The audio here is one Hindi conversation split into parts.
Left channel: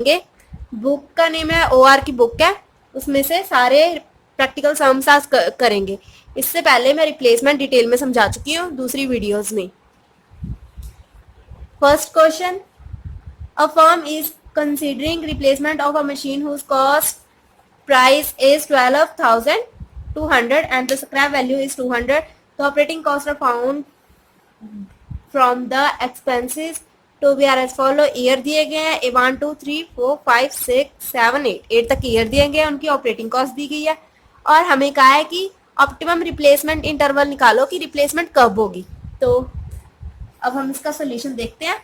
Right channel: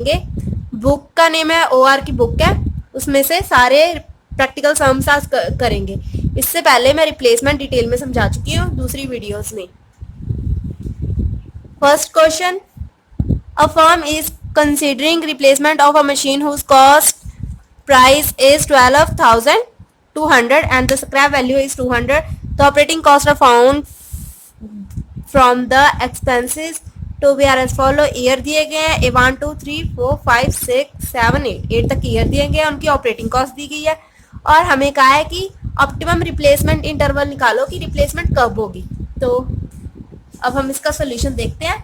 बुक का नेम है OR की बुक है, उसमें से सारे प्रैक्टिकल सम्स आज करेंगे। इससे पहले मैं रिप्लेसमेंट डिटेल में समझा चुकी हूँ दूसरी वीडियोस में। First question, a firm is considering replacement of a machine whose cost price is 12,200 and the scrap value is 200. The operating costs are found from the expenses to be are as follow. Year दिए गए हैं 1 2 3 4 5 6 7 8 तक ईयर दिए गए हैं, उनकी ऑपरेटिंग कॉस्ट दी गई है और हमें कहा है कि ऑप्टिमम रिप्लेसमेंट इंटरवल निकालो कि रिप्लेसमेंट कब होगी। तो अब हम इसका सोल्यूशन देखते हैं,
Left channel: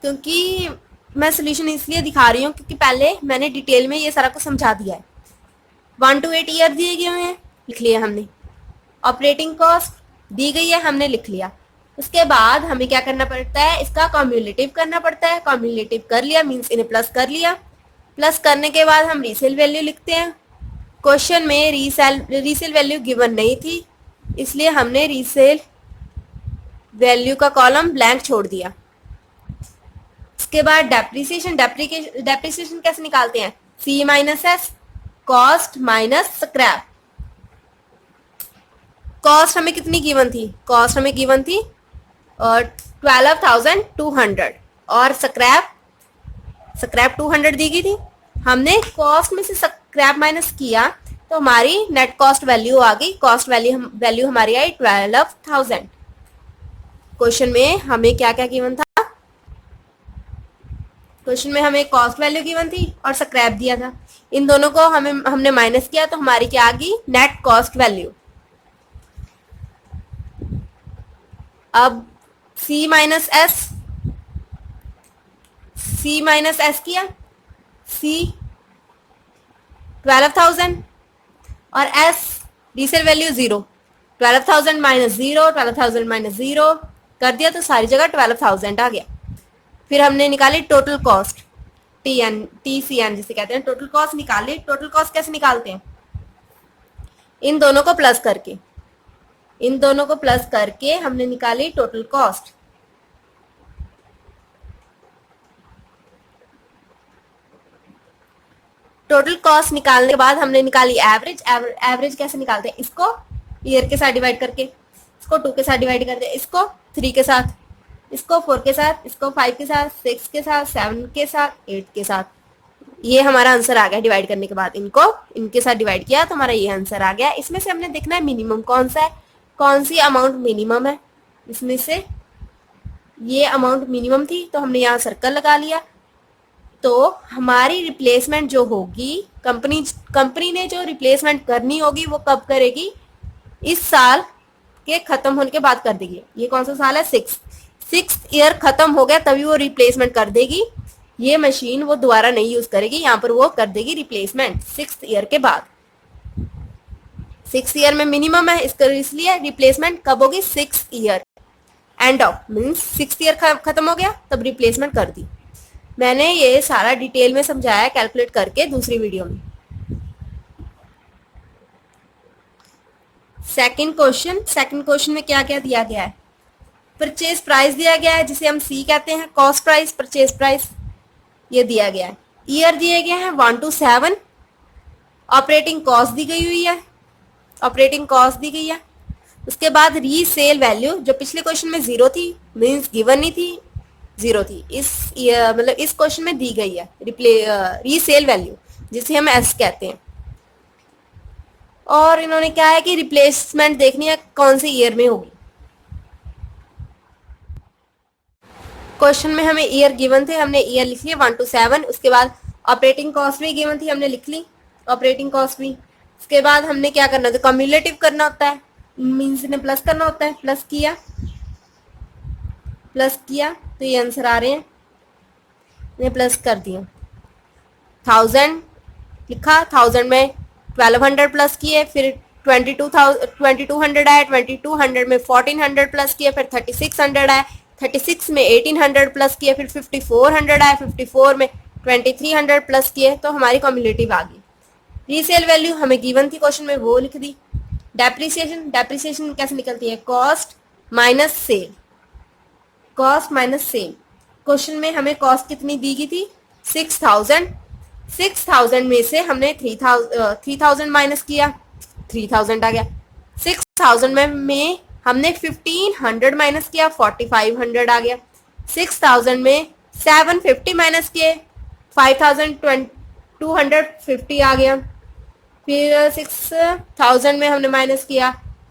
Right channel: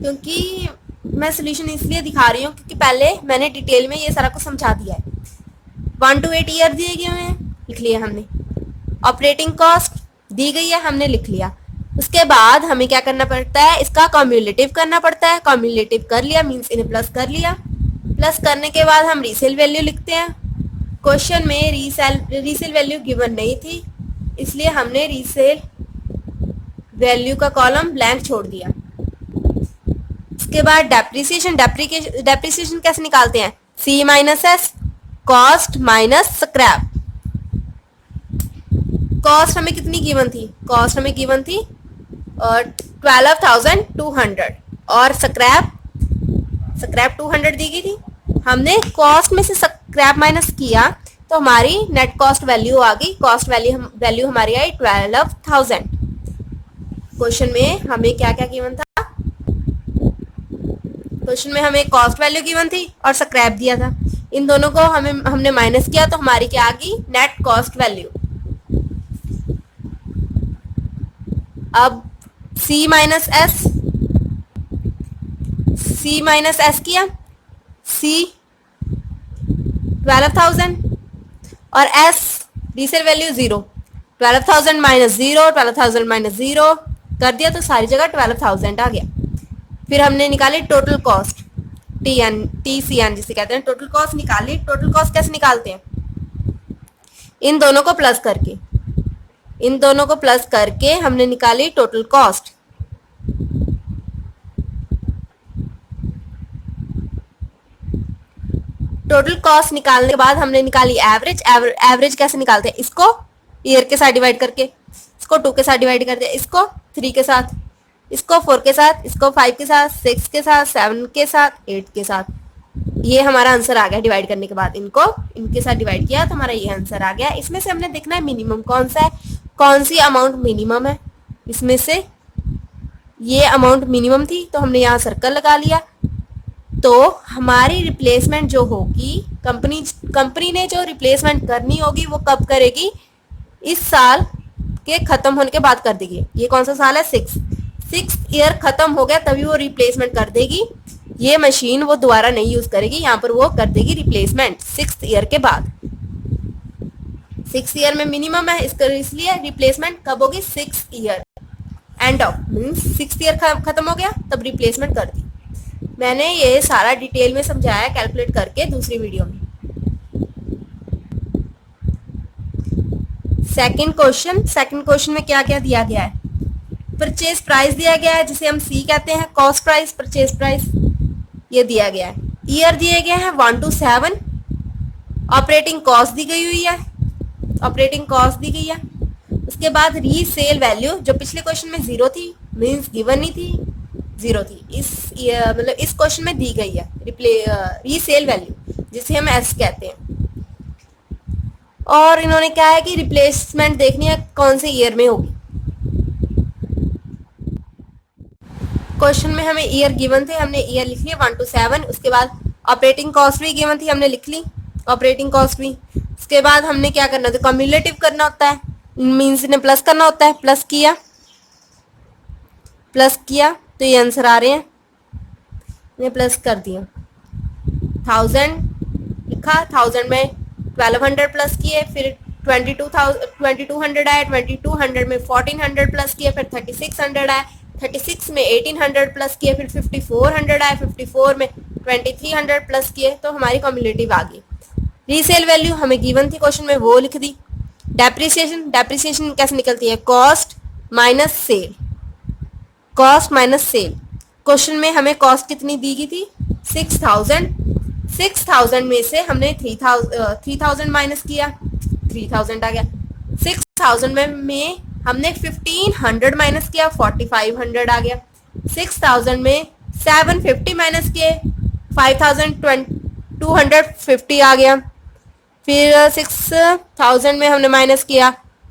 क्योंकि मैं सोल्यूशन इसलिए दिखा रही हूँ क्योंकि पहले मैंने डिटेल में ये सारा कुछ समझा दिया है। 1 to 8 ईयर दिए गए हैं, लिख लिया हमने। ऑपरेटिंग कॉस्ट दी गई है, हमने लिख लिया। उसके बाद हमें क्या करना पड़ता है, इसका कम्युलेटिव करना पड़ता है। कम्युलेटिव कर लिया मीन्स इन्हें प्लस कर लिया। प्लस करने के बाद हम रीसेल वैल्यू लिखते हैं। क्वेश्चन में रीसेल वैल्यू गिवन नहीं थी, इसलिए हमने रीसेल वैल्यू का कॉलम ब्लैंक छोड़ दिया। इसके बाद डेप्रिसिएशन कैसे निकालते हैं, C minus S, cost minus scrap. Cost हमें कितनी गिवन थी, कॉस्ट हमें गिवन थी 12,200 और स्क्रैप 200 दी गई थी। हमने कॉस्ट में से स्क्रैप माइनस किया तो हमारी नेट कॉस्ट वैल्यू आ गई। कॉस्ट वैल्यू हमारी आई 12,000। क्वेश्चन में हमें क्या क्या गिवन था, क्वेश्चन में हमें कॉस्ट वैल्यू गिवन थी और स्क्रैप दिया था। इन दोनों को हमने माइनस किया तो हमारी क्या आ गई, नेट कॉस्ट वैल्यू। अब C माइनस एस किया, C 12,000 और S resale value 0। 12,000 minus 0, 12,000 minus 0 कर दिया तो सारी जगह 12,000 आ गया। फिर हमने निकाली टोटल कॉस्ट, TCN जिसे कहते हैं, टोटल कॉस्ट निकाली। टोटल कॉस्ट कैसे निकालते हैं, इन दोनों को प्लस करके हमने निकाली टोटल कॉस्ट। टोटल कॉस्ट निकालने के बाद हमने निकाली एवरेज। एवरेज कैसे निकालते हैं, इसको ईयर के साथ डिवाइड करके, इसको 2 के साथ डिवाइड करते हैं, इसको 3 के साथ, इसको 4 के साथ, इसको 5 के साथ, 6 के साथ, 7 के साथ, 8 के साथ। ये हमारा आंसर आ गया। डिवाइड करने के बाद इनको इनके साथ डिवाइड किया तो हमारा ये आंसर आ गया। इसमें से हमने देखना है मिनिमम कौन सा है, कौन सी अमाउंट मिनिमम है। इसमें से ये अमाउंट मिनिमम थी तो हमने यहाँ सर्कल लगा लिया। तो हमारी रिप्लेसमेंट जो होगी, कंपनी ने जो रिप्लेसमेंट करनी होगी वो कब करेगी, इस साल के खत्म होने के बाद कर देगी। ये कौन सा साल है, 6 ईयर खत्म हो गया तभी वो रिप्लेसमेंट कर देगी। ये मशीन वो दोबारा नहीं यूज करेगी, यहाँ पर वो कर देगी रिप्लेसमेंट 6 ईयर के बाद। 6 ईयर में मिनिमम है, इसलिए रिप्लेसमेंट कब होगी, 6 year end of means 6 year खत्म हो गया तब रिप्लेसमेंट कर दी। मैंने ये सारा डिटेल में समझाया कैलकुलेट करके दूसरी वीडियो में। सेकंड क्वेश्चन में क्या क्या दिया गया है, परचेज प्राइस दिया गया है जिसे हम C कहते हैं, कॉस्ट प्राइस, परचेज प्राइस ये दिया गया है। ईयर दिए गए हैं 1 to 7। ऑपरेटिंग कॉस्ट दी गई है, उसके बाद रीसेल वैल्यू जो पिछले क्वेश्चन में 0 थी मींस गिवन नहीं थी, 0 थी, इस क्वेश्चन में दी गई है रीसेल वैल्यू जिसे हम S कहते हैं। और इन्होंने क्या है कि रिप्लेसमेंट देखनी है कौन से ईयर में होगी। क्वेश्चन में हमें ईयर गिवन थे, हमने ईयर लिख लिया 1 to 7। उसके बाद ऑपरेटिंग कॉस्ट भी गिवन थी, हमने लिख ली ऑपरेटिंग कॉस्ट भी। उसके बाद हमने क्या करना था, कम्युलेटिव करना होता है मीन्स इन्हें प्लस करना होता है। प्लस किया तो ये आंसर आ रहे हैं, इन्हें प्लस कर दिया। 1000 लिखा, 1000 में 1200 प्लस किए, फिर 2200 आया, 2200 में 1400 प्लस किए, फिर 3600 आया, 36 में 1800 प्लस किए, फिर 5400 आया, 54 में 2300 प्लस किए तो हमारी कम्युलेटिव आ गई। रीसेल वैल्यू हमें गिवन थी क्वेश्चन में, वो लिख दी। डेप्रिसिएशन कैसे निकलती है, कॉस्ट माइनस सेल। क्वेश्चन में हमें कॉस्ट कितनी दी गई थी 6000। 6000 में से हमने 3000 माइनस किया, 3000 आ गया। 6000 में हमने 1500 माइनस किया, 4500 आ गया। 6000 में 750 माइनस किए, 5250 आ गया। फिर 6000 में हमने माइनस किया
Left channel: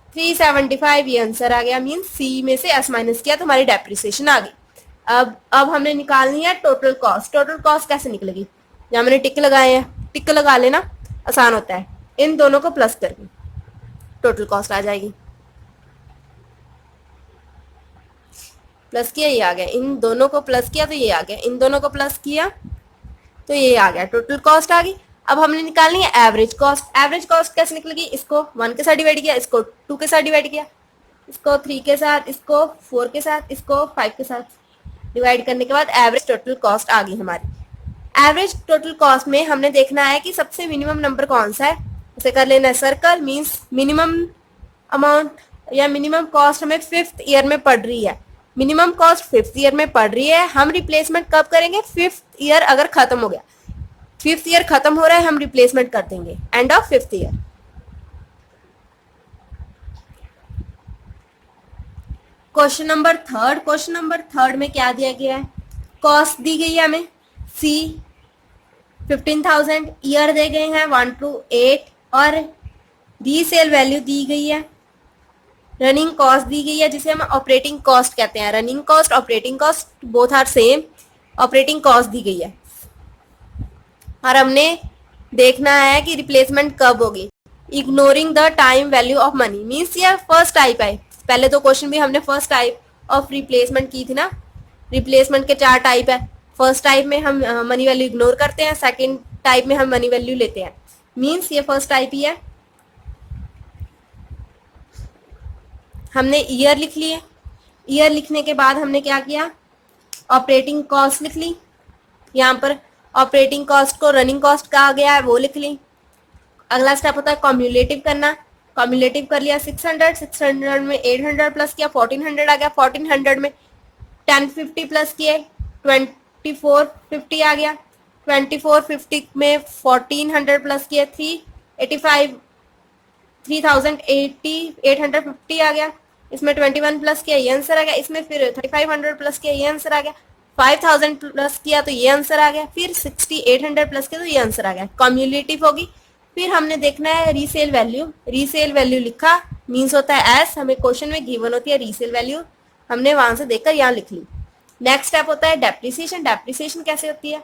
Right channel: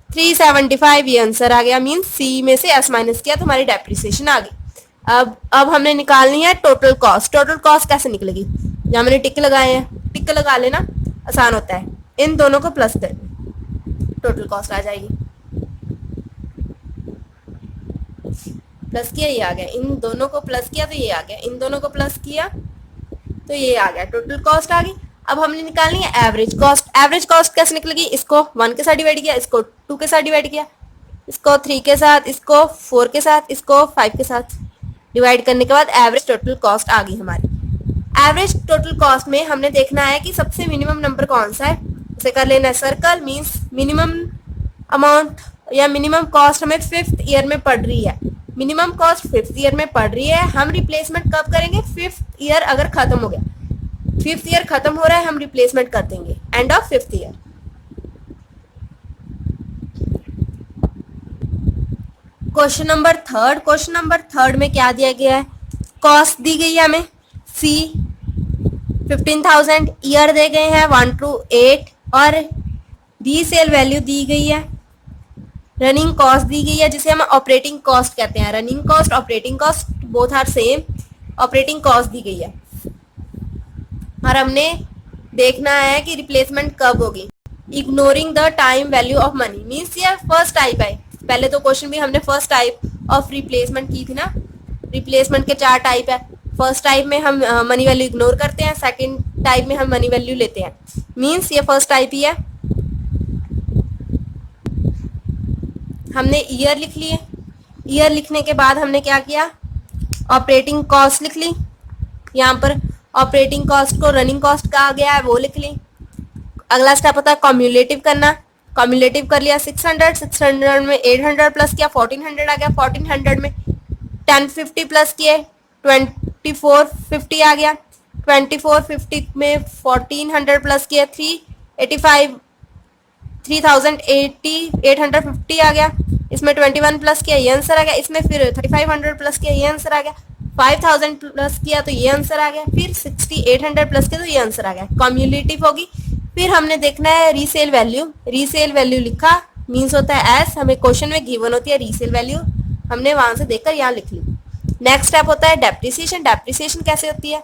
375, ये आंसर आ गया। मीन सी में से एस माइनस किया तो हमारी डेप्रिसिएशन आ गई। अब हमने निकालनी है टोटल कॉस्ट। टोटल कॉस्ट कैसे निकलेगी, यहाँ मैंने टिक लगाए हैं, टिक लगा लेना आसान होता है। इन दोनों को प्लस करके टोटल कॉस्ट आ जाएगी। प्लस किया, ये आ गया। इन दोनों को प्लस किया तो ये आ गया, इन दोनों को प्लस किया तो ये आ गया, टोटल कॉस्ट आ गई। अब हमने निकालनी है एवरेज कॉस्ट। एवरेज कॉस्ट कैसे निकलेगी, इसको 1 के साथ डिवाइड किया, इसको 2 के साथ डिवाइड किया, इसको 3 के साथ, इसको 4 के साथ, इसको 5 के साथ डिवाइड करने के बाद एवरेज टोटल कॉस्ट आ गई हमारी। एवरेज टोटल कॉस्ट में हमने देखना है कि सबसे मिनिमम नंबर कौन सा है, उसे कर लेना है सर्कल। मीन्स मिनिमम अमाउंट या मिनिमम कॉस्ट हमें 5th ईयर में पड़ रही है। मिनिमम कॉस्ट 5th ईयर में पड़ रही है। हम रिप्लेसमेंट कब करेंगे, 5th ईयर अगर खत्म हो गया, 5th ईयर खत्म हो रहा है, हम रिप्लेसमेंट कर देंगे end of 5th year. Question number third में क्या दिया गया है, कॉस्ट दी गई है हमें सी 15,000, ईयर दे गए हैं 1 to 8 और रीसेल वैल्यू दी गई है, रनिंग कॉस्ट दी गई है जिसे हम ऑपरेटिंग कॉस्ट कहते हैं। Running cost operating cost both are same, operating cost दी गई है और हमने देखना है कि रिप्लेसमेंट कब होगी। Ignoring the time value of money, means ये फर्स्ट टाइप है। पहले तो क्वेश्चन भी हमने फर्स्ट टाइप ऑफ रिप्लेसमेंट की थी ना, रिप्लेसमेंट के 4 टाइप है। फर्स्ट टाइप में हम मनी वैल्यू इग्नोर करते हैं, सेकंड टाइप में हम मनी वैल्यू लेते हैं, मीन्स ये फर्स्ट टाइप ही है। हमने ईयर लिख लिए, ईयर लिखने के बाद हमने क्या किया, ऑपरेटिंग कॉस्ट लिख ली। यहाँ पर ऑपरेटिंग कॉस्ट को रनिंग कॉस्ट कहा गया है, वो लिख ली। अगला स्टेप होता है कॉम्युलेटिव करना, कॉम्युलेटिव कर लिया 600 में 800 प्लस किया 1400 आ गया। 1400 में 1050 प्लस किए 2450 आ गया। 2450 में 1400 प्लस किए 3850 आ गया। इसमें 21 प्लस किया, ये आंसर आ गया। इसमें फिर 3500 प्लस किया, ये आंसर आ गया। 5000 प्लस किया तो ये आंसर आ गया। फिर 6800 प्लस किया तो ये आंसर आ गया। कॉम्युलेटिव होगी। फिर हमने देखना है रीसेल वैल्यू। रीसेल वैल्यू लिखा, मीन्स होता है एस, हमें क्वेश्चन में गिवन होती है रीसेल वैल्यू, हमने वहां से देखकर यहाँ लिख ली। नेक्स्ट स्टेप होता है डेप्रिसिएशन। डेप्रिसिएशन कैसे होती है,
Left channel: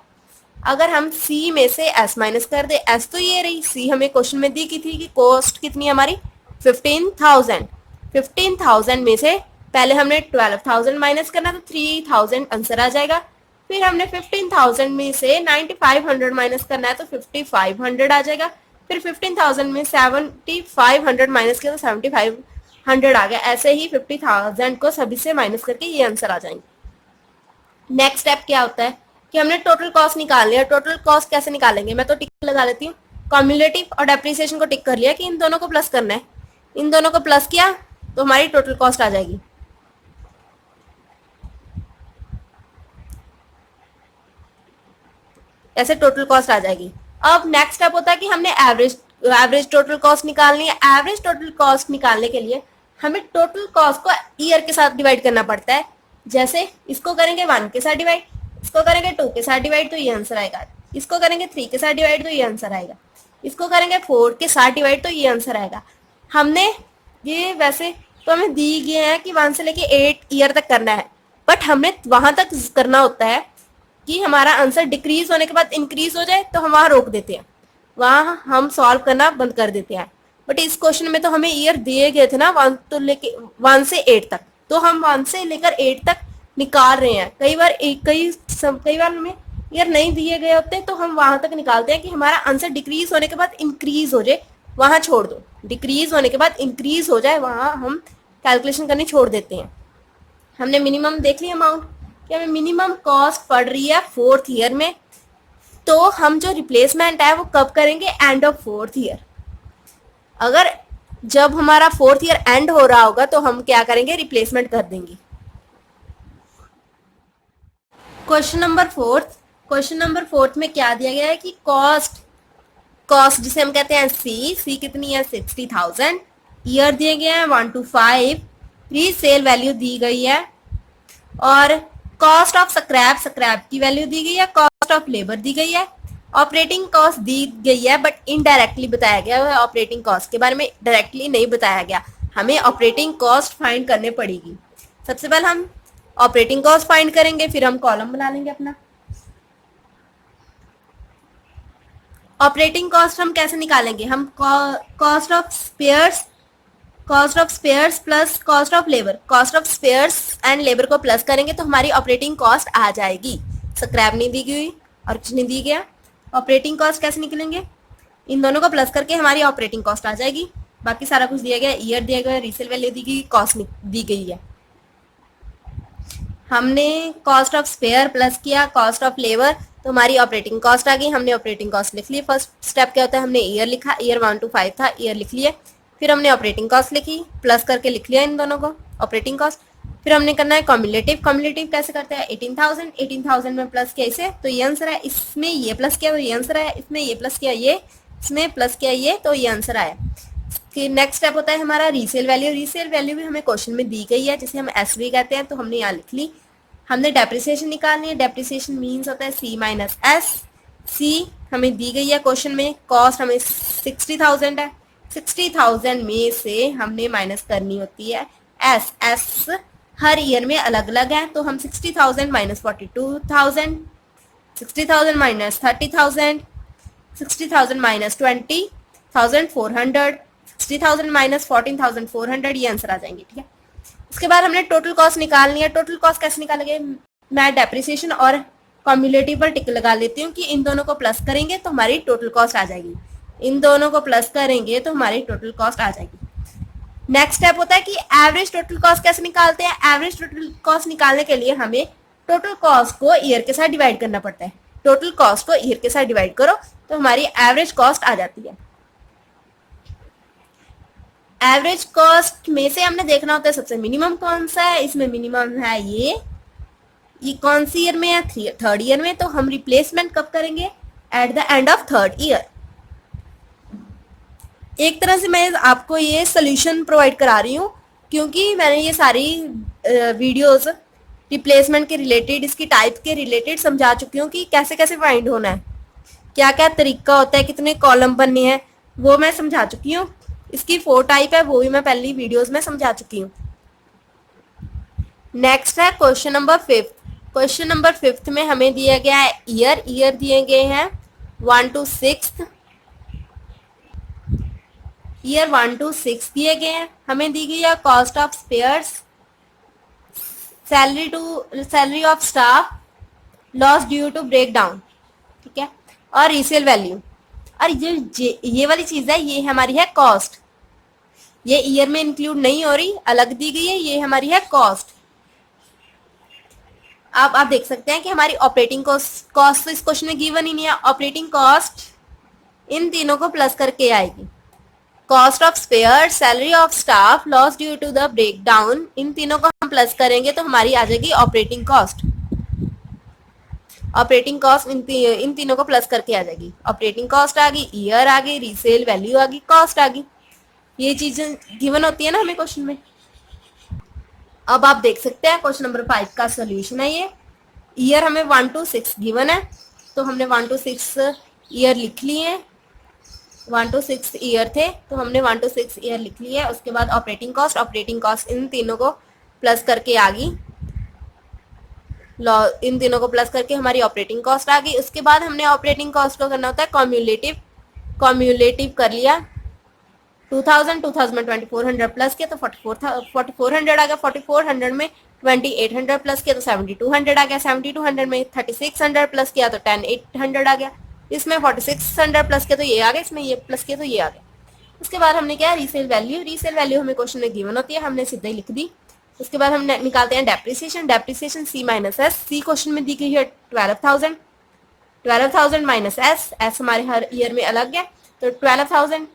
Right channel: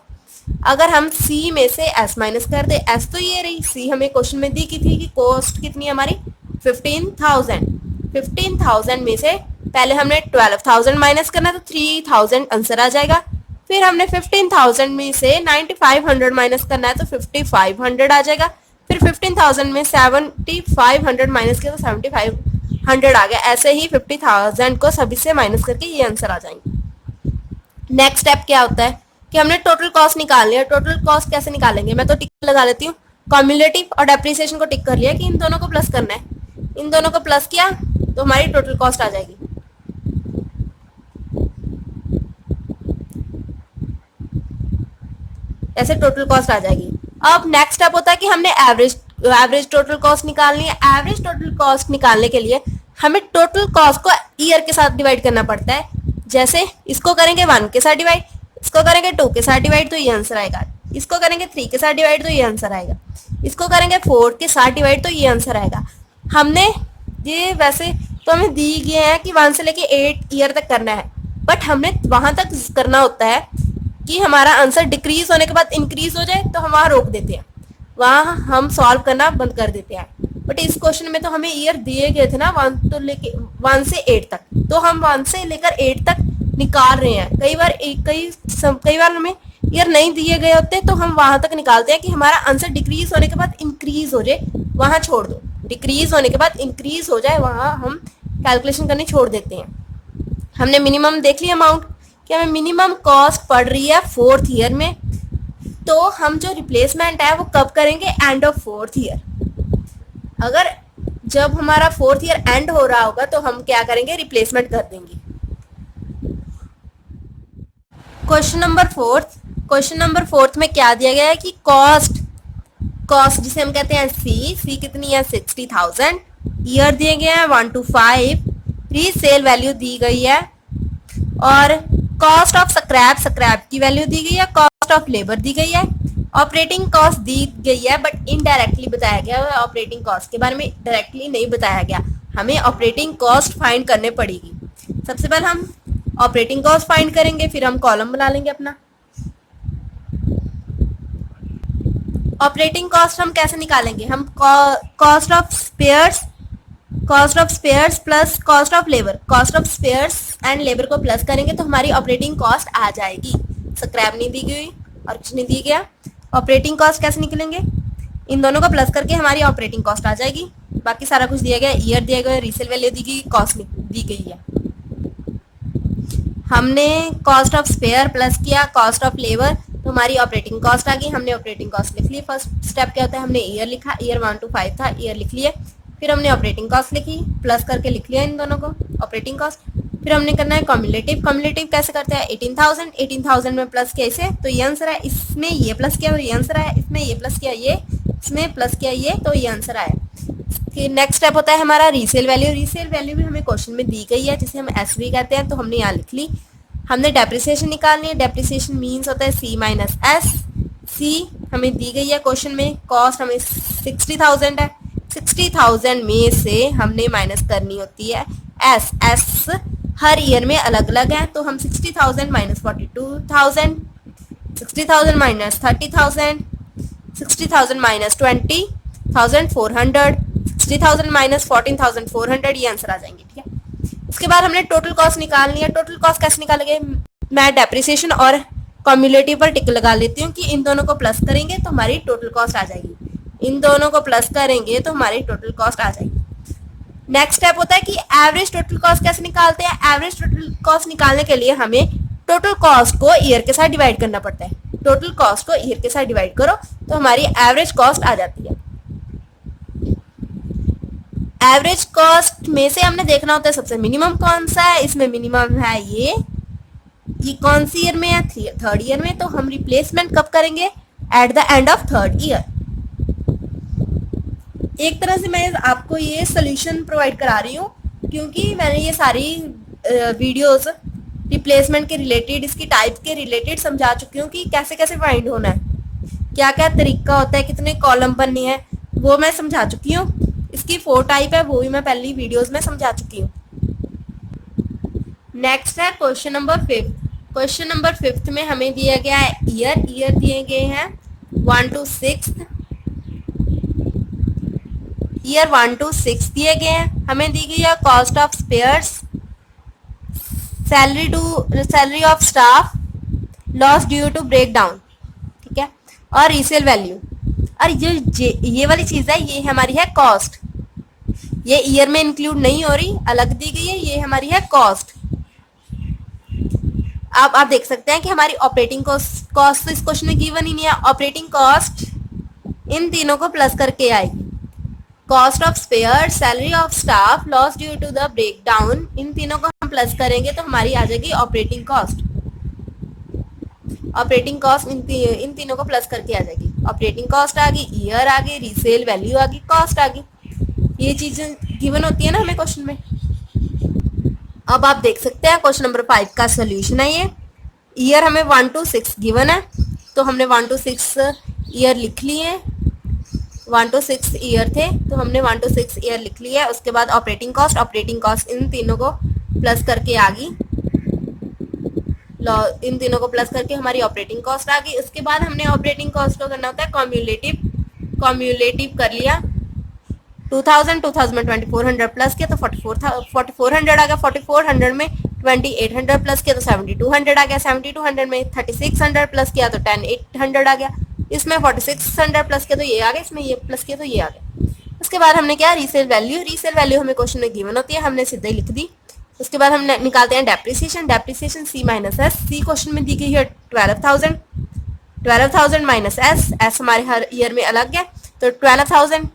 अगर हम सी में से एस माइनस कर दे, एस तो ये रही, सी हमें क्वेश्चन में दी की थी कि कॉस्ट कितनी है हमारी 15,000। 15,000 में से पहले हमने 12,000 माइनस करना तो 3,000 आंसर आ जाएगा। फिर हमने 15,000 में से 9,500 माइनस करना है तो 5,500 आ जाएगा। फिर 15,000 में 7,500 माइनस किया तो 7,500 आ गया। ऐसे ही 50,000 को सभी से माइनस करके ये आंसर आ जाएंगे। नेक्स्ट स्टेप क्या होता है कि हमने टोटल कॉस्ट निकालनी है। टोटल कॉस्ट कैसे निकालेंगे, मैं तो टिक लगा लेती हूँ। कॉम्युलेटिव और डेप्रिसिएशन को टिक कर लिया कि इन दोनों को प्लस करना है। इन दोनों को प्लस किया तो हमारी टोटल कॉस्ट आ जाएगी। ऐसे टोटल कॉस्ट आ जाएगी। अब नेक्स्ट स्टेप होता है कि हमने एवरेज टोटल कॉस्ट निकालनी है। एवरेज टोटल कॉस्ट निकालने के लिए हमें टोटल कॉस्ट को ईयर के साथ डिवाइड करना पड़ता है। जैसे इसको करेंगे 1 के साथ डिवाइड, इसको करेंगे 2 के साथ डिवाइड तो ये आंसर आएगा। इसको करेंगे 3 के साथ डिवाइड तो ये आंसर आएगा। इसको करेंगे 4 के साथ डिवाइड तो ये आंसर आएगा। हमने ये वैसे तो हमें दी गए हैं कि 1 से लेके 8 ईयर तक करना है, बट हमें वहां तक करना होता है कि हमारा आंसर डिक्रीज होने के बाद इंक्रीज हो जाए तो हम वहां रोक देते हैं, वहां हम सॉल्व करना बंद कर देते हैं। बट इस क्वेश्चन में तो हमें ईयर दिए गए थे ना 1 से 8 तक, तो हम 1 से लेकर 8 तक निकाल रहे हैं। कई बार हमें ईयर नहीं दिए गए होते तो हम वहां तक निकालते हैं कि हमारा आंसर डिक्रीज होने के बाद इंक्रीज हो जाए, वहां छोड़ दो। डिक्रीज होने के बाद इंक्रीज हो जाए वहां हम कैलकुलेशन करनी छोड़ देते हैं। हमने मिनिमम देख लिया अमाउंट कि हमें मिनिमम कॉस्ट पड़ रही है 4th ईयर में, तो हम जो रिप्लेसमेंट है वो कब करेंगे, एंड ऑफ 4th ईयर। अगर जब हमारा 4th ईयर एंड हो रहा होगा तो हम क्या करेंगे, रिप्लेसमेंट कर देंगे। क्वेश्चन नंबर फोर्थ में क्या दिया गया है कि कॉस्ट जिसे हम कहते हैं सी कितनी है 60,000, ईयर दिए गए हैं 1 to 5, रीसेल वैल्यू दी गई है और कॉस्ट ऑफ स्क्रैप की वैल्यू दी गई है, कॉस्ट ऑफ लेबर दी गई है, ऑपरेटिंग कॉस्ट दी गई है बट इनडायरेक्टली बताया गया है, ऑपरेटिंग कॉस्ट के बारे में डायरेक्टली नहीं बताया गया। हमें ऑपरेटिंग कॉस्ट फाइंड करने पड़ेगी। सबसे पहले हम ऑपरेटिंग कॉस्ट फाइंड करेंगे, फिर हम कॉलम बना लेंगे अपना। ऑपरेटिंग कॉस्ट हम कैसे निकालेंगे? हम cost of spares plus cost of spares and labour को प्लस करेंगे तो हमारी ऑपरेटिंग कॉस्ट आ जाएगी। स्क्रैप नहीं दी गई और कुछ नहीं दी गया। ऑपरेटिंग कॉस्ट कैसे निकलेंगे? इन दोनों को प्लस करके हमारी ऑपरेटिंग कॉस्ट आ जाएगी। बाकी सारा कुछ दिया गया, ईयर दिया गया, रीसेल वैल्यू दी गई, कॉस्ट दी गई है। हमने कॉस्ट ऑफ स्पेयर प्लस किया कॉस्ट ऑफ लेबर तो हमारी ऑपरेटिंग कॉस्ट आ गई। हमने ऑपरेटिंग कॉस्ट लिख ली। फर्स्ट स्टेप क्या होता है? हमने ईयर लिखा, ईयर 1 to 5 था, ईयर लिख लिया। फिर हमने ऑपरेटिंग कॉस्ट लिखी, प्लस करके लिख लिया इन दोनों को ऑपरेटिंग कॉस्ट। फिर हमने करना है कम्युलेटिव कैसे करते हैं? 18,000 में प्लस किया इसे तो ये आंसर है, इसमें ये प्लस किया तो ये आंसर है, इसमें ये प्लस किया ये, इसमें प्लस किया ये तो ये आंसर आया। फिर नेक्स्ट स्टेप होता है हमारा रीसेल वैल्यू भी हमें क्वेश्चन में दी गई है जिसे हम एसवी कहते हैं तो हमने यहाँ लिख ली। हमने डेप्रिसिएशन निकालनी है। डेप्रिसिएशन मीन्स होता है सी माइनस एस। सी हमें दी गई है क्वेश्चन में, कॉस्ट हमें 60,000 है, 60,000 में से हमने माइनस करनी होती है एस हर ईयर में अलग अलग है तो हम 60,000 माइनस 42,000, 60,000 माइनस 30,000, 60,000 माइनस 20,400, 60,000 माइनस 14,400 ये आंसर आ जाएंगे। ठीक है, उसके बाद हमने टोटल कॉस्ट निकालनी है। टोटल कॉस्ट कैसे निकालेंगे? मैं डेप्रिसिएशन और कम्युलेटिव पर टिक लगा लेती हूँ कि इन दोनों को प्लस करेंगे तो हमारी टोटल कॉस्ट आ जाएगी। इन दोनों को प्लस करेंगे तो हमारी टोटल कॉस्ट आ जाएगी। नेक्स्ट स्टेप होता है कि एवरेज टोटल कॉस्ट कैसे निकालते हैं? एवरेज टोटल कॉस्ट निकालने के लिए हमें टोटल कॉस्ट को ईयर के साथ डिवाइड करना पड़ता है। टोटल कॉस्ट को ईयर के साथ डिवाइड करो तो हमारी एवरेज कॉस्ट आ जाती है। एवरेज कॉस्ट में से हमने देखना होता है सबसे मिनिमम कौन सा है। इसमें मिनिमम है ये कौन सी ईयर में है? थर्ड ईयर में। तो हम रिप्लेसमेंट कब करेंगे? At the end of third year. एक तरह से मैं आपको ये सोल्यूशन प्रोवाइड करा रही हूँ क्योंकि मैंने ये सारी वीडियोस रिप्लेसमेंट के रिलेटेड, इसकी टाइप के रिलेटेड समझा चुकी हूँ कि कैसे कैसे फाइंड होना है, क्या क्या तरीका होता है, कितने कॉलम बनने हैं, वो मैं समझा चुकी हूँ। इसकी 4 टाइप है, वो भी मैं पहली वीडियोस में समझा चुकी हूँ। नेक्स्ट है क्वेश्चन नंबर 5। क्वेश्चन नंबर 5 में हमें दिया गया है ईयर दिए गए हैं 1 to 6, ईयर 1 to 6 दिए गए हैं। हमें दी गई है cost of spares, salary of staff, loss due to breakdown, ठीक है, और रीसेल वैल्यू। और ये वाली चीज है, ये हमारी है कॉस्ट। ये ईयर में इंक्लूड नहीं हो रही, अलग दी गई है, ये हमारी है कॉस्ट। अब आप देख सकते हैं कि हमारी ऑपरेटिंग कॉस्ट तो इस क्वेश्चन में गिवन ही नहीं है। ऑपरेटिंग कॉस्ट इन तीनों को प्लस करके आएगी। Cost of spare, salary of staff, loss due to the break down, इन तीनों को हम प्लस करेंगे तो हमारी आ जाएगी ऑपरेटिंग कॉस्ट। ऑपरेटिंग कॉस्ट इन तीनों को प्लस करके आ जाएगी। ऑपरेटिंग कॉस्ट आ गई, ईयर आ गई, रीसेल वैल्यू आ गई, कॉस्ट आ गई। ये चीजें गिवन होती है ना हमें क्वेश्चन में। अब आप देख सकते हैं क्वेश्चन नंबर 5 का सोल्यूशन है ये। ईयर हमें 1 to 6 गिवन है तो हमने 1 to 6 ईयर लिख लिए। 1 to 6 ईयर थे तो हमने 1 to 6 ईयर लिख लिया है। उसके बाद ऑपरेटिंग कॉस्ट इन तीनों को प्लस करके आ गई। इन तीनों को प्लस करके हमारी ऑपरेटिंग कॉस्ट आ गई। उसके बाद हमने ऑपरेटिंग कॉस्ट को करना होता है कम्युलेटिव कर लिया। 2000 में 2400 प्लस किया तो 4400 आ गया। 4400 में 2800 प्लस किया तो 7200 आ गया। 7200 में 3600 प्लस किया तो 10800 आ गया। इसमें 4600 प्लस किया तो ये आ गया, इसमें ये प्लस किया तो ये आ गया। उसके बाद हमने क्या, रीसेल वैल्यू हमें क्वेश्चन में गिवन होती है, हमने सीधे लिख दी। उसके बाद हम निकालते हैं डेप्रिसिएशन सी माइनस एस। सी क्वेश्चन में दी गई है 12,000 माइनस एस हमारे हर ईयर में अलग है तो 12,000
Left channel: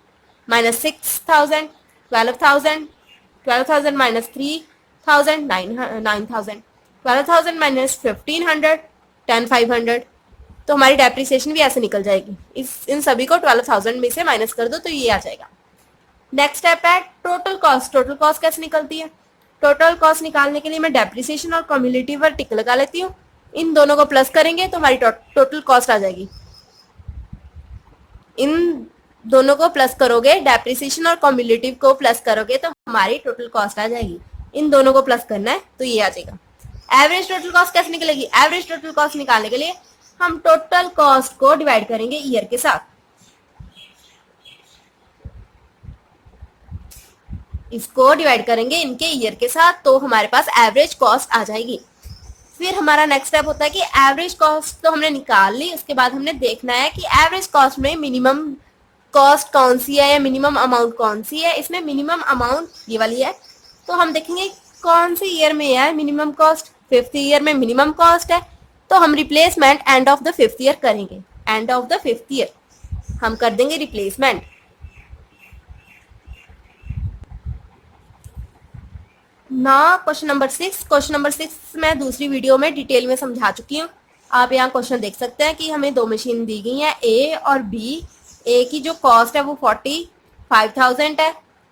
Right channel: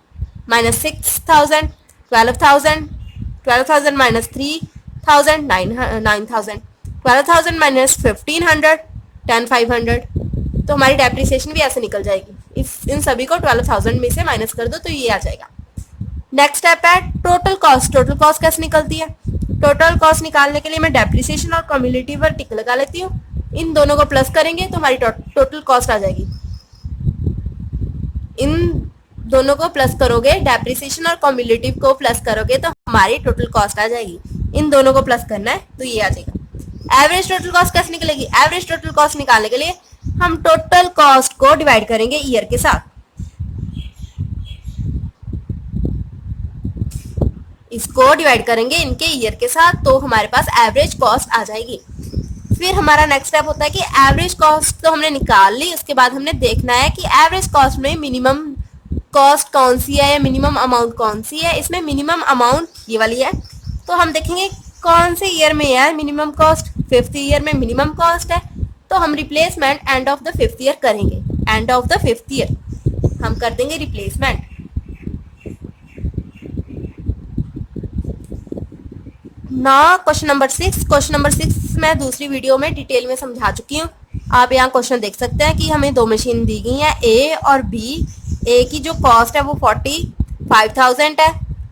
माइनस 6,000, 12,000 माइनस 3,000, 9,000, 12,000 माइनस 1,500, 10,500, तो हमारी डेप्रिसिएशन भी ऐसे निकल जाएगी। इन सभी को 12,000 में से माइनस कर दो तो ये आ जाएगा। नेक्स्ट स्टेप है टोटल कॉस्ट। टोटल कॉस्ट कैसे निकलती है? टोटल कॉस्ट निकालने के लिए मैं डेप्रिसिएशन और कम्युलेटिव पर टिक लगा लेती हूँ। इन दोनों को प्लस करेंगे तो हमारी टोटल कॉस्ट आ जाएगी। इन दोनों को प्लस करोगे, डेप्रिसिएशन और कम्युलेटिव को प्लस करोगे तो हमारी टोटल कॉस्ट आ जाएगी। इन दोनों को प्लस करना है तो ये आ जाएगा। एवरेज टोटल कॉस्ट कैसे निकलेगी? एवरेज टोटल कॉस्ट निकालने के लिए हम टोटल कॉस्ट को डिवाइड करेंगे ईयर के साथ। इसको डिवाइड करेंगे इनके ईयर के साथ तो हमारे पास एवरेज कॉस्ट आ जाएगी। फिर हमारा नेक्स्ट स्टेप होता है कि एवरेज कॉस्ट तो हमने निकाल ली, उसके बाद हमने देखना है कि एवरेज कॉस्ट में मिनिमम कॉस्ट कौन सी है या मिनिमम अमाउंट कौन सी है। इसमें मिनिमम अमाउंट ये वाली है, तो हम देखेंगे कौन से ईयर में है मिनिमम कॉस्ट। 5th ईयर में मिनिमम कॉस्ट है, तो हम replacement end of the 5th year करेंगे। End of the 5th year हम कर देंगे रिप्लेसमेंट। ना क्वेश्चन नंबर 6। क्वेश्चन नंबर 6 मैं दूसरी वीडियो में डिटेल में समझा चुकी हूँ। आप यहाँ क्वेश्चन देख सकते हैं कि हमें दो मशीन दी गई है, ए और बी। ए की जो कॉस्ट है वो 45,000 है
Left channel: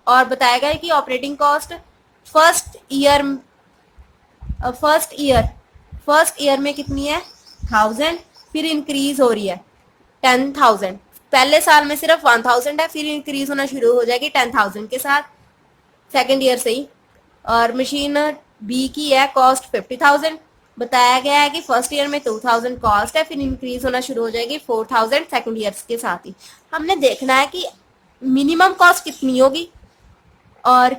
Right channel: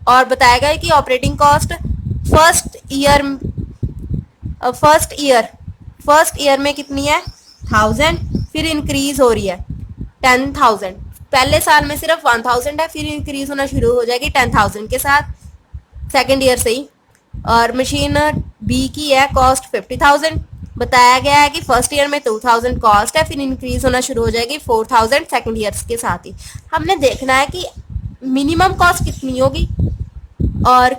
और बताया गया है कि ऑपरेटिंग कॉस्ट फर्स्ट ईयर में कितनी है 1000, फिर इंक्रीज हो रही है 10,000। पहले साल में सिर्फ 1000 है, फिर इंक्रीज होना शुरू हो जाएगी 10,000 के साथ सेकेंड ईयर से ही। और मशीन बी की है कॉस्ट 50,000। बताया गया है कि फर्स्ट ईयर में 2,000 कॉस्ट है, फिर इंक्रीज होना शुरू हो जाएगी 4,000 सेकेंड ईयर के साथ ही। हमने देखना है कि मिनिमम कॉस्ट कितनी होगी और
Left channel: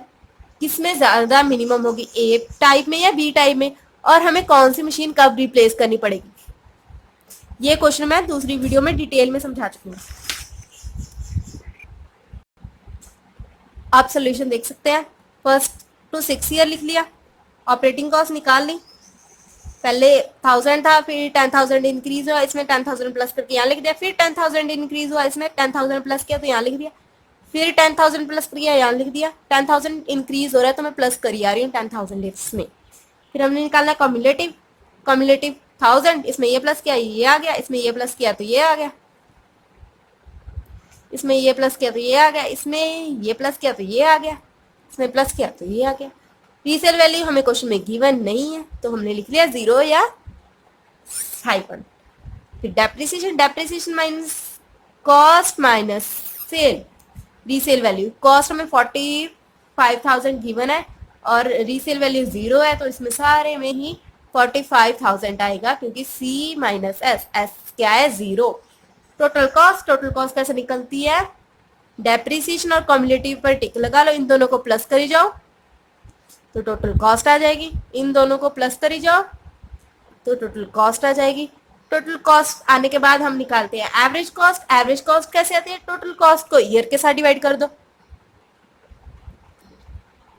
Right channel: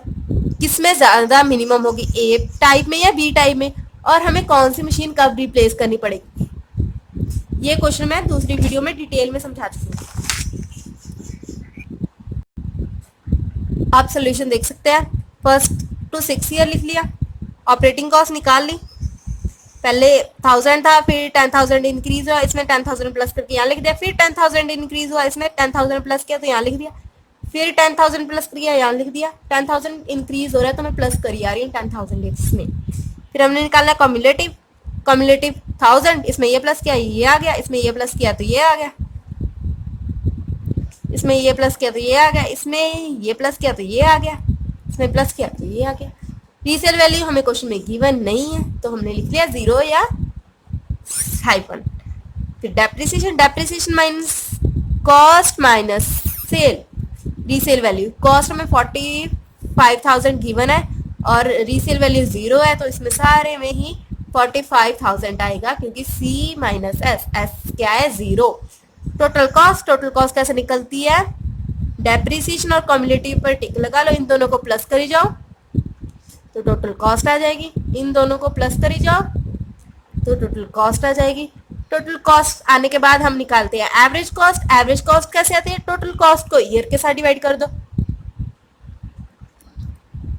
किसमें ज़्यादा मिनिमम होगी, ए टाइप में या बी टाइप में, और हमें कौन सी मशीन कब रिप्लेस करनी पड़ेगी। ये क्वेश्चन मैं दूसरी वीडियो में डिटेल में समझा चुकी हूँ। आप सोल्यूशन देख सकते हैं। 1st to 6th ईयर लिख लिया, ऑपरेटिंग कॉस्ट निकाल ली। पहले 1000 था, फिर 10,000 इंक्रीज हुआ, इसमें 10,000 प्लस करके यहाँ लिख दिया। फिर 10,000 इंक्रीज हुआ, इसमें 10,000 प्लस किया तो यहाँ लिख दिया। फिर 10,000 प्लस किया, यहाँ लिख दिया। 10,000 इंक्रीज हो रहा है तो मैं प्लस करी आ रही हूँ 10,000 इसमें। फिर हमने निकाला कम्युलेटिव 1000, इसमें ये प्लस किया ये आ गया, इसमें ये प्लस किया तो ये आ गया, इसमें ये प्लस किया तो ये आ गया, इसमें ये प्लस किया तो ये आ गया, इसमें प्लस किया तो ये आ गया। रीसेल वैल्यू हमें क्वेश्चन में गिवन नहीं है तो हमने लिख लिया 0 या हाइफन। फिर depreciation minus cost minus cell. Resale value cost हमें 45,000 गिवन है और रीसेल वैल्यू 0 है, तो इसमें सारे में ही 45,000 आएगा क्योंकि C माइनस एस क्या है 0। टोटल कॉस्ट कैसे निकलती है? डेप्रिसिएशन और कम्युलेटिव पर टिक लगा लो, इन दोनों को प्लस करी जाओ तो टोटल कॉस्ट आ जाएगी। इन दोनों को प्लस करी जाओ तो टोटल कॉस्ट आ जाएगी। टोटल कॉस्ट आने के बाद हम निकालते हैं एवरेज कॉस्ट। एवरेज कॉस्ट कैसे आती है? टोटल कॉस्ट को ईयर के साथ डिवाइड कर दो।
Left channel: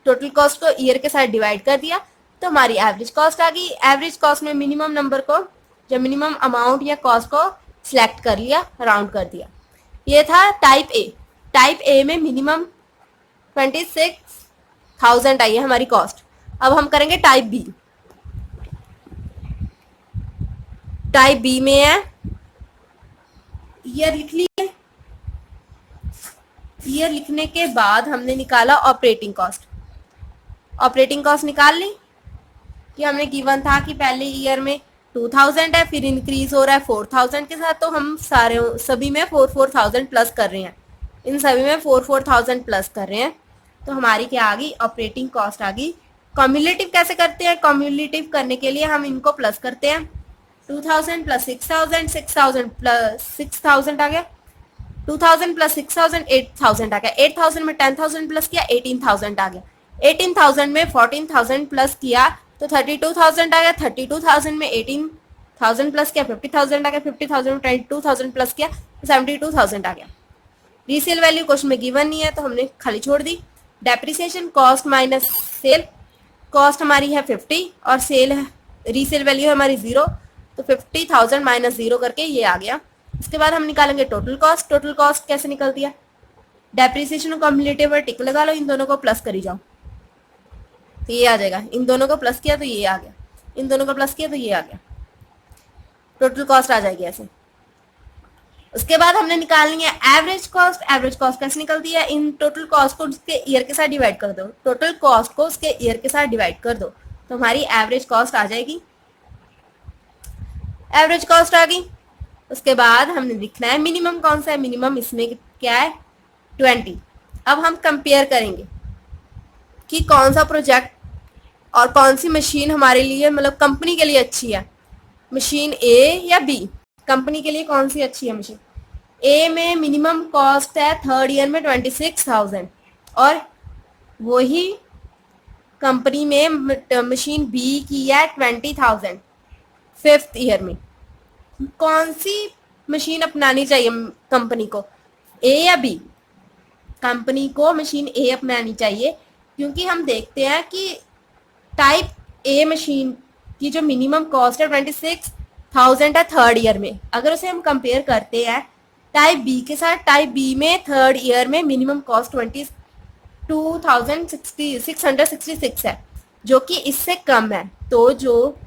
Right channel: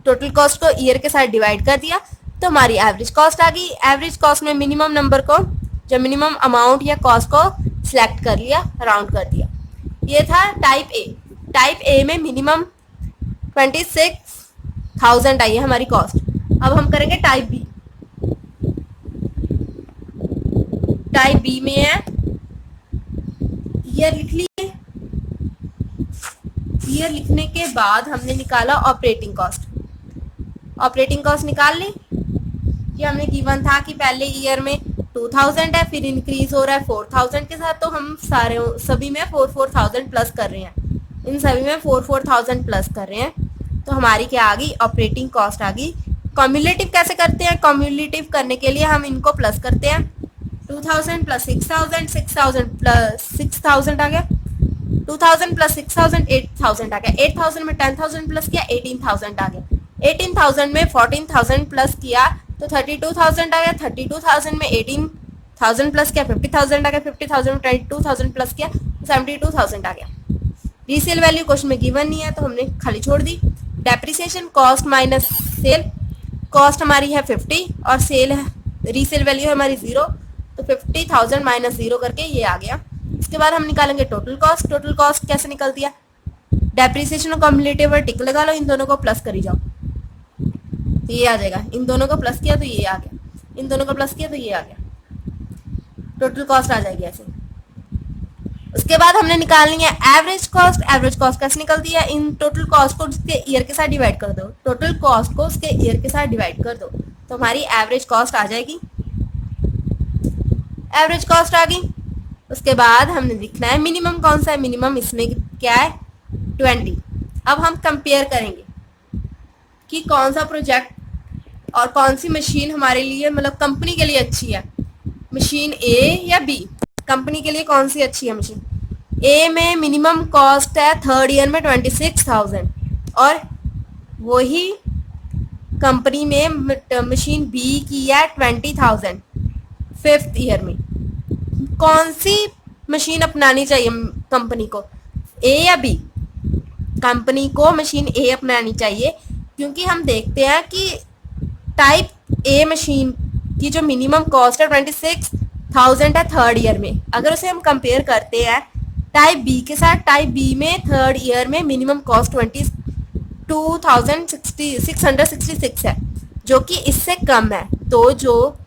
टोटल कॉस्ट को ईयर के साथ डिवाइड कर दिया तो हमारी एवरेज कॉस्ट आ गई। एवरेज कॉस्ट में मिनिमम नंबर को, जो मिनिमम अमाउंट या कॉस्ट को सिलेक्ट कर लिया, राउंड कर दिया। ये था टाइप ए। टाइप ए में मिनिमम 26,000 आई है हमारी कॉस्ट। अब हम करेंगे टाइप बी। टाइप बी में है ईयर लिख लिए। ईयर लिखने के बाद हमने निकाला ऑपरेटिंग कॉस्ट। ऑपरेटिंग कॉस्ट निकाल ली कि हमने गिवन था कि पहले ईयर में 2,000 है, फिर इंक्रीज हो रहा है 4,000 के साथ, तो हम सभी में 4,000 प्लस कर रहे हैं। इन सभी में 4,000 प्लस कर रहे हैं तो हमारी क्या आ गई? ऑपरेटिंग कॉस्ट आ गई। कम्युलेटिव कैसे करते हैं? कम्युलेटिव करने के लिए हम इनको प्लस करते हैं। 2,000 प्लस 6,000, 6,000 प्लस 6,000 आ गया। 2,000 प्लस 6,000 8,000 आ गया। 8,000 में 10,000 प्लस किया 18,000 आ गया। 18,000 में 14,000 प्लस किया तो 32,000 आ गया। 32,000 में 18,000 प्लस किया 50,000 आ गया। 50,000 में 22,000 प्लस किया तो 72,000 आ गया। रीसेल वैल्यू क्वेश्चन में गिवन नहीं है तो हमने खाली छोड़ दी। Depreciation cost minus sale. Cost हमारी है 50 और सेल है, रीसेल वैल्यू है हमारी 0, तो 50,000 माइनस 0 करके ये आ गया। इसके बाद हम निकालेंगे टोटल कॉस्ट। टोटल कॉस्ट कैसे निकलती है? डेप्रिसिएशन और कम्युलेटिव पर टिक लगा लो, इन दोनों को प्लस करी जाओ तो ये आ जाएगा। इन दोनों को प्लस किया तो ये आ गया, इन दोनों को प्लस किया तो ये आ गया। टोटल कॉस्ट आ जाएगी ऐसे। उसके बाद हमने निकालनी है एवरेज कॉस्ट। एवरेज कॉस्ट कैसे निकलती है, इन टोटल कॉस्ट को उसके ईयर के साथ डिवाइड कर दो, टोटल कॉस्ट को उसके ईयर के साथ डिवाइड कर दो तो हमारी एवरेज कॉस्ट आ जाएगी। एवरेज कॉस्ट आ गई। उसके बाद हमने लिखना है मिनिमम कौन सा है, मिनिमम इसमें क्या है 20। अब हम कंपेयर करेंगे कि कौन सा प्रोजेक्ट और कौन सी मशीन हमारे लिए मतलब कंपनी के लिए अच्छी है, मशीन ए या बी। कंपनी के लिए कौन सी अच्छी है मशीन, ए में मिनिमम कॉस्ट है थर्ड ईयर में 26,000 और वही कंपनी में मशीन बी की है 20,000 फिफ्थ ईयर में। कौन सी मशीन अपनानी चाहिए कंपनी को, ए या बी। कंपनी को मशीन ए अपनानी चाहिए क्योंकि हम देखते हैं कि टाइप ए मशीन की जो मिनिमम कॉस्ट है 26,000 है थर्ड ईयर में। अगर उसे हम कंपेयर करते हैं टाइप बी के साथ, टाइप बी में थर्ड ईयर में मिनिमम कॉस्ट 22,666 है जो कि इससे कम है। तो जो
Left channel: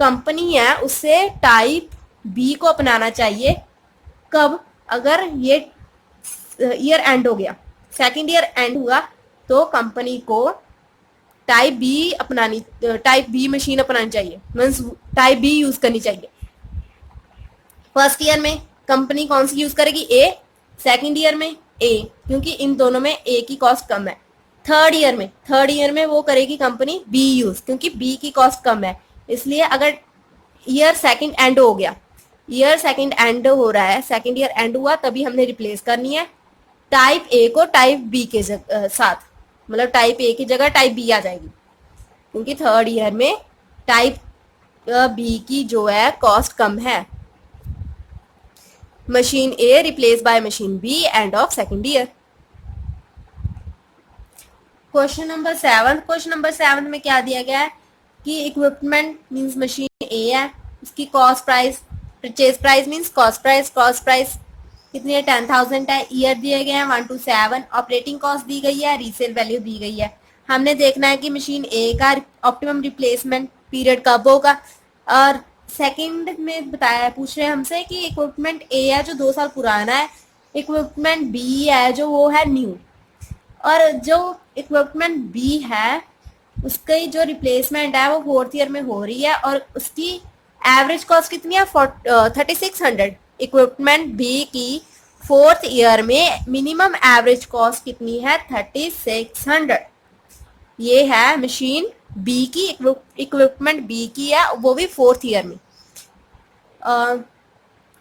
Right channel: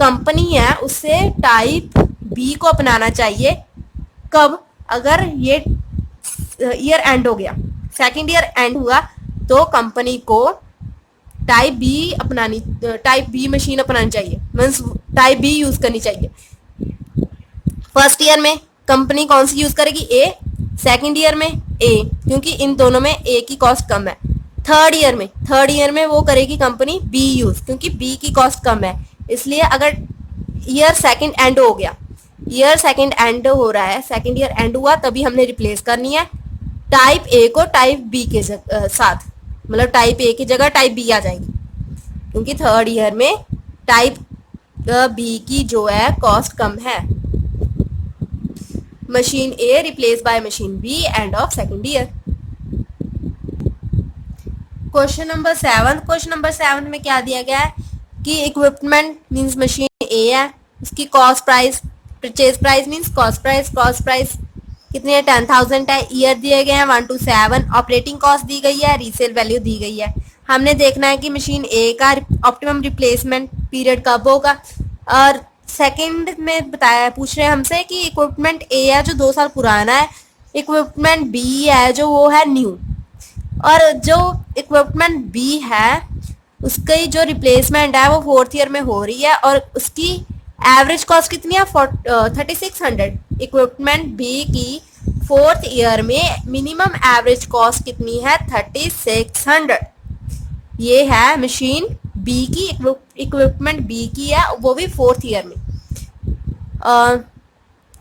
कंपनी है उसे टाइप बी को अपनाना चाहिए। कब, अगर ये ईयर एंड हो गया, सेकंड ईयर एंड हुआ तो कंपनी को टाइप बी मशीन अपनानी चाहिए, मीन्स टाइप बी यूज करनी चाहिए। फर्स्ट ईयर में कंपनी कौन सी यूज करेगी, ए। सेकंड ईयर में ए, क्योंकि इन दोनों में ए की कॉस्ट कम है। थर्ड ईयर में वो करेगी कंपनी बी यूज, क्योंकि बी की कॉस्ट कम है। इसलिए अगर ईयर सेकंड एंड हो गया, ईयर सेकंड एंड हो रहा है, सेकंड ईयर एंड हुआ, तभी हमने रिप्लेस करनी है टाइप ए को टाइप बी के साथ, मतलब टाइप ए की जगह टाइप बी आ जाएगी, क्योंकि थर्ड ईयर में टाइप बी की जो है कॉस्ट कम है। Machine A replace by machine B end of second year. Question number 7 में क्या दिया गया है कि इक्विपमेंट मींस मशीन ए है, उसकी cost price, purchase price means cost price कितनी है 10,000 है। ईयर दिए गए हैं 1 to 7, ऑपरेटिंग कॉस्ट दी गई है, रीसेल वैल्यू दी गई है। हमने देखना है कि मशीन ए का ऑप्टिमम रिप्लेसमेंट पीरियड कब होगा। और सेकंड में बताया, पूछ रहे हैं हमसे कि इक्विपमेंट ए है जो 2 साल पुराना है, इक्विपमेंट बी है जो वो है न्यू, और जो इक्विपमेंट बी है उसकी जो रिप्लेसमेंट है वो फोर्थ ईयर में हो रही है और उसकी एवरेज कॉस्ट कितनी है 3600। इक्विपमेंट बी की फोर्थ ईयर में मिनिमम एवरेज कॉस्ट कितनी है 3600। ये है मशीन बी की, इक्विपमेंट बी की है, वो भी फोर्थ ईयर में।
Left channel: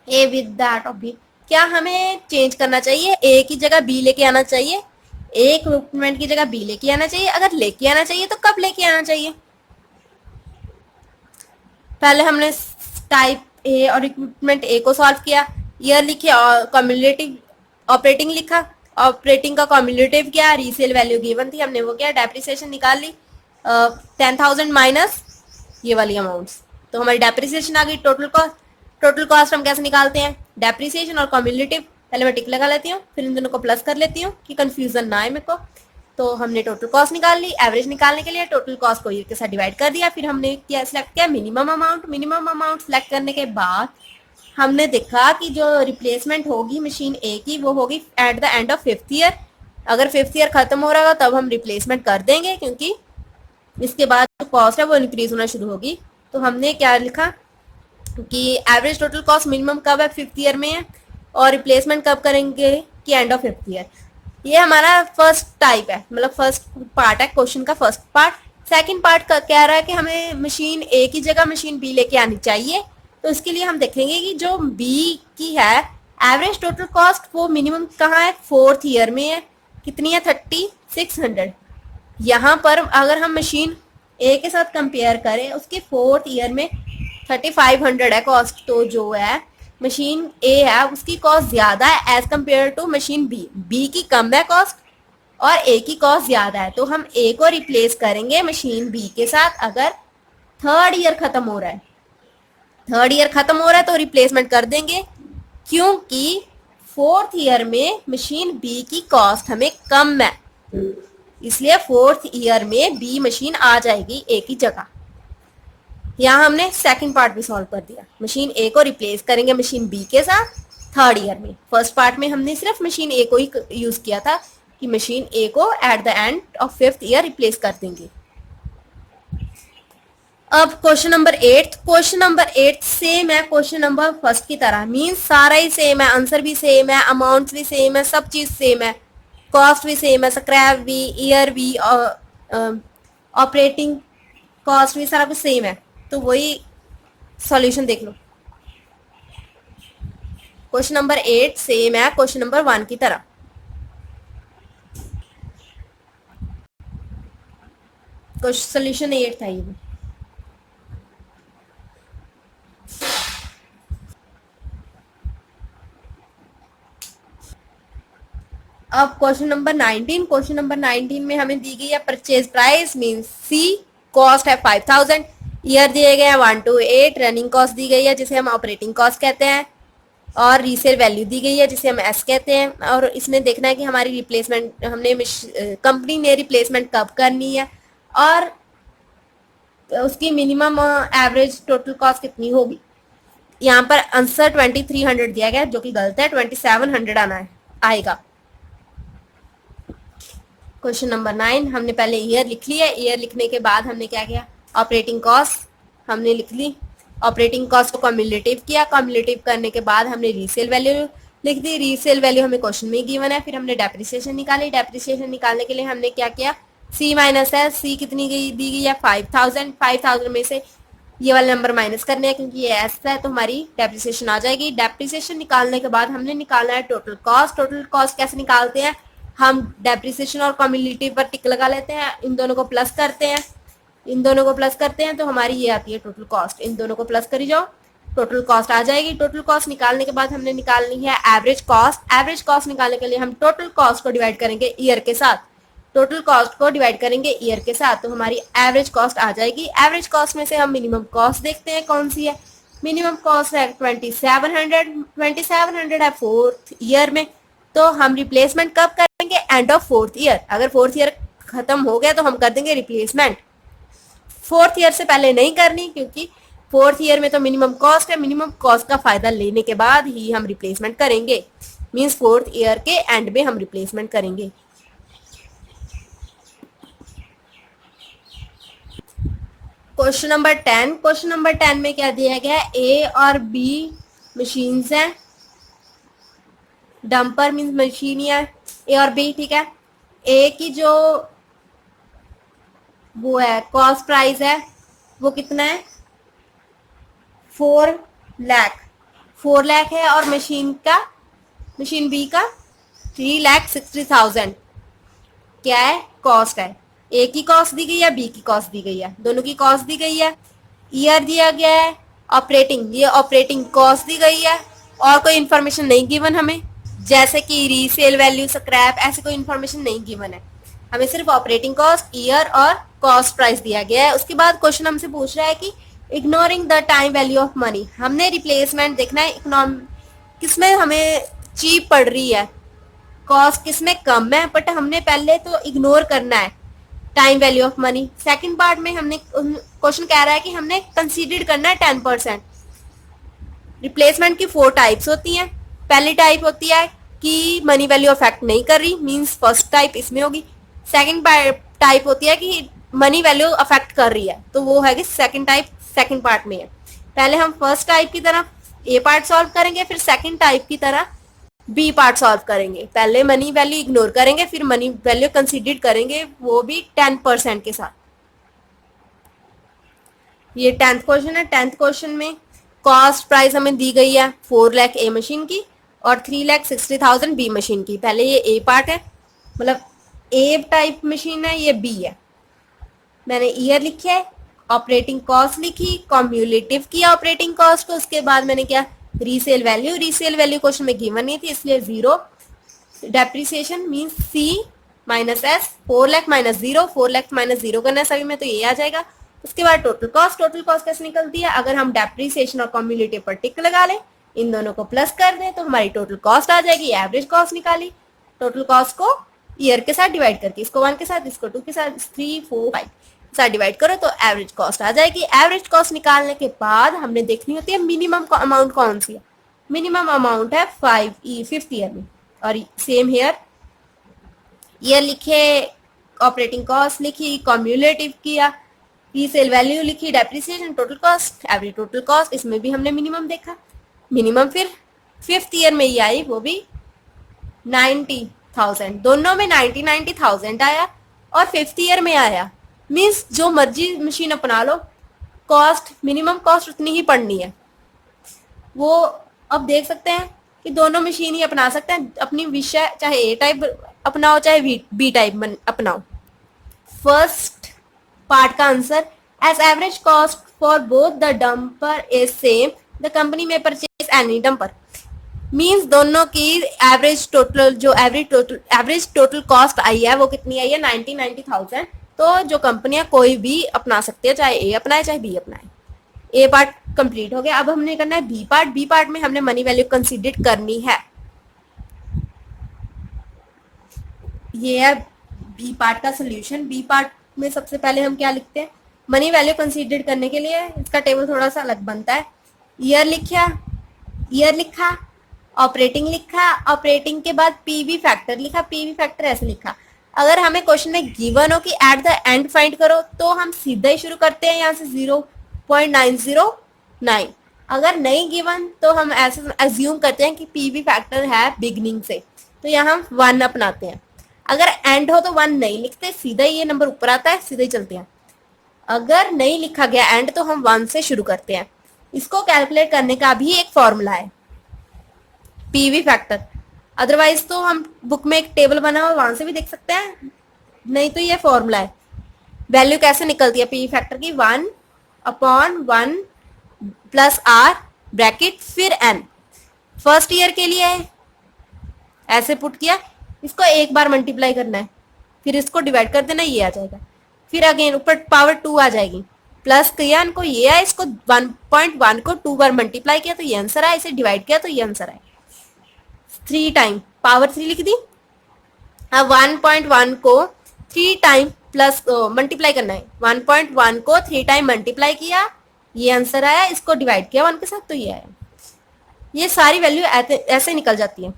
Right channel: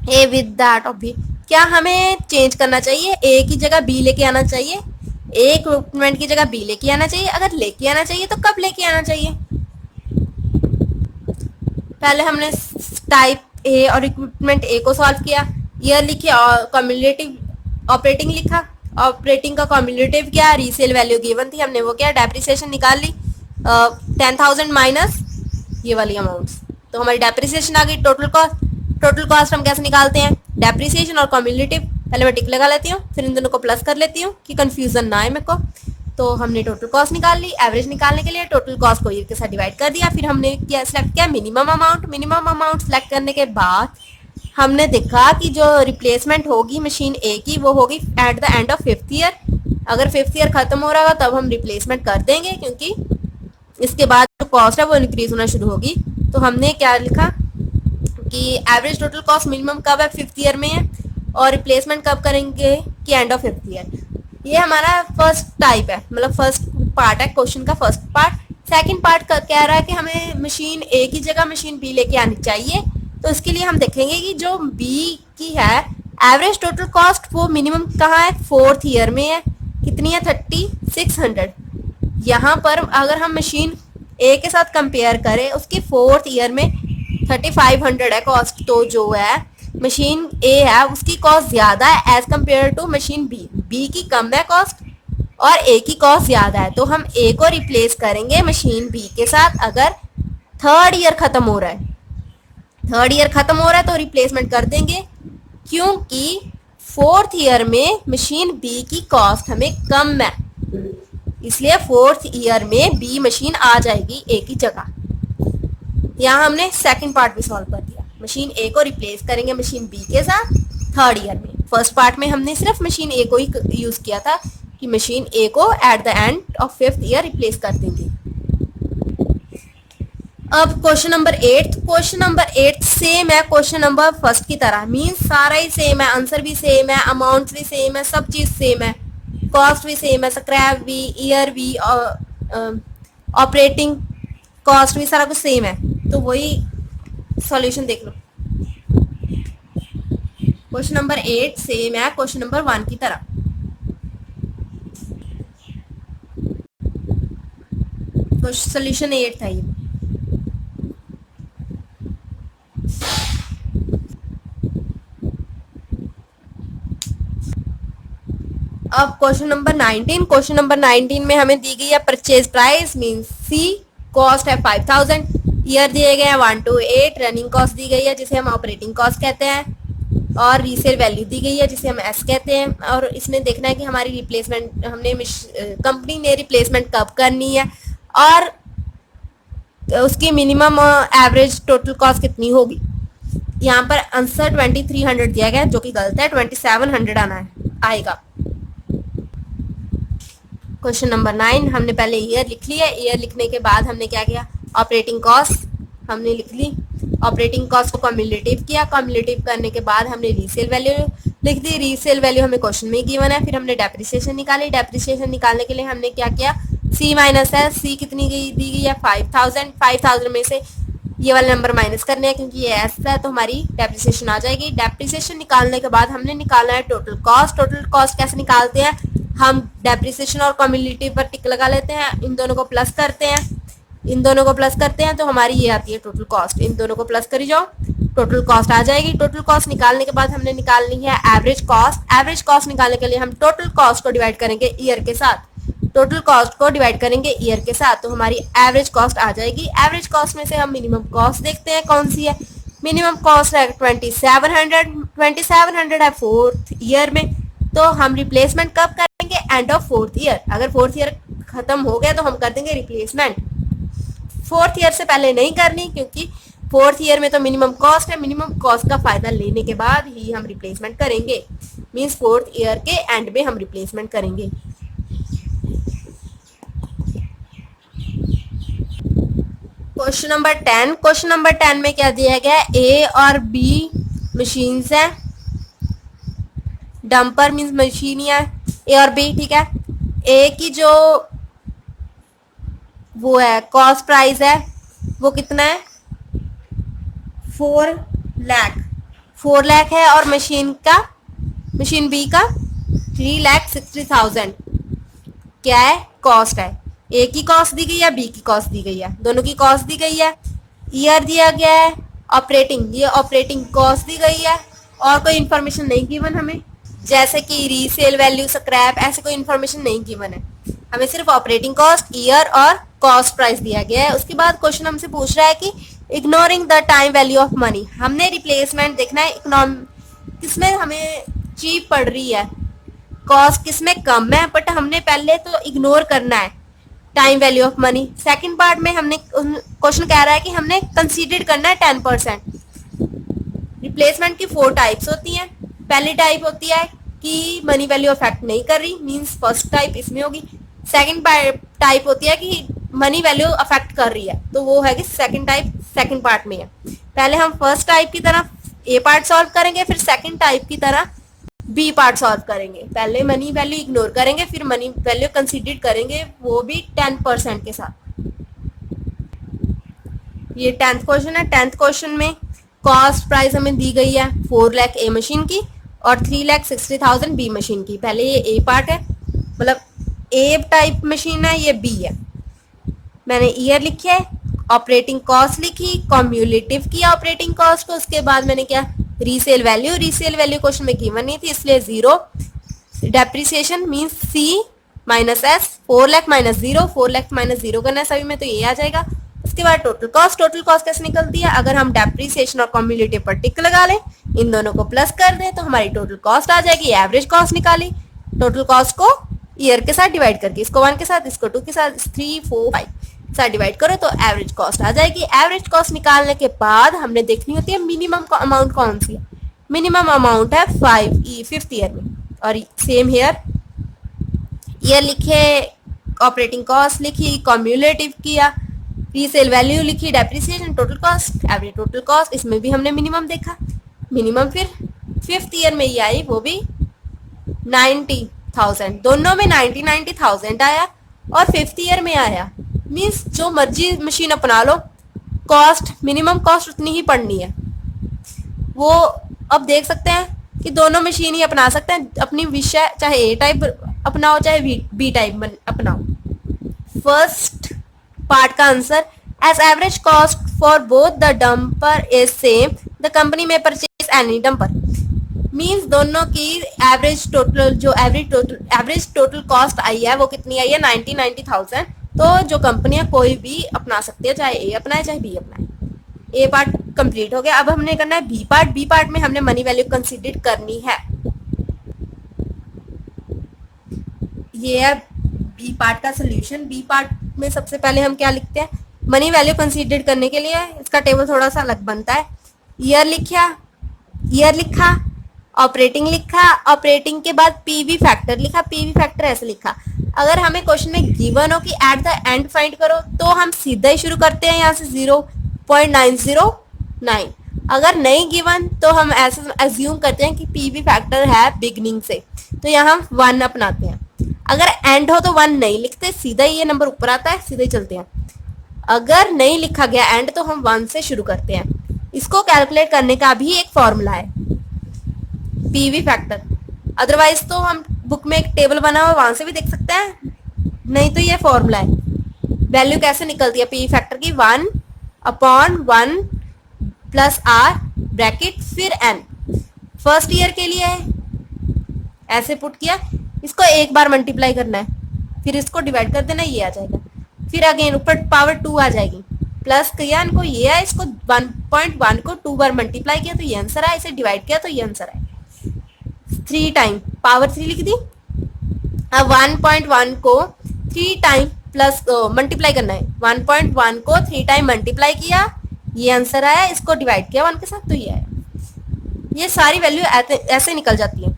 A with that of B, क्या हमें चेंज करना चाहिए, ए की जगह बी लेके आना चाहिए, ए इक्विपमेंट की जगह बी लेके आना चाहिए। अगर लेके आना चाहिए तो कब लेके आना चाहिए, पहले हमने टाइप ए और इक्विपमेंट ए को सॉल्व किया, ईयर लिखी और कम्युलेटिव ऑपरेटिंग लिखा, ऑपरेटिंग का कम्युलेटिव क्या, रीसेल वैल्यू गिवन थी, हमने वो क्या डेप्रिसिएशन निकाल ली 10,000 माइनस ये वाली अमाउंट्स, तो हमारी डेप्रिसिएशन आ गई। टोटल कॉस्ट हम कैसे निकालते हैं, डेप्रिसिएशन और कम्युलेटिव, पहले मैं टिक लगा लेती हूँ फिर इन दोनों को प्लस कर लेती हूँ कि कंफ्यूजन ना आए मेरे को। तो हमने टोटल कॉस्ट निकाल ली, एवरेज निकालने के लिए टोटल कॉस्ट को ये के साथ डिवाइड कर दिया, फिर हमने क्या सिलेक्ट किया मिनिमम अमाउंट सिलेक्ट करने के बाद हमने देखा कि जो रिप्लेसमेंट होगी मशीन ए की वो होगी eight the end of fifth year. अगर फिफ्थ ईयर खत्म हो रहा होगा तब हम रिप्लेसमेंट कर देंगे, क्योंकि इसके बाद जो कॉस्ट है वो इंक्रीज होना शुरू होगी। तो हमने क्या लिखा कि एवरेज टोटल कॉस्ट मिनिमम कब है फिफ्थ ईयर में है और रिप्लेसमेंट कब करेंगे कि एंड ऑफ फिफ्थ ईयर। ये हमारा फर्स्ट टाइप है, मतलब फर्स्ट पार्ट है क्वेश्चन का फर्स्ट पार्ट। सेकंड पार्ट कह रहा है कि हमें मशीन ए की जगह मशीन बी लेके आनी चाहिए। तो इसके लिए हम देखेंगे कि जो बी की है एवरेज टोटल कॉस्ट वो मिनिमम कहाँ है, फोर्थ ईयर में है, कितनी है 3600। यहाँ पर अगर हम मशीन ए के साथ कंपेयर करें उसकी फोर्थ ईयर में 3500 है कॉस्ट, तो जो है मशीन ए है उसकी कॉस्ट ज्यादा है as compare to machine B. B की कम है कॉस्ट और ए की कॉस्ट ज्यादा है, तो हम ए को रिप्लेस करेंगे मशीन बी के साथ। अगर थर्ड ईयर खत्म हो रहा है तो रिप्लेसमेंट कर देंगे, क्योंकि फोर्थ ईयर में मशीन बी की कॉस्ट हमें कम है, इसलिए फोर्थ ईयर में बी मशीन आ जाएगी ए की जगह। यहाँ हमने सेकंड पार्ट भी सॉल्व कर दिया। मशीन ए को रिप्लेस करेंगे मशीन बी के साथ थर्ड ईयर में। फर्स्ट पार्ट में हमने सिर्फ मशीन ए को ही यूज किया था कि मशीन ए को eight the end of fifth year replace कर देंगे। अब क्वेश्चन नंबर 8 सेम है क्वेश्चन नंबर फर्स्ट की तरह, मींस सारा ही सेम है, आंसर भी सेम है, अमाउंट भी सेम है, सब चीज सेम है, कॉस्ट भी सेम है, स्क्रैप भी, ईयर भी, ऑपरेटिंग कॉस्ट भी, सारा कुछ सेम है। तो वही सॉल्यूशन देख लो। क्वेश्चन नंबर 8 सेम है क्वेश्चन नंबर 1 की तरह। सॉल्यूशन 8 था ये। अब क्वेश्चन नंबर 19 में हमें दी गई है purchase price means C, cost है 5000, ईयर दिए गए हैं 1 to 8, रनिंग कॉस्ट दी गई है जिसे हम ऑपरेटिंग कॉस्ट कहते हैं, और रीसेल वैल्यू दी गई है जिसे हम एस कहते हैं। और इसमें देखना है कि हमारी रिप्लेसमेंट हमने कंपनी ने रिप्लेसमेंट कब करनी है और उसकी मिनिमम एवरेज टोटल कॉस्ट कितनी होगी। यहाँ पर आंसर 2300 दिया गया जो कि गलत है, 2700 आएगा। क्वेश्चन नंबर 9 हमने पहले ईयर लिख लिया, ईयर लिखने के बाद हमने क्या किया, ऑपरेटिंग कॉस्ट हमने लिख ली, ऑपरेटिंग कॉस्ट को कम्युलेटिव किया, कम्युलेटिव करने के बाद हमने रीसेल वैल्यू लिख दी, रीसेल वैल्यू हमें क्वेश्चन में गिवन है। फिर हमने डेप्रिसिएशन निकाली, डेप्रिसिएशन निकालने के लिए हमने क्या किया, सी माइनस है, सी कितनी दी गई है 5000, 5000 में से ये वाले नंबर माइनस करने हैं क्योंकि ये एस है तो हमारी डेप्रिसिएशन आ जाएगी। डेप्रिसिएशन निकालने के बाद हमने निकालना है टोटल कॉस्ट। टोटल कॉस्ट कैसे निकालते हैं, हम डेप्रिसिएशन और कम्युलेटिव पर टिक लगा लेते हैं, इन दोनों को प्लस करते हैं, तो हमारी ये आती है टोटल कॉस्ट। इन दोनों को प्लस करी जाओ, टोटल कॉस्ट आ जाएगी। टोटल कॉस्ट निकालने के बाद हमने निकालनी है एवरेज कॉस्ट। एवरेज कॉस्ट निकालने के लिए हम टोटल कॉस्ट को डिवाइड करेंगे ईयर के साथ, तो हमारी एवरेज कॉस्ट आ जाएगी। एवरेज कॉस्ट में से हम मिनिमम कॉस्ट देखते हैं कौन सी है, मिनिमम कॉस्ट है 2700 है फोर्थ ईयर में, तो हम रिप्लेसमेंट कब करेंगे, एंड ऑफ फोर्थ ईयर। अगर फोर्थ ईयर खत्म हो गया तो हम कर देंगे रिप्लेसमेंट, फोर्थ ईयर से पहले नहीं करनी क्योंकि फोर्थ ईयर में तो मिनिमम कॉस्ट है, मिनिमम कॉस्ट का फायदा लेने के बाद ही हम रिप्लेसमेंट करेंगे, मींस फोर्थ ईयर के एंड में हम रिप्लेसमेंट करेंगे। क्वेश्चन नंबर 10 में क्या दिया गया है, ए और बी मशीन्स हैं, डंपर मींस मशीन है ए और बी, ठीक है। ए की जो वो है कॉस्ट प्राइस है वो कितना है 4 लाख है, और मशीन बी का 3,60,000 क्या है कॉस्ट है। ए की कॉस्ट दी गई है, बी की कॉस्ट दी गई है, दोनों की कॉस्ट दी गई है, ईयर दिया गया है, ऑपरेटिंग कॉस्ट दी गई है, और कोई इन्फॉर्मेशन नहीं गिवन हमें जैसे कि रीसेल वैल्यू, स्क्रैप, ऐसे कोई इन्फॉर्मेशन नहीं गिवन है, हमें सिर्फ ऑपरेटिंग कॉस्ट, ईयर और कॉस्ट प्राइस दिया गया है। उसके बाद क्वेश्चन हमसे पूछ रहा है कि ignoring the time value of money, हमने रिप्लेसमेंट देखना है किसमें हमें चीप पड़ रही है, कॉस्ट किसमें कम है, बट हमने पहले तो इग्नोर करना है time value of money. Second part में हमने क्वेश्चन कह रहा है कि हमने कंसीडर करना है 10%। रिप्लेसमेंट की 4 टाइप्स होती हैं। पहली टाइप होती है कि मनी वैल्यू अफेक्ट नहीं कर रही, मींस फर्स्ट टाइप इसमें होगी। सेकंड टाइप होती है कि मनी वैल्यू अफेक्ट कर रही है, तो वो है कि सेकंड टाइप सेकंड पार्ट में है। पहले हम फर्स्ट टाइप की तरह ए पार्ट सॉल्व करेंगे, फिर सेकंड टाइप की तरह बी पार्ट सॉल्व करेंगे। पहले मनी वैल्यू इग्नोर करेंगे, फिर मनी वैल्यू कंसीडर करेंगे, वो भी 10% के साथ। ये 10th क्वेश्चन है। 10th क्वेश्चन में कॉस्ट प्राइस हमें दी गई है 4 लाख ए मशीन की और 3,60,000 बी मशीन की। पहले ये ए पार्ट है, मतलब ए टाइप मशीन है, ये बी है। मैंने ईयर लिखी है, ऑपरेटिंग कॉस्ट लिखी, कम्युलेटिव किया ऑपरेटिंग कॉस्ट को, उसके बाद मैंने क्या रीसेल वैल्यू क्वेश्चन में गिवन नहीं थी इसलिए 0। Depreciation means C minus S, 4 lakh minus 0 करना है सभी में, तो ये आ जाएगा। उसके बाद टोटल कॉस्ट कैसे निकलती है, अगर हम डेप्रिसिएशन और कम्युलेटिव पर टिक लगा लें, इन दोनों को प्लस कर दें तो हमारी टोटल कॉस्ट आ जाएगी। एवरेज कॉस्ट निकाली, टोटल कॉस्ट को ईयर के साथ डिवाइड करके, इसको 1 के साथ, इसको 2 के साथ, 3 4 5 साथ डिवाइड करो तो एवरेज कॉस्ट आ जाएगी। एवरेज कॉस्ट निकालने के बाद हमने देखनी होती है मिनिमम अमाउंट कौन सी है। मिनिमम अमाउंट है 5th ईयर में। और सेम हेयर, ईयर लिखे, ऑपरेटिंग कॉस्ट लिखी, कॉम्युलेटिव किया, रीसेल वैल्यू लिखी, depreciation, total cost, average total cost, इसमें भी हमने मिनिमम देखा। मिनिमम फिर 5th ईयर में ये आई, वो भी 90,000, दोनों में 90,000 आया और 5th ईयर में आया। मीन्स जो मर्जी मशीन अपना लो, कॉस्ट मिनिमम कॉस्ट उतनी ही पड़नी है। वो अब देख सकते हैं कि दोनों मशीन ही अपना सकते हैं अपनी विषय, चाहे ए टाइप अपनाओ चाहे बी टाइप अपनाओ। फर्स्ट पार्ट का answer, as average cost for both the dumper is same the company में परचेज एनी डंपर। मीन्स दोनों की एवरेज टोटल कॉस्ट आई है वो कितनी आई है, 90,000। तो जो कंपनियां कोई भी अपना सकती है, चाहे ए अपनाए चाहे बी अपनाए। ए पार्ट कंप्लीट हो गया। अब हमने करना है बी पार्ट। बी पार्ट में हमने मनी वैल्यू कंसीडर करनी है। ये है बी पार्ट का सोल्यूशन। बी पार्ट में सबसे पहले हम क्या लिखते हैं, मनी वैल्यू कंसीडर करने के लिए इसका टेबल थोड़ा सा अलग बनता है। ईयर लिखा, ऑपरेटिंग लिखा, ऑपरेटिंग के बाद पीवी फैक्टर लिखा, पीवी फैक्टर ऐसे लिखा। अगर हमें क्वेश्चन में गिवन हो कि एट द एंड फाइंड करो तो हम सीधा ही शुरू करते हैं यहाँ से 0.909। अगर नहीं गिवन तो हम ऐसे अज्यूम करते हैं कि पीवी फैक्टर है बिगनिंग से, तो यहाँ हम 1 अपनाते हैं। अगर एंड हो तो 1 नहीं लिखते, सीधा ही ये नंबर ऊपर आता है, सीधा ही चलते हैं। अगर नहीं लिखा गया एंड तो हम 1 से शुरू करते हैं। इसको कैलकुलेट करने का भी एक फॉर्मूला है, पीवी फैक्टर। अदरवाइज तो हम बुक में एक टेबल बना हुआ वहां से भी देख सकते हैं, नहीं तो ये फॉर्मूला है। वैल्यू कैसे निकलती है पीवी फैक्टर की, 1/1 प्लस आर ब्रैकेट फिर एन। फर्स्ट ईयर के लिए ऐसे पुट किया, इसको एक बार मल्टीप्लाई करना है, फिर इसको डिवाइड कर देना, ये आ जाएगा। फिर अगेन ऊपर पावर 2 आ जाएगी, प्लस किया इनको, ये आया, इसको 1.1 को 2 बार मल्टीप्लाई किया तो ये आंसर आया, इसे डिवाइड किया तो ये आंसर आया। 3 टाइम पावर 3 लिख दी। अब 1.1 को 3 टाइम प्लस मल्टीप्लाई करना है, 1.1 को 3 टाइम मल्टीप्लाई किया, ये आंसर आया, इसको डिवाइड किया 1 के साथ तो ये आया। ये सारी वैल्यू ऐसे निकल जाती है,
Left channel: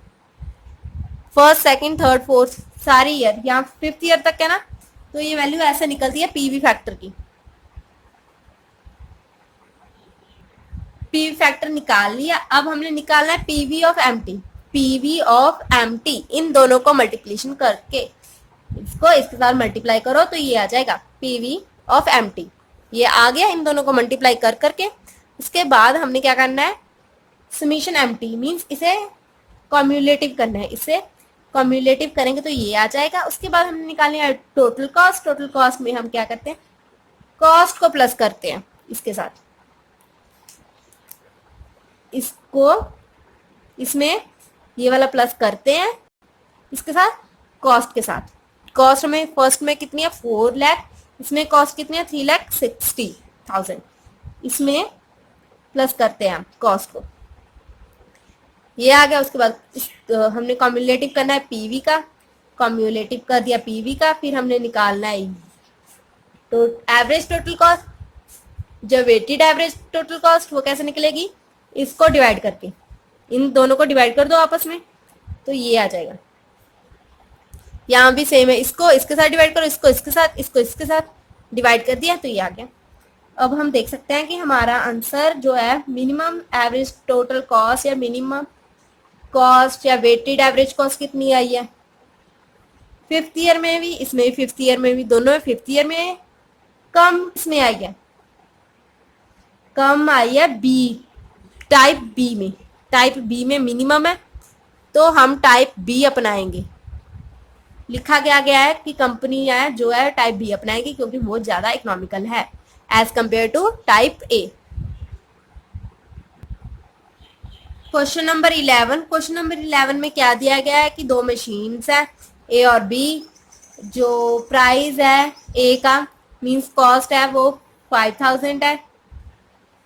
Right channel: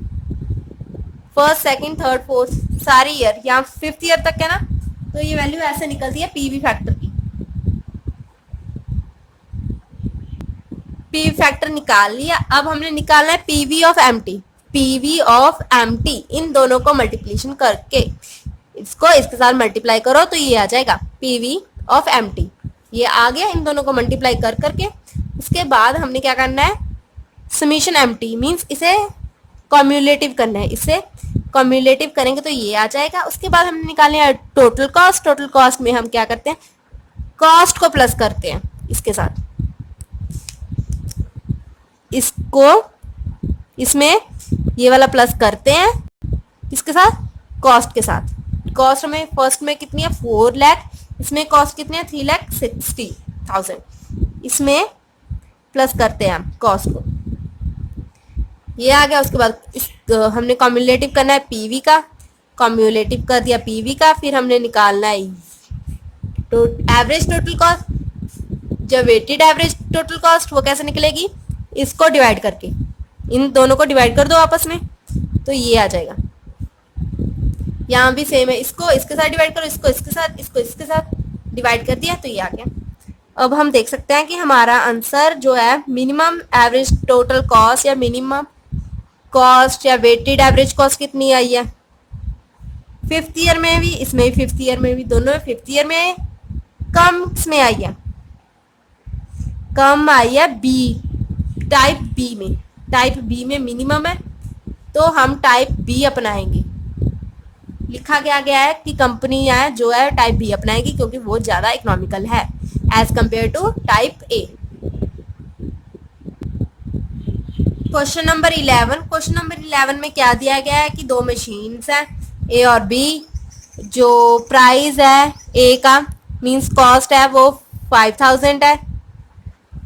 फर्स्ट सेकंड थर्ड फोर्थ सारी ईयर, यहाँ 5th ईयर तक है ना, तो ये वैल्यू ऐसे निकलती है पीवी फैक्टर की। पीवी फैक्टर निकाल लिया। अब हमने निकालना है PV of MT. PV of MT, इन दोनों को मल्टीप्लिकेशन करके इसको इसके साथ मल्टीप्लाई करो तो ये आ जाएगा पीवी ऑफ एमटी। ये आ गया, इन दोनों को मल्टीप्लाई कर करके उसके बाद हमने क्या करना है, समीशन एमटी मीन्स इसे कॉम्युलेटिव करना है। इसे कॉम्युलेटिव करेंगे तो ये आ जाएगा। उसके बाद हमने निकालना है टोटल कॉस्ट। टोटल कॉस्ट में हम क्या करते हैं, कॉस्ट को प्लस करते हैं इसके साथ, इसको इसमें ये वाला प्लस करते हैं इसके साथ, कॉस्ट के साथ। कॉस्ट में फर्स्ट में कितनी है 4 लाख, इसमें कॉस्ट कितनी है 3,60,000, इसमें प्लस करते हैं हम कॉस्ट को, ये आ गया। उसके बाद हमने कॉम्युलेटिव करना है पीवी का, कॉम्युलेटिव कर दिया पीवी का। फिर हमने निकालना है एवरेज टोटल कॉस्ट। जब वेटेड एवरेज टोटल कॉस्ट वो कैसे निकलेगी, इसको डिवाइड करके, इन दोनों को डिवाइड कर दो आपस में तो ये आ जाएगा। यहाँ भी सेम है, इसको इसके साथ डिवाइड करो, इसको इसके साथ, इसको इसके साथ डिवाइड कर दिया तो ये आ गया। अब हम देख सकते हैं कि हमारा आंसर जो है मिनिमम एवरेज टोटल कॉस्ट या मिनिमम कॉस्ट या वेटेड एवरेज कॉस्ट कितनी आई है 5th ईयर में भी, इसमें भी 5th ईयर में भी, दोनों में 5th ईयर में कम इसमें आई है, कम आई है बी, टाइप बी में। टाइप बी में मिनिमम है तो हम टाइप बी अपनाएंगे। लिखा गया है कि कंपनी है जो है टाइप बी अपनाएगी क्योंकि वो ज्यादा इकोनॉमिकल है as compare to type A. Question number 11। Question number 11 में क्या दिया गया है कि 2 मशीन्स है ए और बी, जो प्राइस है ए का मींस कॉस्ट है वो 5,000 है,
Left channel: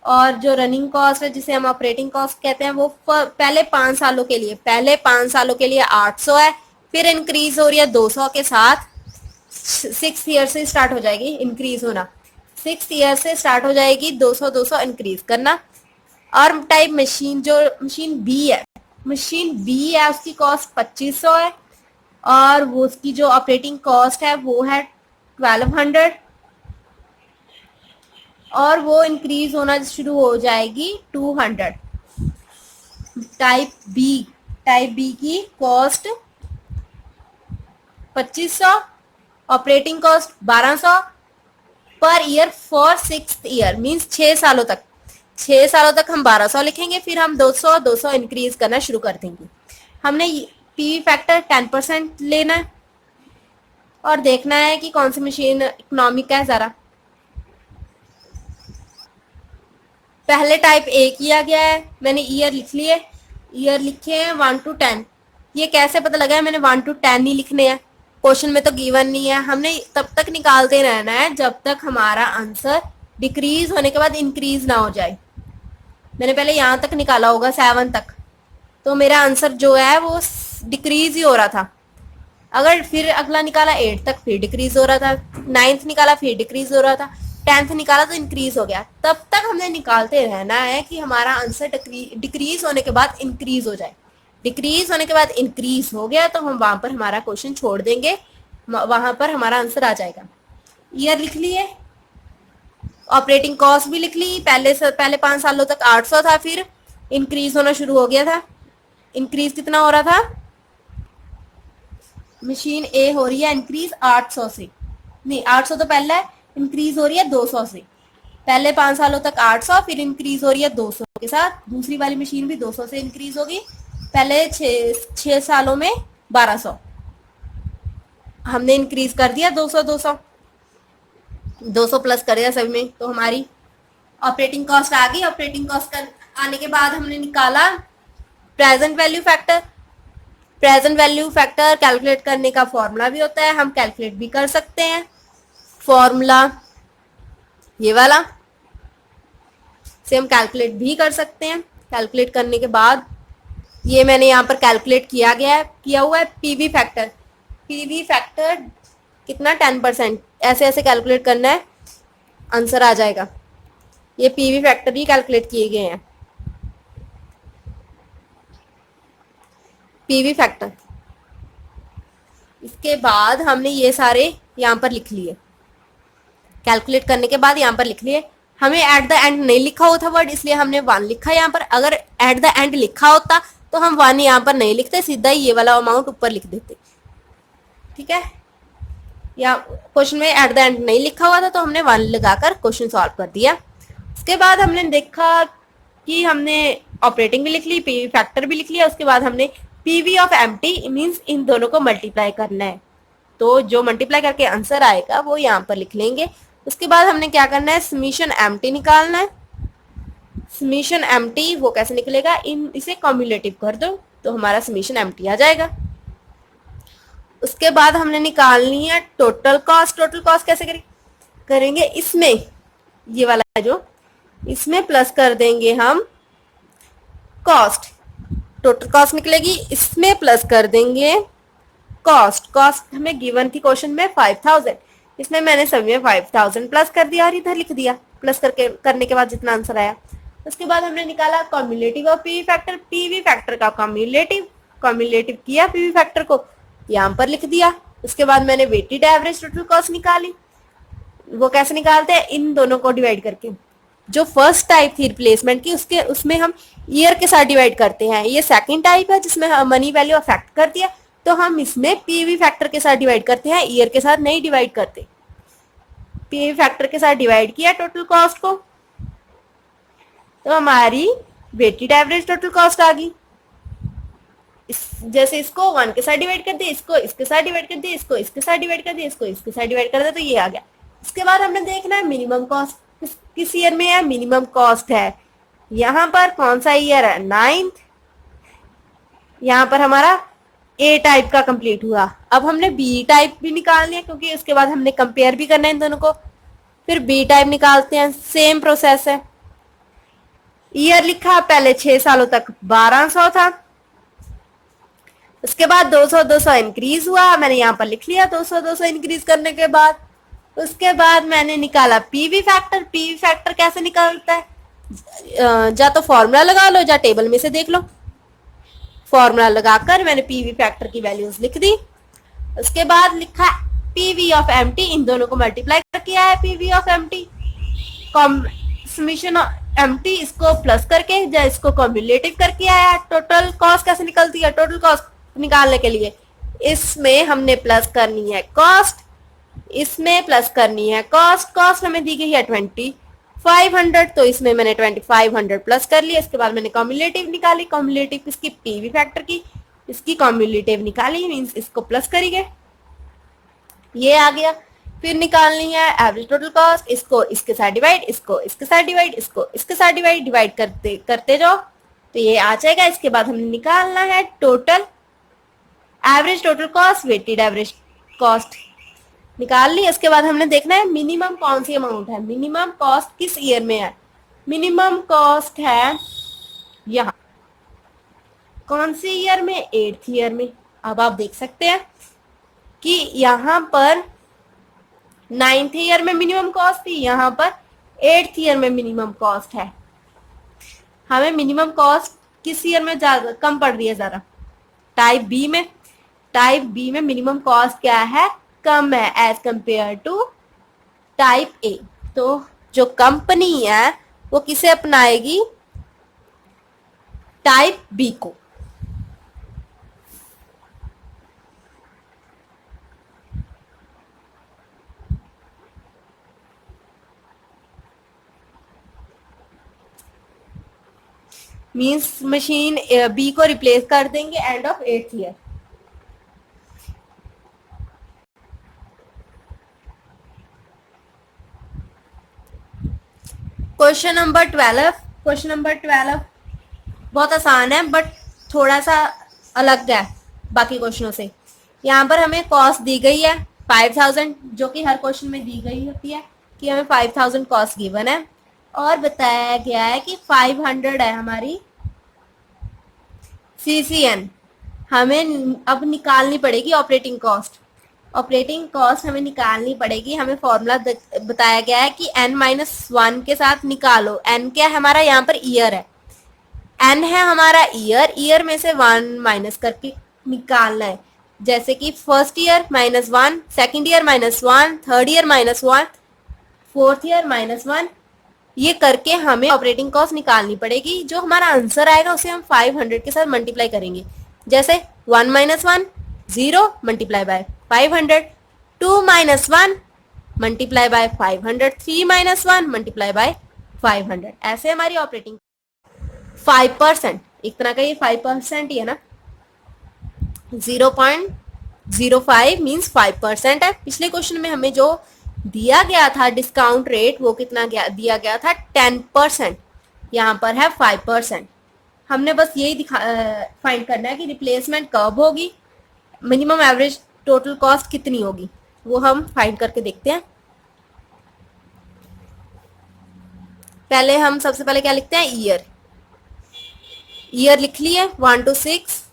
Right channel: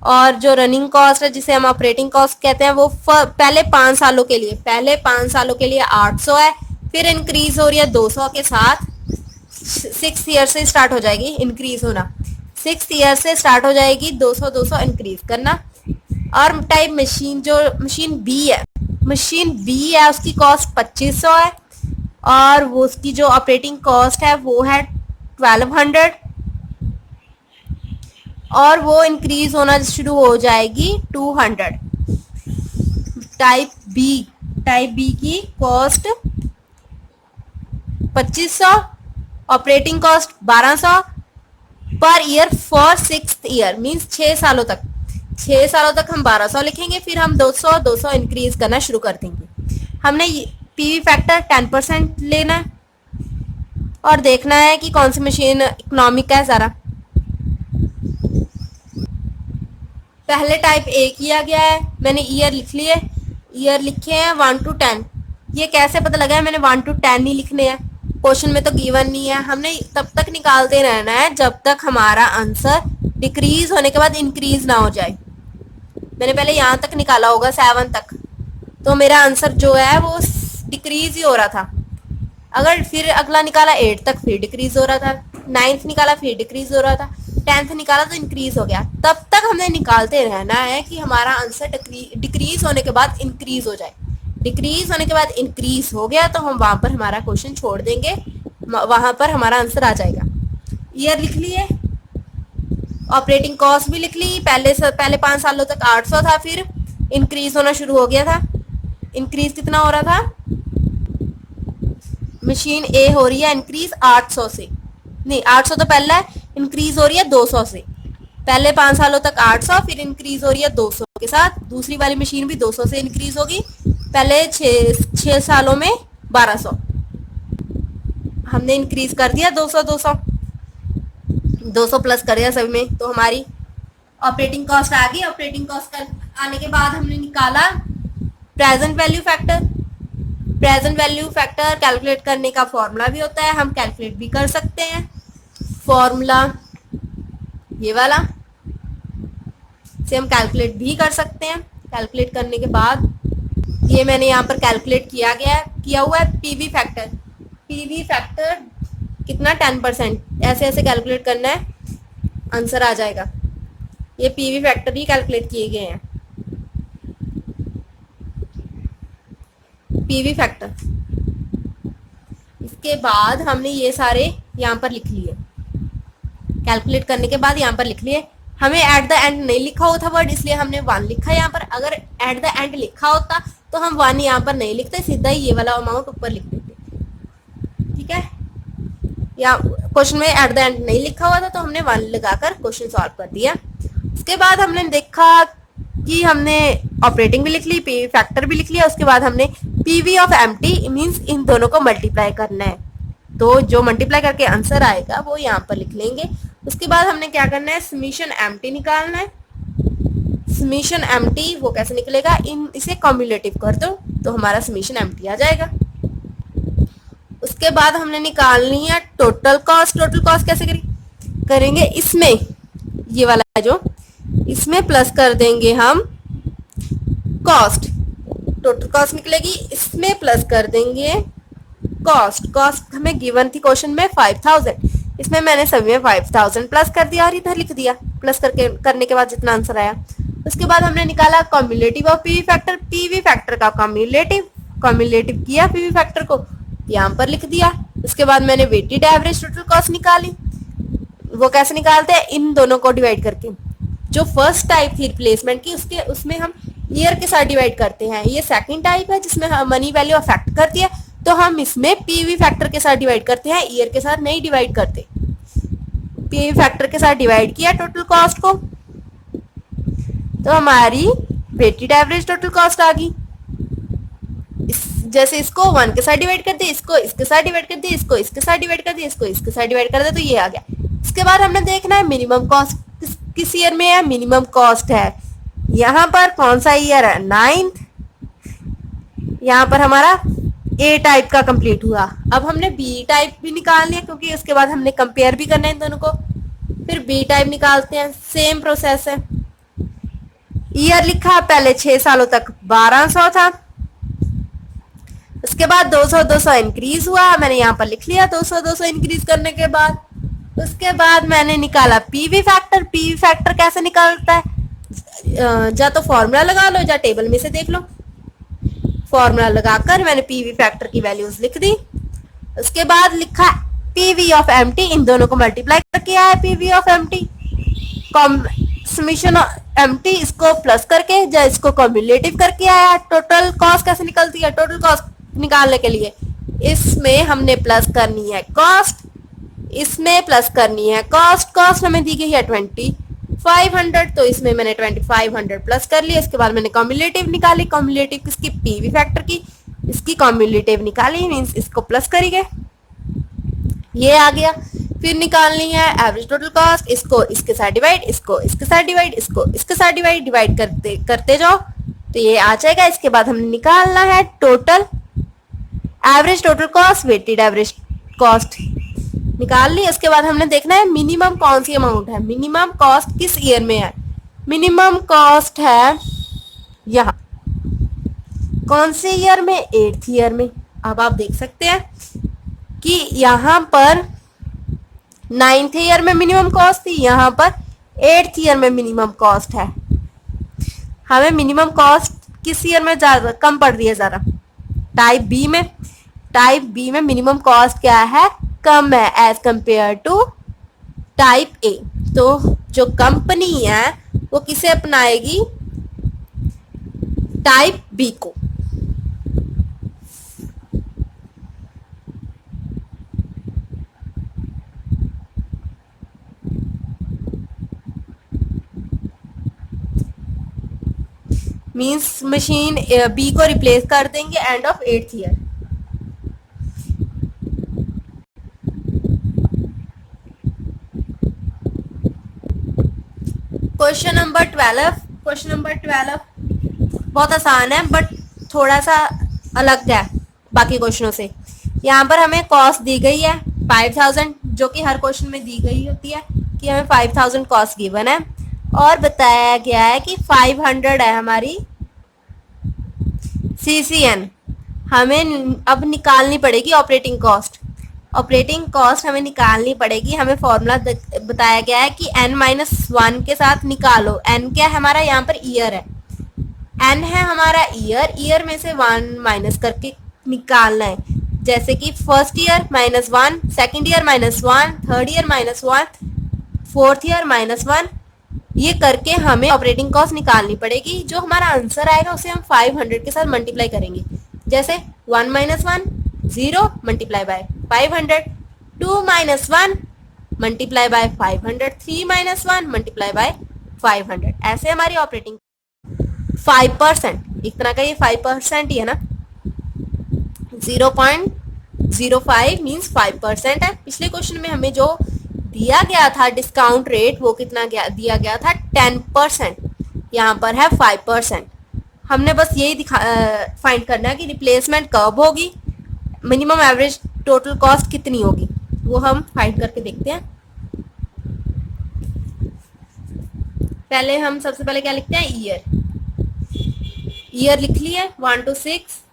और जो रनिंग कॉस्ट है जिसे हम ऑपरेटिंग कॉस्ट कहते हैं वो पहले 5 सालों के लिए 800 है, फिर इंक्रीज हो रही है 200 के साथ 6 ईयर से स्टार्ट हो जाएगी इंक्रीज होना, 6 ईयर से स्टार्ट हो जाएगी 200 200 इंक्रीज करना। और टाइप मशीन, जो मशीन बी है, मशीन बी है उसकी कॉस्ट 2500 है और वो उसकी जो ऑपरेटिंग कॉस्ट है वो है 1200 और वो इंक्रीज होना शुरू हो जाएगी 200। टाइप बी की cost 2500, operating cost 1200 per year for 6 year, means 6 सालों तक। 6 सालों तक हम 1200 लिखेंगे, फिर हम 200 200 इंक्रीज करना शुरू कर देंगे। हमने पीवी फैक्टर 10% लेना है और देखना है कि कौन सी मशीन इकोनॉमिक है ज़रा। पहले टाइप ए किया गया है, मैंने ईयर लिख लिए, ईयर लिखे हैं 1 to 10। ये कैसे पता लगा है मैंने 1 to 10 नहीं लिखने हैं, क्वेश्चन में तो गिवन नहीं है। हमने तब तक निकालते रहना है जब तक हमारा आंसर डिक्रीज होने के बाद इंक्रीज ना हो जाए। मैंने पहले यहाँ तक निकाला होगा 7 तक, तो मेरा आंसर जो है वो डिक्रीज ही हो रहा था। अगर फिर अगला निकाला 8 तक, फिर डिक्रीज हो रहा था, 9th निकाला फिर डिक्रीज हो रहा था, 10th निकाला तो इंक्रीज हो गया। तब तक हमने निकालते रहना है कि हमारा आंसर डिक्रीज होने के बाद इंक्रीज हो जाए। डिक्रीज होने के बाद इंक्रीज हो गया तो हम वहां पर हमारा क्वेश्चन छोड़ देंगे, वहां पर हमारा आंसर आ जाएगा। ईयर लिख लिए, ऑपरेटिंग कॉस्ट भी लिख ली। पहले 5 सालों तक 800 था, फिर इंक्रीज होना शुरू हो गया था। इंक्रीज कितना हो रहा था, मशीन ए हो रही है इंक्रीज 800 से, नहीं 800 तो पहले है, इंक्रीज हो रही है 200 से। पहले 5 सालों तक 800, फिर इंक्रीज हो रही है 200 के साथ। दूसरी वाली मशीन भी 200 से इंक्रीज होगी। पहले 6 सालों में 1200, हमने इंक्रीज कर दिया 200 200 200 प्लस कर दिया सभी में, तो हमारी ऑपरेटिंग कॉस्ट आ गई। ऑपरेटिंग कॉस्ट आने के बाद हमने निकाला present value factor. Present value factor calculate करने का फॉर्मूला भी होता है, हम कैलकुलेट भी कर सकते हैं। फॉर्मूला ये वाला से हम कैलकुलेट भी कर सकते हैं। कैलकुलेट करने के बाद ये मैंने यहाँ पर कैलकुलेट किया हुआ है पीवी फैक्टर। पीवी फैक्टर कितना 10%, ऐसे ऐसे कैलकुलेट करना है, आंसर आ जाएगा। ये पीवी फैक्टर ही कैलकुलेट किए गए हैं। पीवी फैक्टर, इसके बाद हमने ये सारे यहाँ पर लिख लिए। कैलकुलेट करने के बाद यहाँ पर लिख लिए। हमें एट द एंड नहीं लिखा हुआ था वर्ड, इसलिए हमने 1 लिखा यहाँ पर। अगर एट द एंड लिखा होता तो हम 1 यहाँ पर नहीं लिखते, सीधा ही ये वाला अमाउंट ऊपर लिख देते। ठीक है, या क्वेश्चन में एट द एंड नहीं लिखा हुआ था तो हमने 1 लगाकर क्वेश्चन सॉल्व कर दिया। उसके बाद हमने देखा कि हमने ऑपरेटिंग भी लिख ली, पीवी फैक्टर भी लिख लिया। उसके बाद हमने PV of empty means in दोनों को मल्टीप्लाई करना है, तो जो मल्टीप्लाई करके आंसर आएगा वो यहाँ पर लिख लेंगे। उसके बाद हमने क्या करना है, समीशन एम्प्टी निकालना है। समीशन एम्प्टी वो कैसे निकलेगा, इसे कम्युलेटिव कर दो तो हमारा समीशन एम्प्टी आ जाएगा। उसके बाद हमने निकालनी है टोटल कॉस्ट। टोटल कॉस्ट कैसे करेंगे, इसमें ये वाला जो इसमें प्लस कर देंगे हम कॉस्ट, टोटल कॉस्ट निकलेगी। इसमें प्लस कर देंगे कॉस्ट। कॉस्ट हमें गिवन थी क्वेश्चन में 5000, इसमें मैंने सभी में 5000 प्लस कर दिया और इधर लिख दिया। प्लस करने के बाद जितना आंसर आया। उसके बाद हमने निकाला cumulative of PV factor. PV factor का कम्युलेटिव किया पीवी फैक्टर को, यहाँ पर लिख दिया। उसके बाद मैंने वेटेड एवरेज टोटल कॉस्ट निकाली। वो कैसे निकालते हैं, इन दोनों को डिवाइड करके। जो फर्स्ट टाइप थी रिप्लेसमेंट की, उसमें हम ईयर के साथ डिवाइड करते हैं। ये सेकंड टाइप है जिसमें मनी वैल्यू अफेक्ट करती है, तो हम इसमें पीवी फैक्टर के साथ डिवाइड करते हैं, ईयर के साथ नहीं डिवाइड करते। पीवी फैक्टर के साथ डिवाइड किया टोटल कॉस्ट को, तो हमारी वेटेड एवरेज टोटल कॉस्ट आ गई। जैसे इसको 1 के साथ डिवाइड कर दिया, इसको इसके साथ डिवाइड कर दिया, इसको इसके साथ डिवाइड कर दिया, इसको इसके साथ डिवाइड कर दिया, तो ये आ गया। इसके बाद हमने देखना है मिनिमम कॉस्ट किस ईयर में है। मिनिमम कॉस्ट है यहाँ पर, कौन सा ईयर है, 9th। यहाँ पर हमारा ए टाइप का कंप्लीट हुआ। अब हमने बी टाइप भी निकालना है, क्योंकि उसके बाद हमने कंपेयर भी करना है इन दोनों को। फिर बी टाइप निकालते हैं, सेम प्रोसेस है। ईयर लिखा, पहले 6 सालों तक 1200 था। इसके बाद 200 इंक्रीज हुआ, मैंने यहाँ पर लिख लिया 200 इंक्रीज करने के बाद। उसके बाद मैंने निकाला पीवी फैक्टर। पीवी फैक्टर कैसे निकालता है, या तो फॉर्मूला लगा लो या टेबल में से देख लो। फॉर्मूला लगाकर मैंने पीवी फैक्टर की वैल्यूज लिख दी। उसके बाद लिखा पीवी ऑफ एमटी, इन दोनों को मल्टीप्लाई करके आया PV of MT. Summation MT इसको प्लस करके या इसको कम्युलेटिव करके आया। टोटल कॉस्ट कैसे निकलती है, टोटल कॉस्ट निकालने के लिए इसमें हमने प्लस करनी है कॉस्ट, इसमें प्लस करनी है कॉस्ट। कॉस्ट हमें दी गई है 2500, तो इसमें मैंने 2500 प्लस कर लिया। इसके बाद मैंने कम्युलेटिव निकाली। कम्युलेटिव किसकी, पीवी फैक्टर की, इसकी कम्युलेटिव निकाली, मींस इसको प्लस करेंगे, ये आ गया। फिर निकालनी है एवरेज टोटल कॉस्ट, इसको इसके साथ डिवाइड, इसको इसके साथ डिवाइड, इसको इसके साथ डिवाइड करते जाओ तो ये आ जाएगा। इसके बाद हमें निकालना है total average total cost, weighted average cost निकाल ली। उसके बाद हमने देखना है मिनिमम कौन सी अमाउंट है, मिनिमम कॉस्ट किस ईयर में है। मिनिमम कॉस्ट है यहाँ, कौन से ईयर में, 8th ईयर में। अब आप देख सकते हैं कि यहाँ पर 9th ईयर में मिनिमम कॉस्ट थी, यहाँ पर 8th ईयर में मिनिमम कॉस्ट है। हमें मिनिमम कॉस्ट किस ईयर में ज्यादा कम पड़ रही है, ज़रा टाइप बी में। टाइप बी में मिनिमम कॉस्ट क्या है, कम है as compare to type A. तो जो कंपनी है वो किसे अपनाएगी, टाइप बी को। मींस मशीन बी को रिप्लेस कर देंगे end of 8th year. Question number 12। Question number 12 बहुत आसान है बट थोड़ा सा अलग है बाकी क्वेश्चनों से। यहाँ पर हमें कॉस्ट दी गई है 5000, जो कि हर क्वेश्चन में दी गई होती है कि हमें 5000 कॉस्ट गिवन है, और बताया गया है कि 500 है हमारी CCN। हमें अब निकालनी पड़ेगी ऑपरेटिंग कॉस्ट। ऑपरेटिंग कॉस्ट हमें निकालनी पड़ेगी। हमें फॉर्मूला बताया गया है कि n-1 के साथ निकालो। n क्या है हमारा, यहाँ पर ईयर है, n है हमारा ईयर, ईयर में से 1 माइनस करके निकालना है। जैसे कि first year -1, second year -1, third year -1, fourth year -1, ये करके हमें ऑपरेटिंग कॉस्ट निकालनी पड़ेगी। जो हमारा आंसर आएगा उसे हम 500 के साथ मल्टीप्लाई करेंगे। जैसे 1 - 1 0 multiply by 500, 2 - 1 multiply by 500, 3 - 1 multiply by 500। ऐसे हमारी ऑपरेटिंग 5%, एक तरह का ये 5% ही है ना, 0.05 मीन्स 5% है। पिछले क्वेश्चन में हमें जो दिया गया था डिस्काउंट रेट वो कितना दिया गया था, 10%, यहाँ पर है 5%। हमने बस यही फाइंड करना है कि रिप्लेसमेंट कब होगी, मिनिमम एवरेज टोटल कॉस्ट कितनी होगी, वो हम फाइंड करके देखते हैं। पहले हम सबसे पहले क्या लिखते हैं, ईयर। ईयर लिख लिए 1 to 6।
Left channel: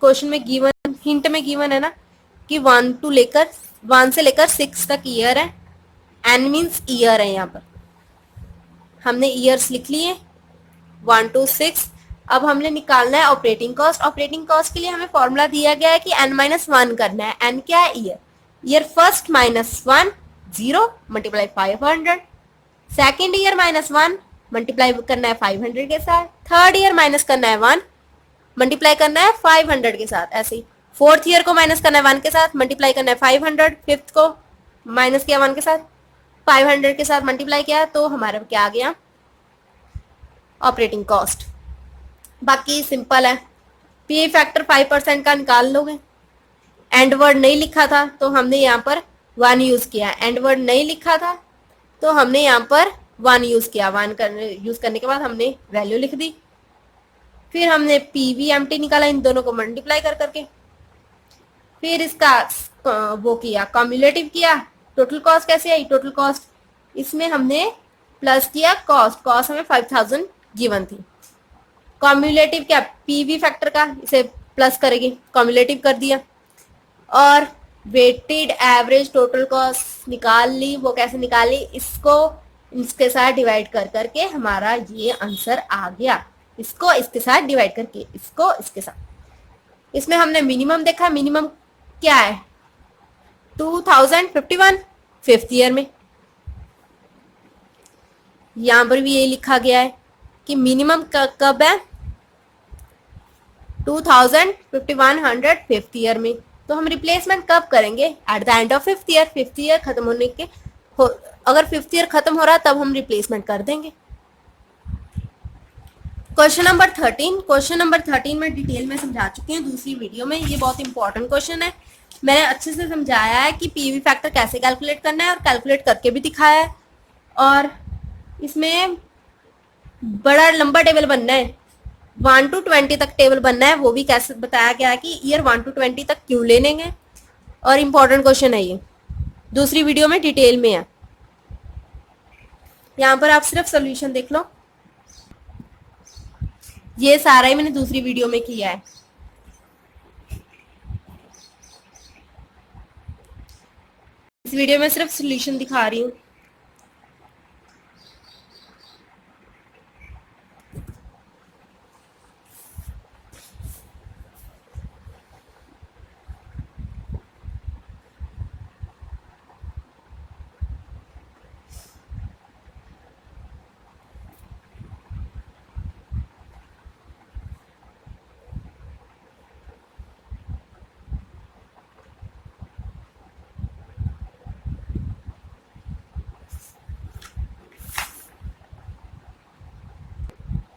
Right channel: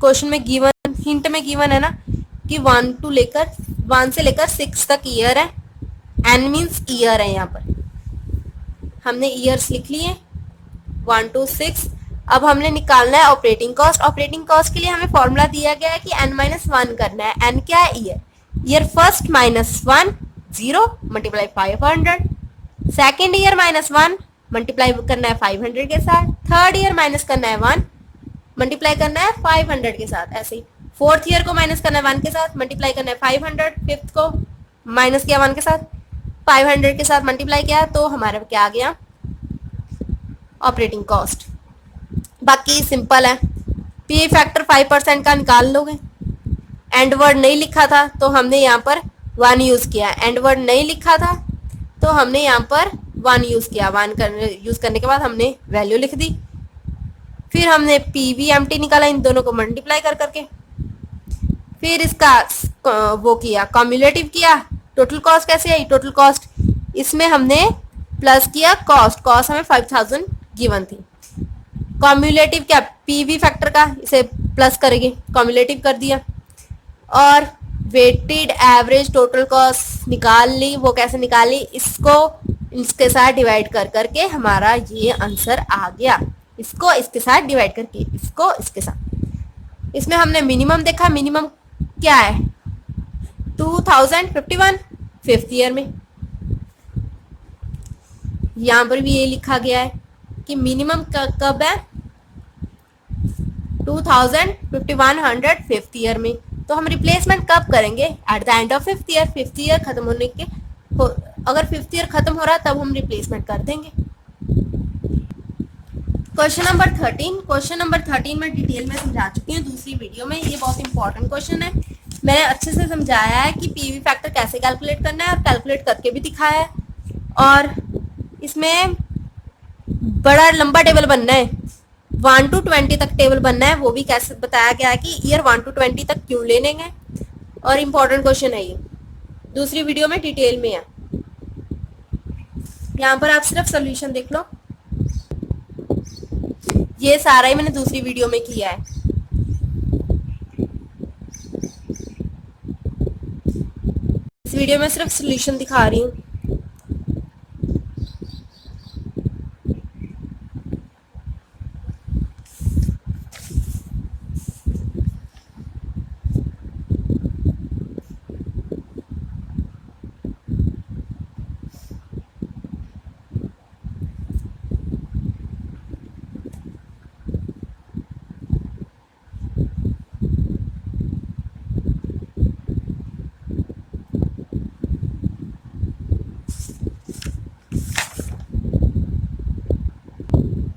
क्वेश्चन में गिवन, हिंट में गिवन है ना कि 1 से लेकर 6 तक ईयर है। एन मीन्स ईयर है, यहाँ पर हमने ईयर्स लिख लिए 1 to 6। अब हमने निकालना है ऑपरेटिंग कॉस्ट। ऑपरेटिंग कॉस्ट के लिए हमें फॉर्मूला दिया गया है कि n-1 करना है। n क्या है, year. Year first -1 0 multiply 500, second year -1 multiply करना है 500 के साथ, थर्ड ईयर माइनस करना है 1 मल्टीप्लाई करना है 500 के साथ। ऐसे ही फोर्थ ईयर को माइनस करना है 1 के साथ, मल्टीप्लाई करना है 500, फिफ्थ को माइनस किया 1 के साथ, 500 के साथ मल्टीप्लाई किया, तो हमारा क्या आ गया, ऑपरेटिंग कॉस्ट। बाकी सिंपल है, पी फैक्टर 5% का निकाल लोगे। एंड वर्ड नहीं लिखा था तो हमने यहाँ पर 1 यूज किया, एंड वर्ड नहीं लिखा था तो हमने यहाँ पर 1 यूज किया। 1 यूज करने के बाद हमने वैल्यू लिख दी। फिर हमने PVMT निकाला, इन दोनों को मल्टीप्लाई कर करके। फिर इसका वो किया, कम्युलेटिव किया। टोटल कॉस्ट कैसे आई, टोटल कॉस्ट इसमें हमने प्लस किया कॉस्ट। कॉस्ट हमें 5000 गिवन थी। कम्युलेटिव क्या, पीवी फैक्टर का, इसे प्लस करेंगे, कॉम्युलेटिव कर दिया। और वेटेड एवरेज टोटल कॉस्ट निकाल ली। वो कैसे निकाली, इसको इसके साथ डिवाइड कर करके हमारा ये आंसर आ गया। इसको इसके साथ डिवाइड करके, इसको इसके साथ। इसमें हमने मिनिमम देखा, मिनिमम क्या है 2051 फिफ्थ ईयर में। यहां पर भी ये लिखा गया है कि मिनिमम कब है 2100 फिफ्थ ईयर में। तो हम रिप्लेसमेंट कब करेंगे, at the end of fifth year. Fifth year खत्म होने के अगर फिफ्थ ईयर खत्म हो रहा है तब हम रिप्लेसमेंट कर देंगे। क्वेश्चन नंबर 13, क्वेश्चन नंबर 13 में डिटेल में समझा चुकी हूँ दूसरी वीडियो में। ये बहुत इंपॉर्टेंट क्वेश्चन है, मैंने अच्छे से समझाया है कि पीवी फैक्टर कैसे कैलकुलेट करना है और कैलकुलेट करके भी दिखाया है। और इसमें बड़ा लंबा टेबल बनना है, 1 to 20 तक टेबल बनना है। वो भी कैसे बताया गया है कि ईयर 1 to 20 तक क्यों ले लेंगे। और इम्पोर्टेंट क्वेश्चन है ये, दूसरी वीडियो में डिटेल में है। यहाँ पर आप सिर्फ सोल्यूशन देख लो, ये सारा ही मैंने दूसरी वीडियो में किया है। इस वीडियो में सिर्फ सोल्यूशन दिखा रही हूँ।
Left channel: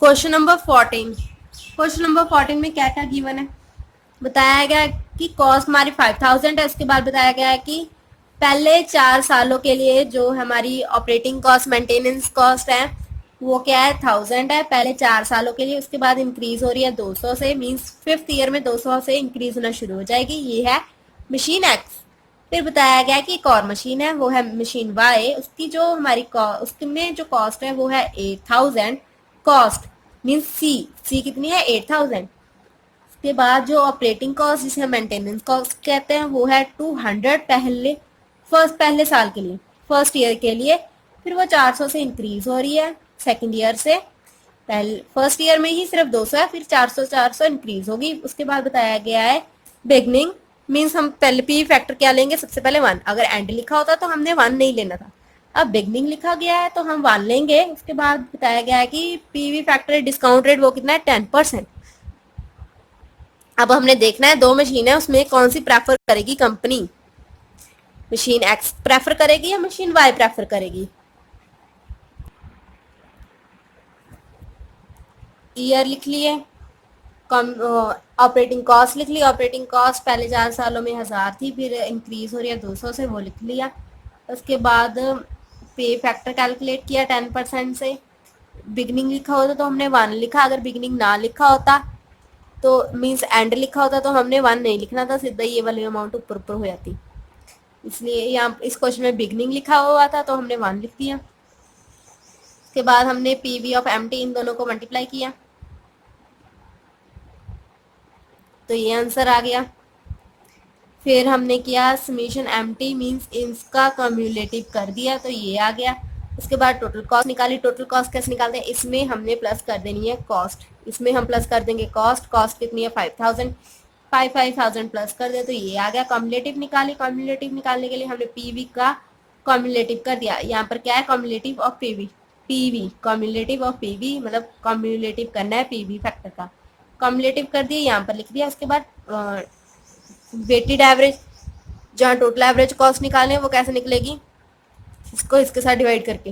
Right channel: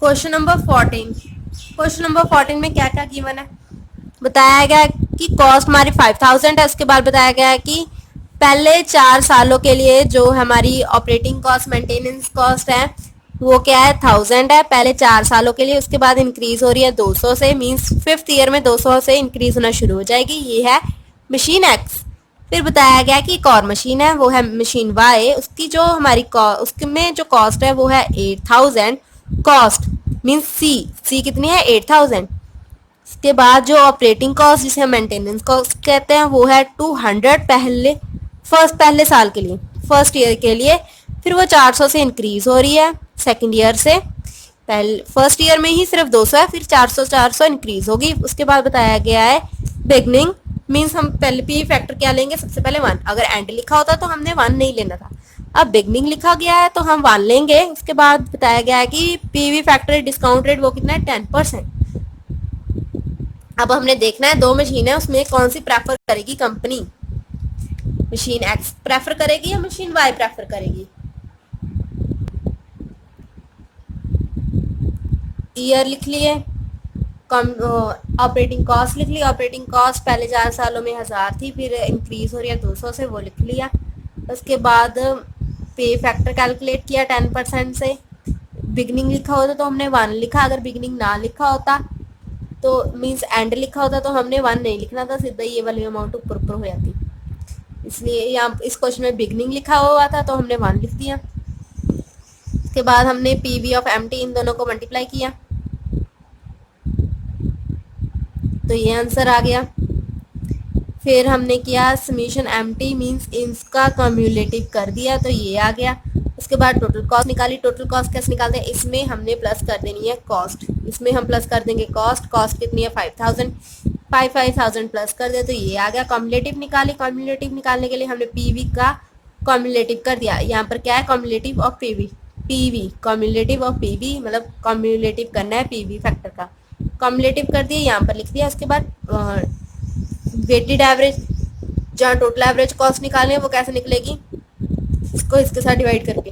क्वेश्चन नंबर 14, क्वेश्चन नंबर 14 में क्या क्या गिवन है, बताया गया कि कॉस्ट हमारी 5000 है। उसके बाद बताया गया है कि पहले 4 सालों के लिए जो हमारी ऑपरेटिंग कॉस्ट, मेंटेनेंस कॉस्ट है वो क्या है 1000 है पहले 4 सालों के लिए। उसके बाद इंक्रीज हो रही है 200 से, मींस फिफ्थ ईयर में 200 से इंक्रीज होना शुरू हो जाएगी। ये है मशीन एक्स। फिर बताया गया कि एक और मशीन है, वो है मशीन वाई। उसकी जो हमारी उसमें जो कॉस्ट है वो है 8000। कॉस्ट मीन्स सी कितनी है 8000। उसके बाद जो ऑपरेटिंग कॉस्ट जिसे मेंटेनेंस कॉस्ट कहते हैं वो है 200 पहले साल के लिए, फर्स्ट ईयर के लिए। फिर वो 400 से इंक्रीज हो रही है सेकंड ईयर से। पहले फर्स्ट ईयर में ही सिर्फ 200 है, फिर 400 इंक्रीज होगी। उसके बाद बताया गया है बिगनिंग, मीन्स हम पहले पी फैक्टर क्या लेंगे, सबसे पहले 1। अगर एंड लिखा होता तो हमने 1 नहीं लेना था, अब बिगनिंग लिखा गया है तो हम 1 लेंगे। उसके बाद बताया गया है कि पीवी फैक्टर डिस्काउंट रेट वो कितना है 10%। अब हमने देखना है 2 मशीन है, उसमें कौन सी प्रेफर करेगी कंपनी, मशीन एक्स प्रेफर करेगी या मशीन वाई प्रेफर करेगी। ईयर लिख लिए, ऑपरेटिंग कॉस्ट लिख ली। ऑपरेटिंग कॉस्ट पहले 4 सालों में 1000 थी, फिर इंक्रीज हो रही है 200 से, वो लिख लिया। उसके बाद पे फैक्टर कैलकुलेट किया 10% से। बिगनिंग लिखा होता तो हमने 1 लिखा, अगर बिगनिंग ना लिखा होता तो मीन्स एंड लिखा होता तो हमने 1 नहीं लिखना था, सीधा ये वाली अमाउंट ऊपर ऊपर हो जाती। इसलिए यहाँ इस क्वेश्चन में बिगनिंग लिखा हुआ था तो हमने 1 लिख दिया। उसके बाद हमने पीवी ऑफ एमटी इन दोनों को मल्टीप्लाई किया तो ये आंसर आ गया। फिर हमने किया समीशन एमटी मीन्स इसका कम्युलेटिव कर दिया तो ये आ गया। उसके बाद टोटल कॉस्ट निकाली। टोटल कॉस्ट कैसे निकालते हैं, इसमें हमने प्लस कर देनी है कॉस्ट, इसमें हम प्लस कर देंगे कॉस्ट। कॉस्ट कितनी है 5000, 5000 प्लस कर दे तो ये आ गया। कम्युलेटिव निकाली। कम्युलेटिव निकालने के लिए हमने पीवी का कम्युलेटिव कर दिया। यहाँ पर क्या है cumulative of PV, PV cumulative of PV मतलब कम्युलेटिव करना है पीवी फैक्टर का, कम्युलेटिव कर दिया यहाँ पर लिख दिया। उसके बाद वेटेड एवरेज, जहाँ टोटल एवरेज कॉस्ट निकालनी है वो कैसे निकलेगी, इसको इसके साथ डिवाइड करके,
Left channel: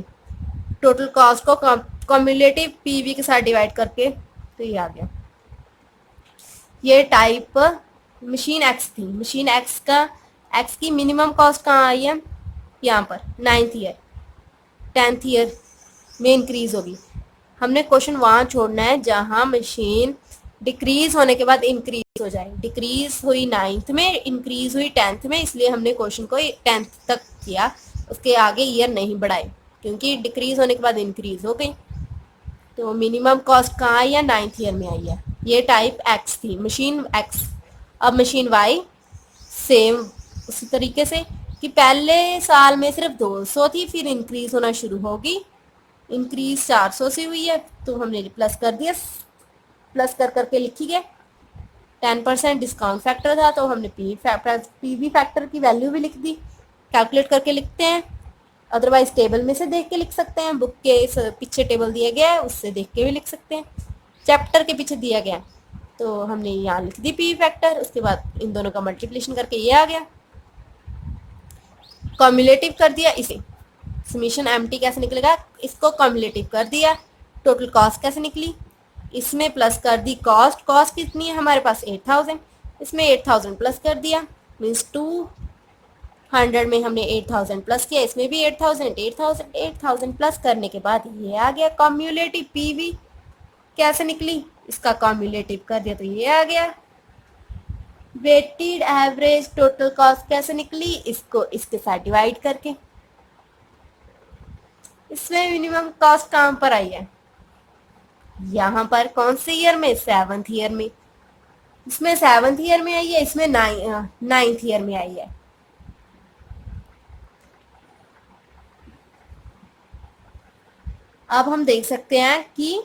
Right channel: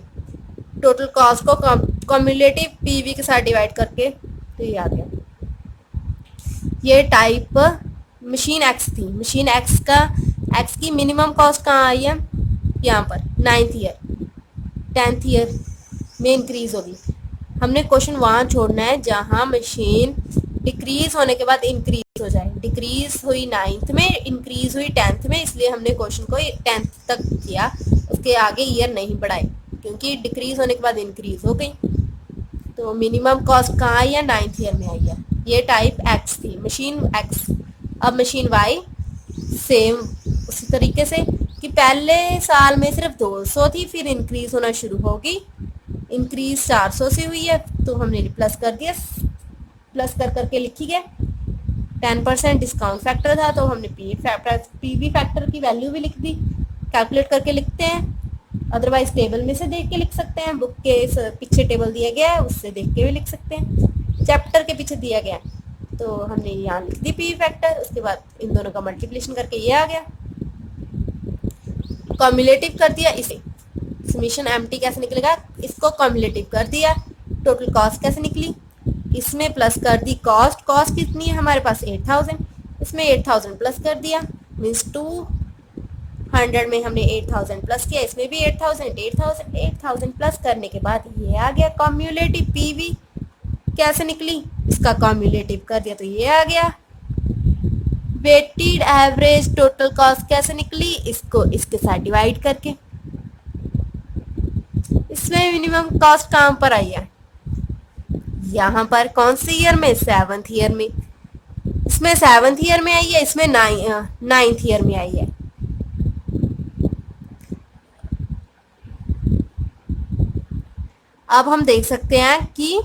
टोटल कॉस्ट को कम्युलेटिव पीवी के साथ डिवाइड करके तो ये आ गया। ये टाइप मशीन एक्स थी। मशीन एक्स की मिनिमम कॉस्ट कहाँ आई है, यहाँ पर 9th ईयर 10th ईयर में इंक्रीज होगी। हमने क्वेश्चन वहाँ छोड़ना है जहाँ मशीन डिक्रीज होने के बाद इंक्रीज हो जाए। डिक्रीज हुई 9th में, इंक्रीज हुई 10th में, इसलिए हमने क्वेश्चन को 10th तक किया, उसके आगे ईयर नहीं बढ़ाए क्योंकि डिक्रीज होने के बाद इंक्रीज हो गई। तो मिनिमम कॉस्ट कहाँ आई है 9th ईयर में आई है। ये टाइप एक्स थी, मशीन एक्स। अब मशीन वाई सेम उसी तरीके से कि पहले साल में सिर्फ 200 थी, फिर इंक्रीज होना शुरू होगी, इंक्रीज 400 से हुई है, तो हमने प्लस कर दिया, प्लस कर करके लिखी गया। 10% डिस्काउंट फैक्टर था, तो हमने पीवी फैक्टर की वैल्यू भी लिख दी, कैलकुलेट करके लिखते हैं। अदरवाइज टेबल में से देख के लिख सकते हैं, बुक के पीछे टेबल दिया गया है उससे देख के भी लिख सकते हैं, चैप्टर के पीछे दिया गया, तो हमने यहाँ लिख दी पीवी फैक्टर। उसके बाद इन दोनों का मल्टीप्लिकेशन करके ये आ गया, कम्युलेटिव कर दिया इसे। समीशन एमटी कैसे निकलेगा, इसको कम्युलेटिव कर दिया। टोटल कॉस्ट कैसे निकली, इसमें प्लस कर दी कॉस्ट, कॉस्ट कितनी है हमारे पास 8000, इसमें 8000 प्लस कर दिया, मीन्स 200 में हमने 8000 प्लस किया, इसमें भी 8000 प्लस करने के बाद ये आ गया कम्युलेटिव पीवी। कैसे निकली, इसका कम्युलेटिव कर दिया तो ये आ गया। वेटेड एवरेज टोटल कॉस्ट कैसे निकली, इसको इसके साथ डिवाइड करके। इसमें मिनिमम कॉस्ट कहाँ पर आई है, यहाँ पर कौन से ईयर में, 7th ईयर में। इसमें 7th ईयर में आई है, इसमें 9th ईयर में आई है। अब हम देख सकते हैं कि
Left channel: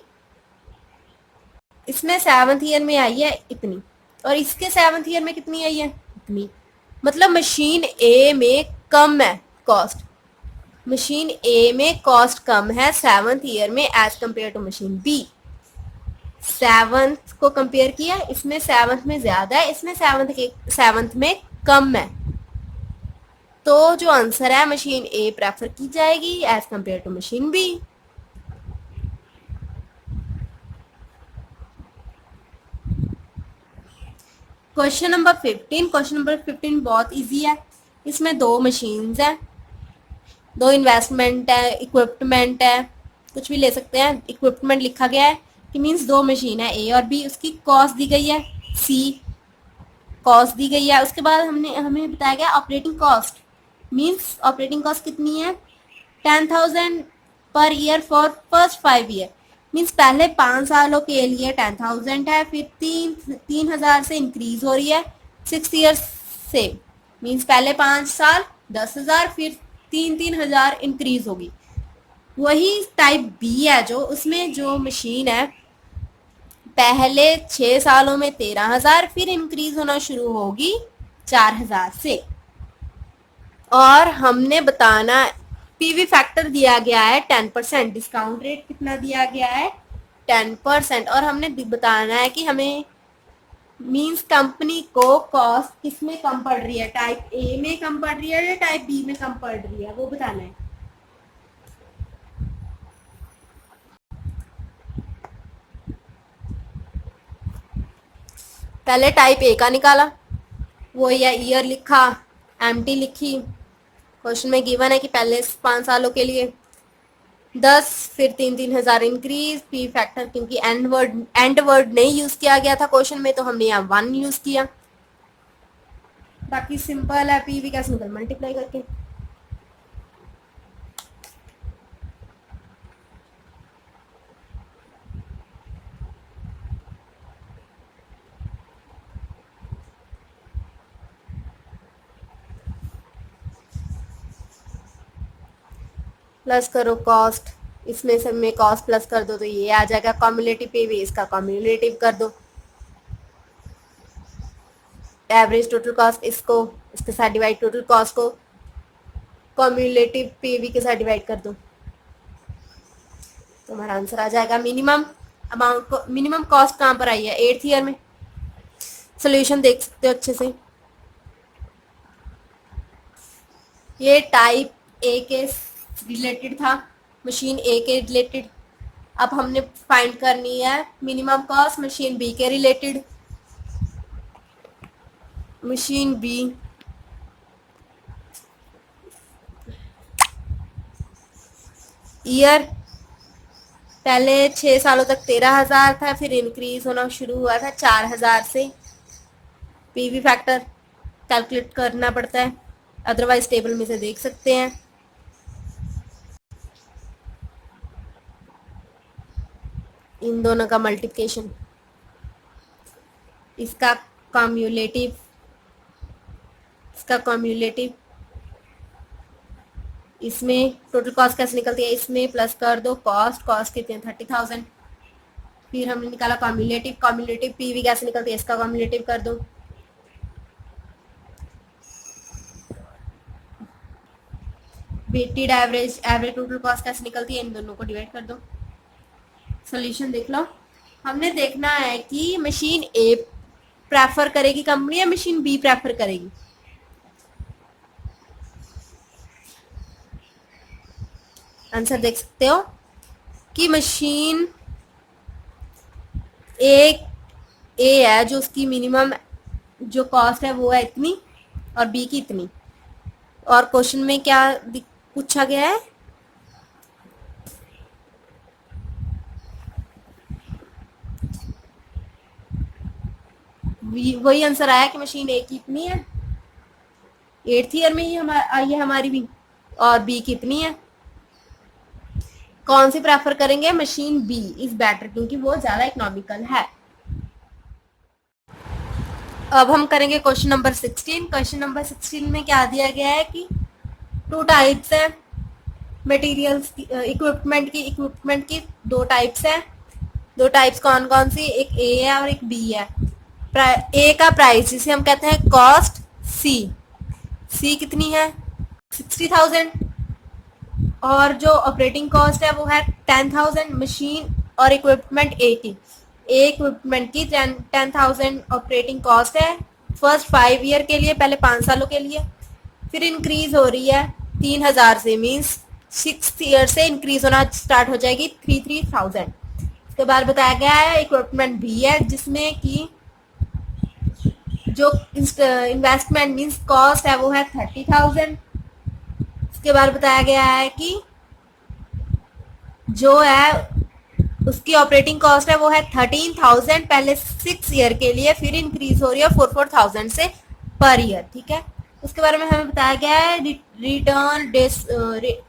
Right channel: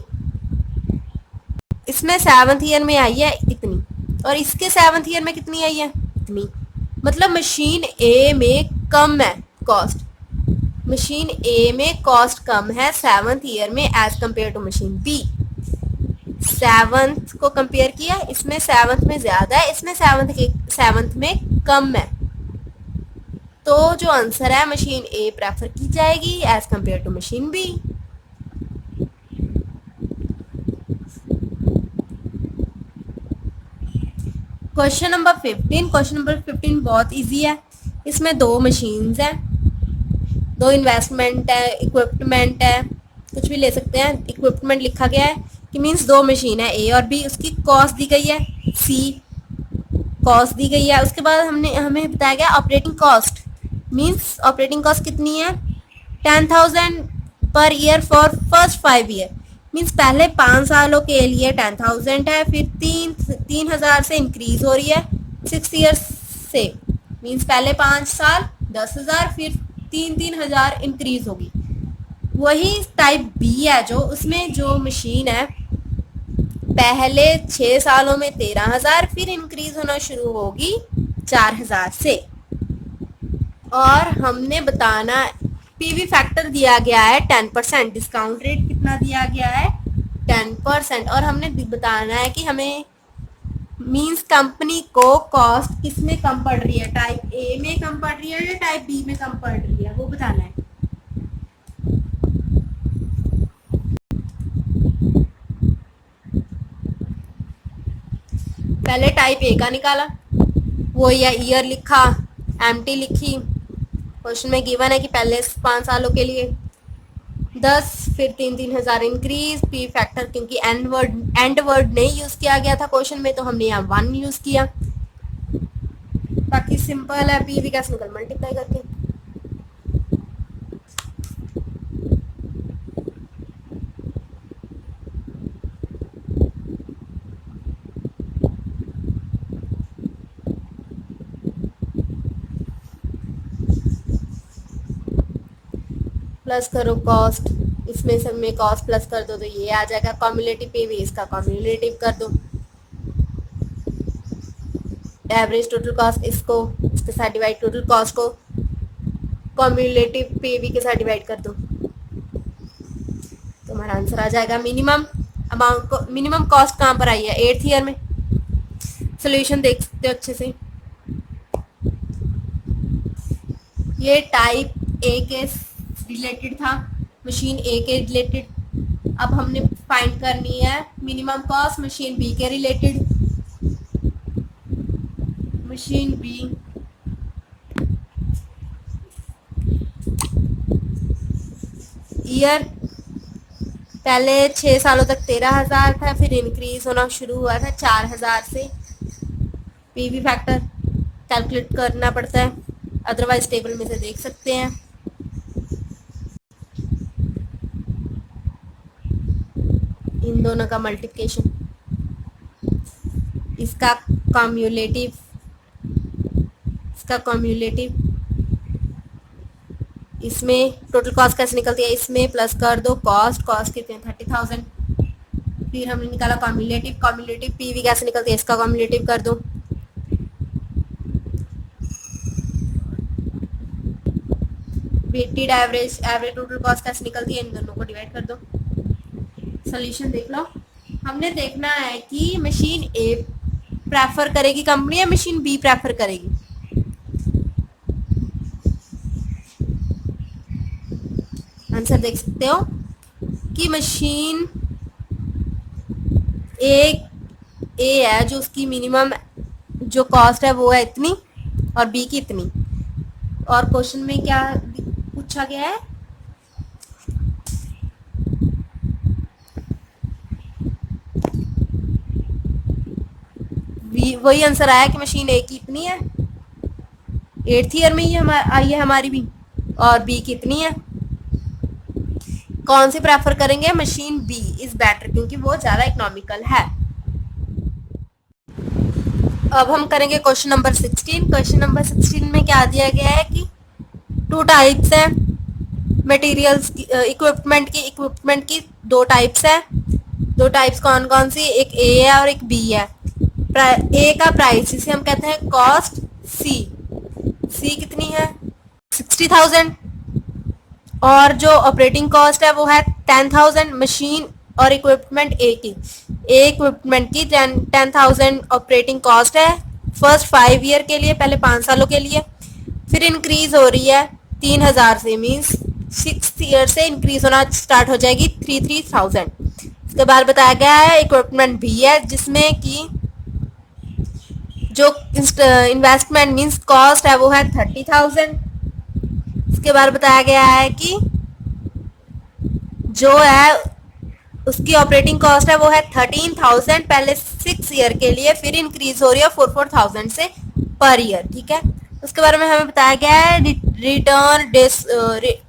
इसमें 7th ईयर में आई है इतनी, और इसके 7th ईयर में कितनी आई है, इतनी। मतलब मशीन ए में कम है कॉस्ट, मशीन ए में कॉस्ट कम है 7th ईयर में as compare to machine B. 7th को कंपेयर किया, इसमें 7th में ज्यादा है, इसमें 7th में कम है, तो जो आंसर है मशीन ए प्रेफर की जाएगी as compare to machine B. Question number 15 बहुत इजी है। इसमें दो मशीन्स है, दो इन्वेस्टमेंट है, इक्विपमेंट है, कुछ भी ले सकते हैं। इक्विपमेंट लिखा गया है कि मीन्स दो मशीन है ए और बी, उसकी कॉस्ट दी गई है सी, कॉस्ट दी गई है। उसके बाद हमें बताया गया operating cost, means operating cost कितनी है 10,000 per year for first 5 year, means पहले 5 सालों के लिए 10,000 है, फिर 3,000 से इंक्रीज हो रही है 6 ईयर्स से, मीन्स पहले 5 साल 10,000, फिर 3,000 इंक्रीज होगी। वही टाइप बी है जो, उसमें जो मशीन है पहले 6 सालों में 13,000, फिर इंक्रीज होना शुरू होगी 4,000 से। और हमने बताना पीवी फैक्टर दिया गया है 10%, डिस्काउंट रेट कितना दिया गया है 10%, और हमने बताना है कि हमें मींस कंपनी को कॉस्ट किस में कम पड़ रही है, टाइप ए में कम पड़ रही है या टाइप बी में कम पड़ रही है, वो बताना है। पहले टाइप ए का निकाला, वो या ईयर लिखा, एमटी लिखी, क्वेश्चन में गिवन है कि पहले 5 सालों के लिए 10, फिर 3,000 इंक्रीज, पी फैक्टर क्योंकि एंड वर्ड नहीं यूज किया गया था क्वेश्चन में, तो हमने यहाँ 1 यूज किया। बाकी सिंपल है, पी भी कैसे निकल मल्टीप्लाई करके। प्लस करो कॉस्ट, इसमें सब में कॉस्ट प्लस कर दो तो ये आ जाएगा कम्युलेटिव पीवी, इसका कम्युलेटिव कर दो। एवरेज टोटल कॉस्ट, इसको इसके साथ डिवाइड, टोटल कॉस्ट को कम्युलेटिव पीवी के साथ डिवाइड कर दो, तो हमारा आंसर आ जाएगा मिनिमम अमाउंट को। मिनिमम कॉस्ट कहाँ पर आई है 8th ईयर में। सोल्यूशन देख सकते हो अच्छे से, ये टाइप ए के रिलेटेड था, मशीन ए के रिलेटेड। अब हमने फाइंड करनी है मिनिमम कॉस्ट मशीन बी के रिलेटेड। मशीन बी ईयर पहले 6 सालों तक 13,000 था, फिर इंक्रीज होना शुरू हुआ था 4,000 से। पीवी फैक्टर कैलकुलेट करना पड़ता है, अदरवाइज टेबल में से देख सकते हैं। इन दोनों का मल्टीप्लिकेशन इसका कम्युलेटिव, इसका कम्युलेटिव, इसमें टोटल कॉस्ट कैसे निकलती है, इसमें प्लस कर दो कॉस्ट, कॉस्ट कितने 30,000। फिर हमने निकाला कम्युलेटिव, कम्युलेटिव पीवी कैसे निकलती है, इसका कम्युलेटिव कर दो, weighted average, average total cost कैसे निकलती है, इन दोनों को डिवाइड कर दो। सॉल्यूशन देख लो। हमने देखना है कि मशीन ए प्रेफर करेगी कंपनी या मशीन बी प्रेफर करेगी। आंसर देख सकते हो कि मशीन ए है जो उसकी मिनिमम जो कॉस्ट है वो है इतनी और बी की इतनी। और क्वेश्चन में क्या पूछा गया है, वही आंसर आया कि मशीन ए की इतनी है, 8th ईयर में ही आई है हमारी भी, और बी कितनी है। कौन सी प्रेफर करेंगे, मशीन बी इज बेटर क्योंकि वो ज्यादा इकोनॉमिकल है। अब हम करेंगे क्वेश्चन नंबर 16। क्वेश्चन नंबर 16 में क्या दिया गया है कि 2 टाइप्स है मटेरियल्स की, इक्विपमेंट की 2 टाइप्स है। 2 टाइप्स कौन कौन सी, एक ए है और एक बी है। ए का प्राइस जिसे हम कहते हैं कॉस्ट, सी कितनी है 60,000, और जो ऑपरेटिंग कॉस्ट है वो है 10,000। मशीन और इक्विपमेंट ए की, ए इक्विपमेंट की 10,000 ऑपरेटिंग कॉस्ट है फर्स्ट 5 ईयर के लिए, पहले 5 सालों के लिए। फिर इंक्रीज हो रही है 3,000 से, मीन्स 6th ईयर से इंक्रीज होना स्टार्ट हो जाएगी 3,000। इसके बाद बताया गया है इक्विपमेंट भी है जिसमें कि जो इन्वेस्टमेंट मीन्स कॉस्ट है वो है 30,000। इसके बाद बताया गया है कि जो है उसकी ऑपरेटिंग कॉस्ट है वो है 13,000 पहले 6 ईयर के लिए, फिर इंक्रीज हो रही है 4,000 से पर ईयर। ठीक है, उसके बारे में हमें बताया गया है रिटर्न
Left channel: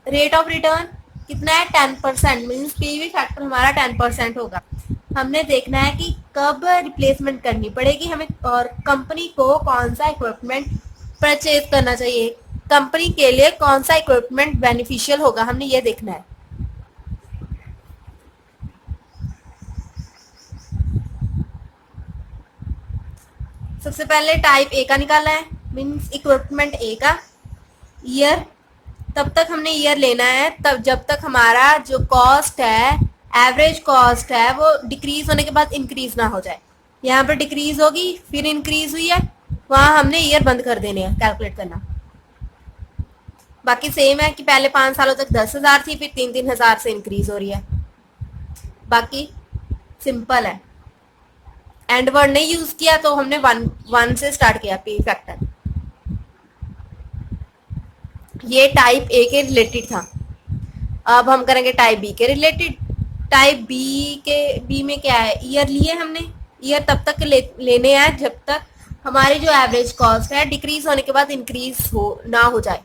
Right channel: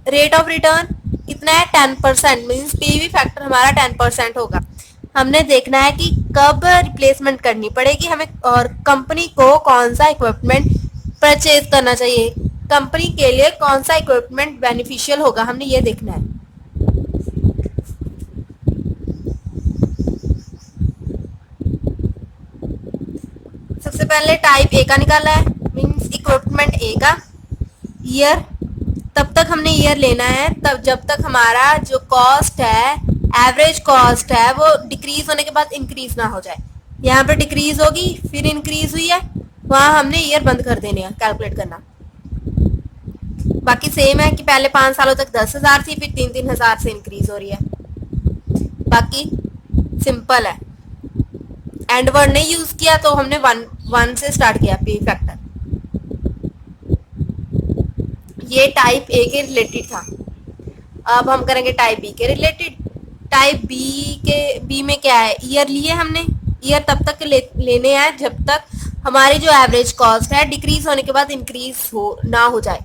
रेट ऑफ रिटर्न कितना है 10%, मीन्स पीवी फैक्टर हमारा 10% होगा। हमने देखना है कि कब रिप्लेसमेंट करनी पड़ेगी हमें और कंपनी को कौन सा इक्विपमेंट परचेज करना चाहिए, कंपनी के लिए कौन सा इक्विपमेंट बेनिफिशियल होगा, हमने ये देखना है। सबसे पहले टाइप ए का निकाला है, मीन्स इक्विपमेंट ए का ईयर, तब तक हमने ईयर लेना है तब जब तक हमारा जो कॉस्ट है एवरेज कॉस्ट है वो डिक्रीज होने के बाद इंक्रीज ना हो जाए। यहाँ पर डिक्रीज होगी फिर इंक्रीज हुई है, वहां हमने ईयर बंद कर देने हैं कैलकुलेट करना। बाकी सेम है कि पहले 5 सालों तक 10,000 थी, फिर 3,000 से इंक्रीज हो रही है। बाकी सिंपल है, एंड वर्ड नहीं यूज किया तो हमने 1 से स्टार्ट किया पी फैक्टर। ये टाइप ए के रिलेटेड था। अब हम करेंगे टाइप बी के रिलेटेड। टाइप बी में क्या है, ईयर लिए हमने, ईयर तब तक लेने हैं जब तक हमारी जो एवरेज कॉस्ट है डिक्रीज होने के बाद इंक्रीज ना हो जाए।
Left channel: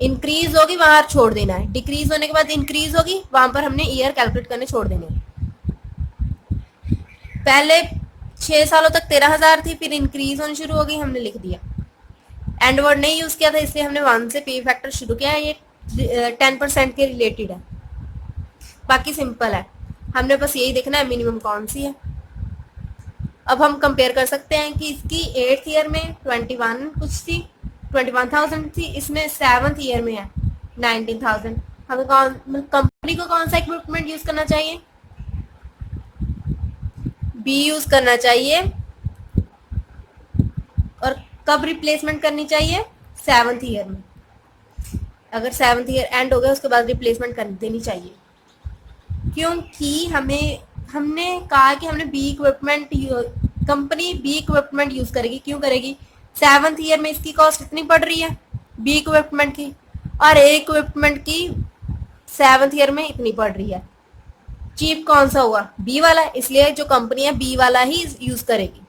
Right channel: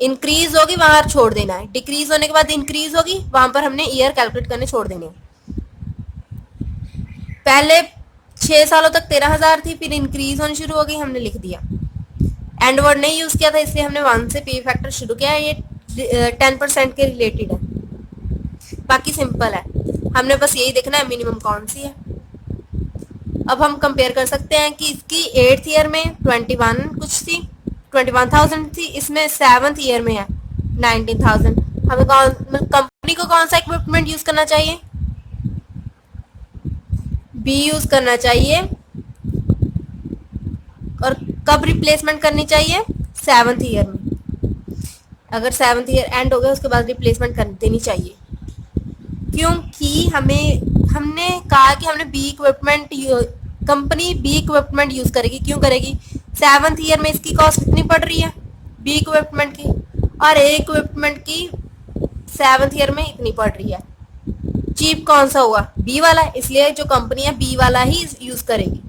इंक्रीज होगी वहां छोड़ देना है, डिक्रीज होने के बाद इंक्रीज होगी वहां पर हमने ईयर कैलकुलेट करने छोड़ देने हैं। पहले 6 सालों तक 13,000 थी, फिर इंक्रीज होनी शुरू हो गई, हमने लिख दिया। एंड वर्ड नहीं यूज किया था इसलिए हमने 1 से पी फैक्टर शुरू किया। ये 10% के रिलेटेड है, बाकी सिंपल है, हमने बस यही देखना है मिनिमम कौन सी है। अब हम कंपेयर कर सकते हैं कि इसकी 8th ईयर में 21 कुछ थी, 21,000 थी, इसमें 7th ईयर में है 19,000। हमें कंपनी को कौन सा इक्विपमेंट यूज करना चाहिए, बी यूज करना चाहिए। और कब रिप्लेसमेंट करनी चाहिए, 7th ईयर में। अगर 7th ईयर एंड हो गया उसके बाद रिप्लेसमेंट कर देनी चाहिए, क्योंकि हमने कहा कि हमने B equipment, company B equipment use करेगी। क्यों करेगी, 7th ईयर में इसकी कॉस्ट कितनी पड़ रही है बी इक्विपमेंट की, और ए इक्विपमेंट की 7th ईयर में इतनी पड़ रही है। चीप कौन सा हुआ, बी वाला, इसलिए जो कंपनी है बी वाला ही यूज करेगी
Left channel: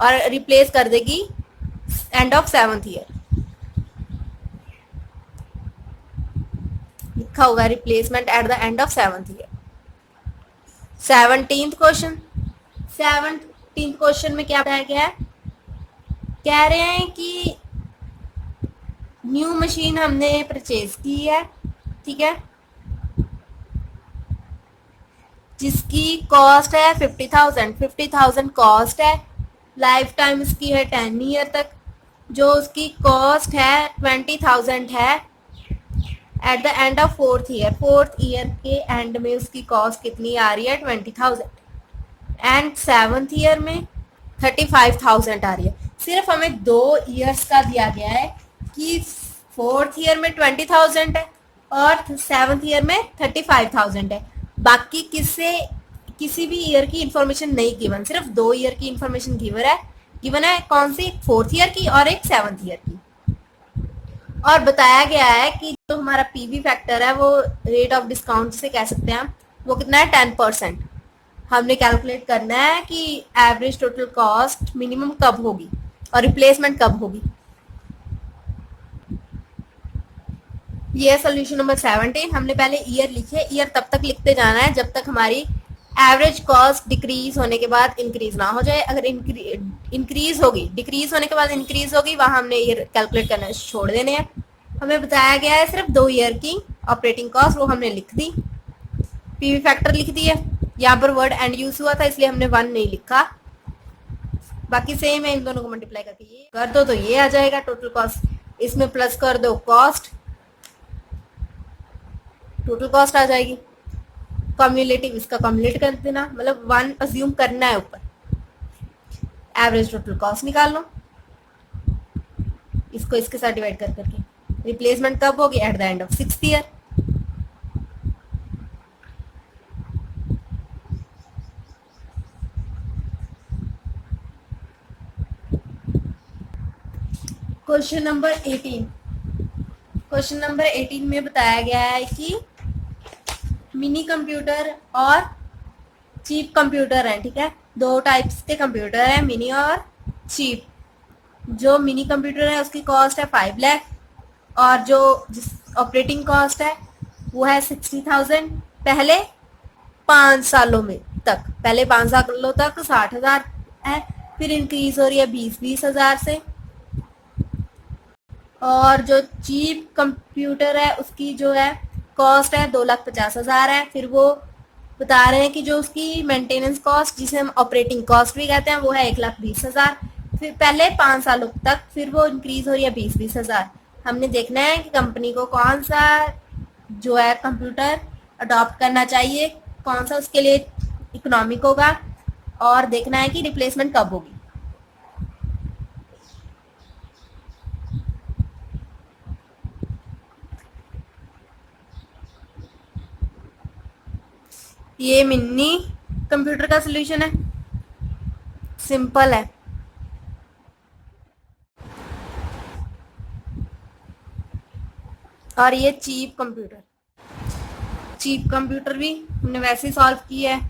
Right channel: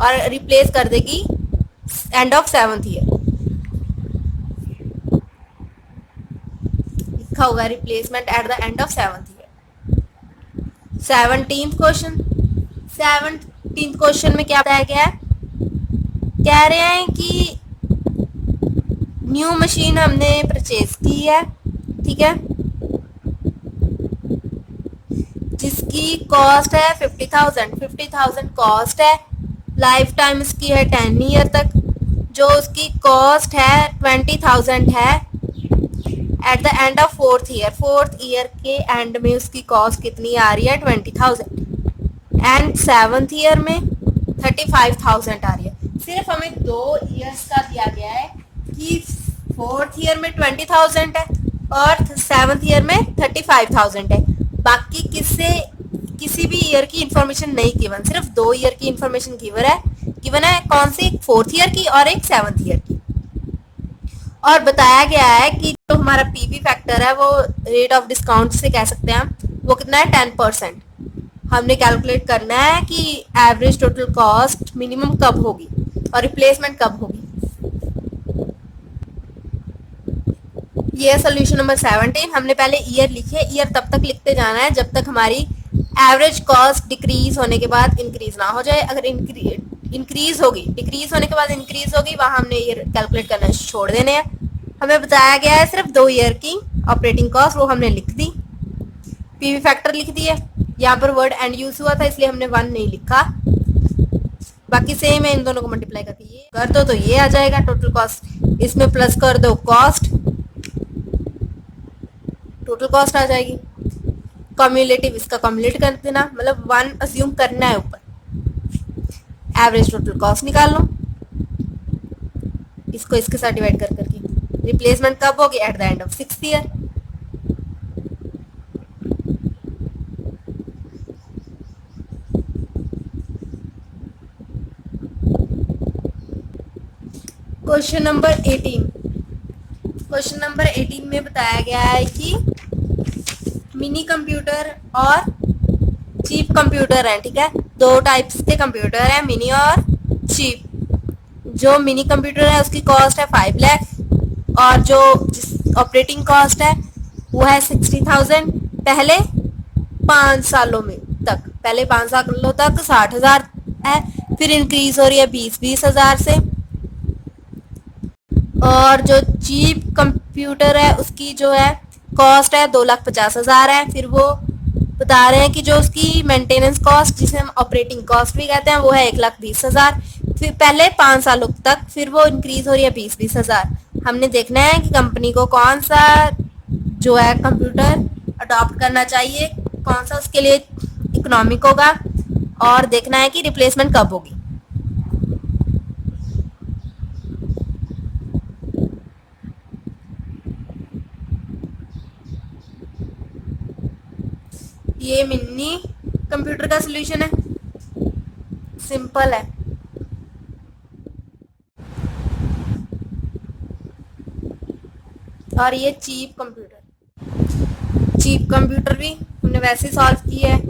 और रिप्लेस कर देगी एंड ऑफ 7th ईयर। लिखा होगा replacement at the end of 7th year. 17th question, 15 question में क्या बताया गया है, कह रहे हैं कि न्यू मशीन हमने परचेज की है, ठीक है, जिसकी कॉस्ट है 50,000 कॉस्ट है, लाइफ टाइम इसकी है 10 ईयर तक, जो उसकी कॉस्ट है 20,000 है eight the end of fourth year के एंड में उसकी कॉस्ट कितनी आ रही है 20,000 एंड सेवन्थ ईयर में 35,000 आ रही है। सिर्फ हमें 2 ईयर्स का दिया गया है कि फोर्थ ईयर में 20,000 है और सेवन्थ ईयर में 35,000 है, बाकी किसी भी ईयर की इंफॉर्मेशन नहीं गिवन, सिर्फ 2 ईयर की इंफॉर्मेशन गिवन है कौन सी, एक फोर्थ ईयर की और एक सेवन्थ ईयर की। और बताया गया है कि जो हमारा पीवी फैक्टर है वो रेट ऑफ डिस्काउंट से कह सकते हैं वो कितना है 10%। हमने कैलकुलेट करना है कि एवरेज टोटल कॉस्ट मिनिमम कब होगी और रिप्लेसमेंट कब होगी। ये सोल्यूशन नंबर 17। हमने पहले ईयर लिखे, ईयर तब तक लिखते जाना है जब तक हमारी एवरेज कॉस्ट डिक्रीज होने के बाद इंक्रीज ना हो जाए। अगर इंक्रीज होगी, डिक्रीज होने के बाद इंक्रीज होगी, वहां हमने ईयर कैलकुलेट करना छोड़ देने हैं। हमें बताया गया है सिर्फ 2 ईयर की ऑपरेटिंग कॉस्ट, वो हमने लिख दी, पीवी फैक्टर लिख दी है। यहाँ पर वर्ड एंड यूज हुआ था इसलिए हमने 1 नहीं लिखा, बाकी सेम है। इन दोनों को मल्टीप्लाई करके ये कर दो तो ये आ जाएगा टोटल कॉस्ट, इसमें प्लस कर दो कॉस्ट, टोटल कॉस्ट आ जाएगी। कम्युलेटिव इसका कम्युलेट कर देना, मतलब 1 अज्यूम करना है ऊपर। एवरेज टोटल कॉस्ट निकाल लो, इसको इसके साथ डिवाइड कर करके। रिप्लेसमेंट कब होगी, eight the end of 6th year. Question number 18। Question number 18 में बताया गया है कि मिनी कंप्यूटर और चीप कंप्यूटर है, ठीक है, 2 टाइप्स के कंप्यूटर है, मिनी और चीप। जो मिनी कंप्यूटर है उसकी कॉस्ट है 5 लाख और जो ऑपरेटिंग कॉस्ट है वो है 60,000 पहले 5 सालों में तक। पहले 5 सालों तक 60,000 है, फिर इंक्रीज हो रही है 20,000 से। और जो चीप कंप्यूटर है उसकी जो है कॉस्ट है 2,50,000 है। फिर वो बता रहे हैं कि जो उसकी मेंटेनेंस कॉस्ट, जिसे हम ऑपरेटिंग कॉस्ट भी कहते हैं, वो है 1,20,000 फिर पहले 5 सालों तक, फिर वो इंक्रीज हो रही है 20,000। हमने देखना है कि कंपनी को कौन सा जो है कंप्यूटर अडॉप्ट करना चाहिए, कौन सा उसके लिए इकोनॉमिक होगा, और देखना है कि रिप्लेसमेंट कब होगी। ये मिनी कंप्यूटर का सॉल्यूशन है, सिंपल है। और ये चीप कंप्यूटर भी हमने वैसे ही सॉल्व किया है,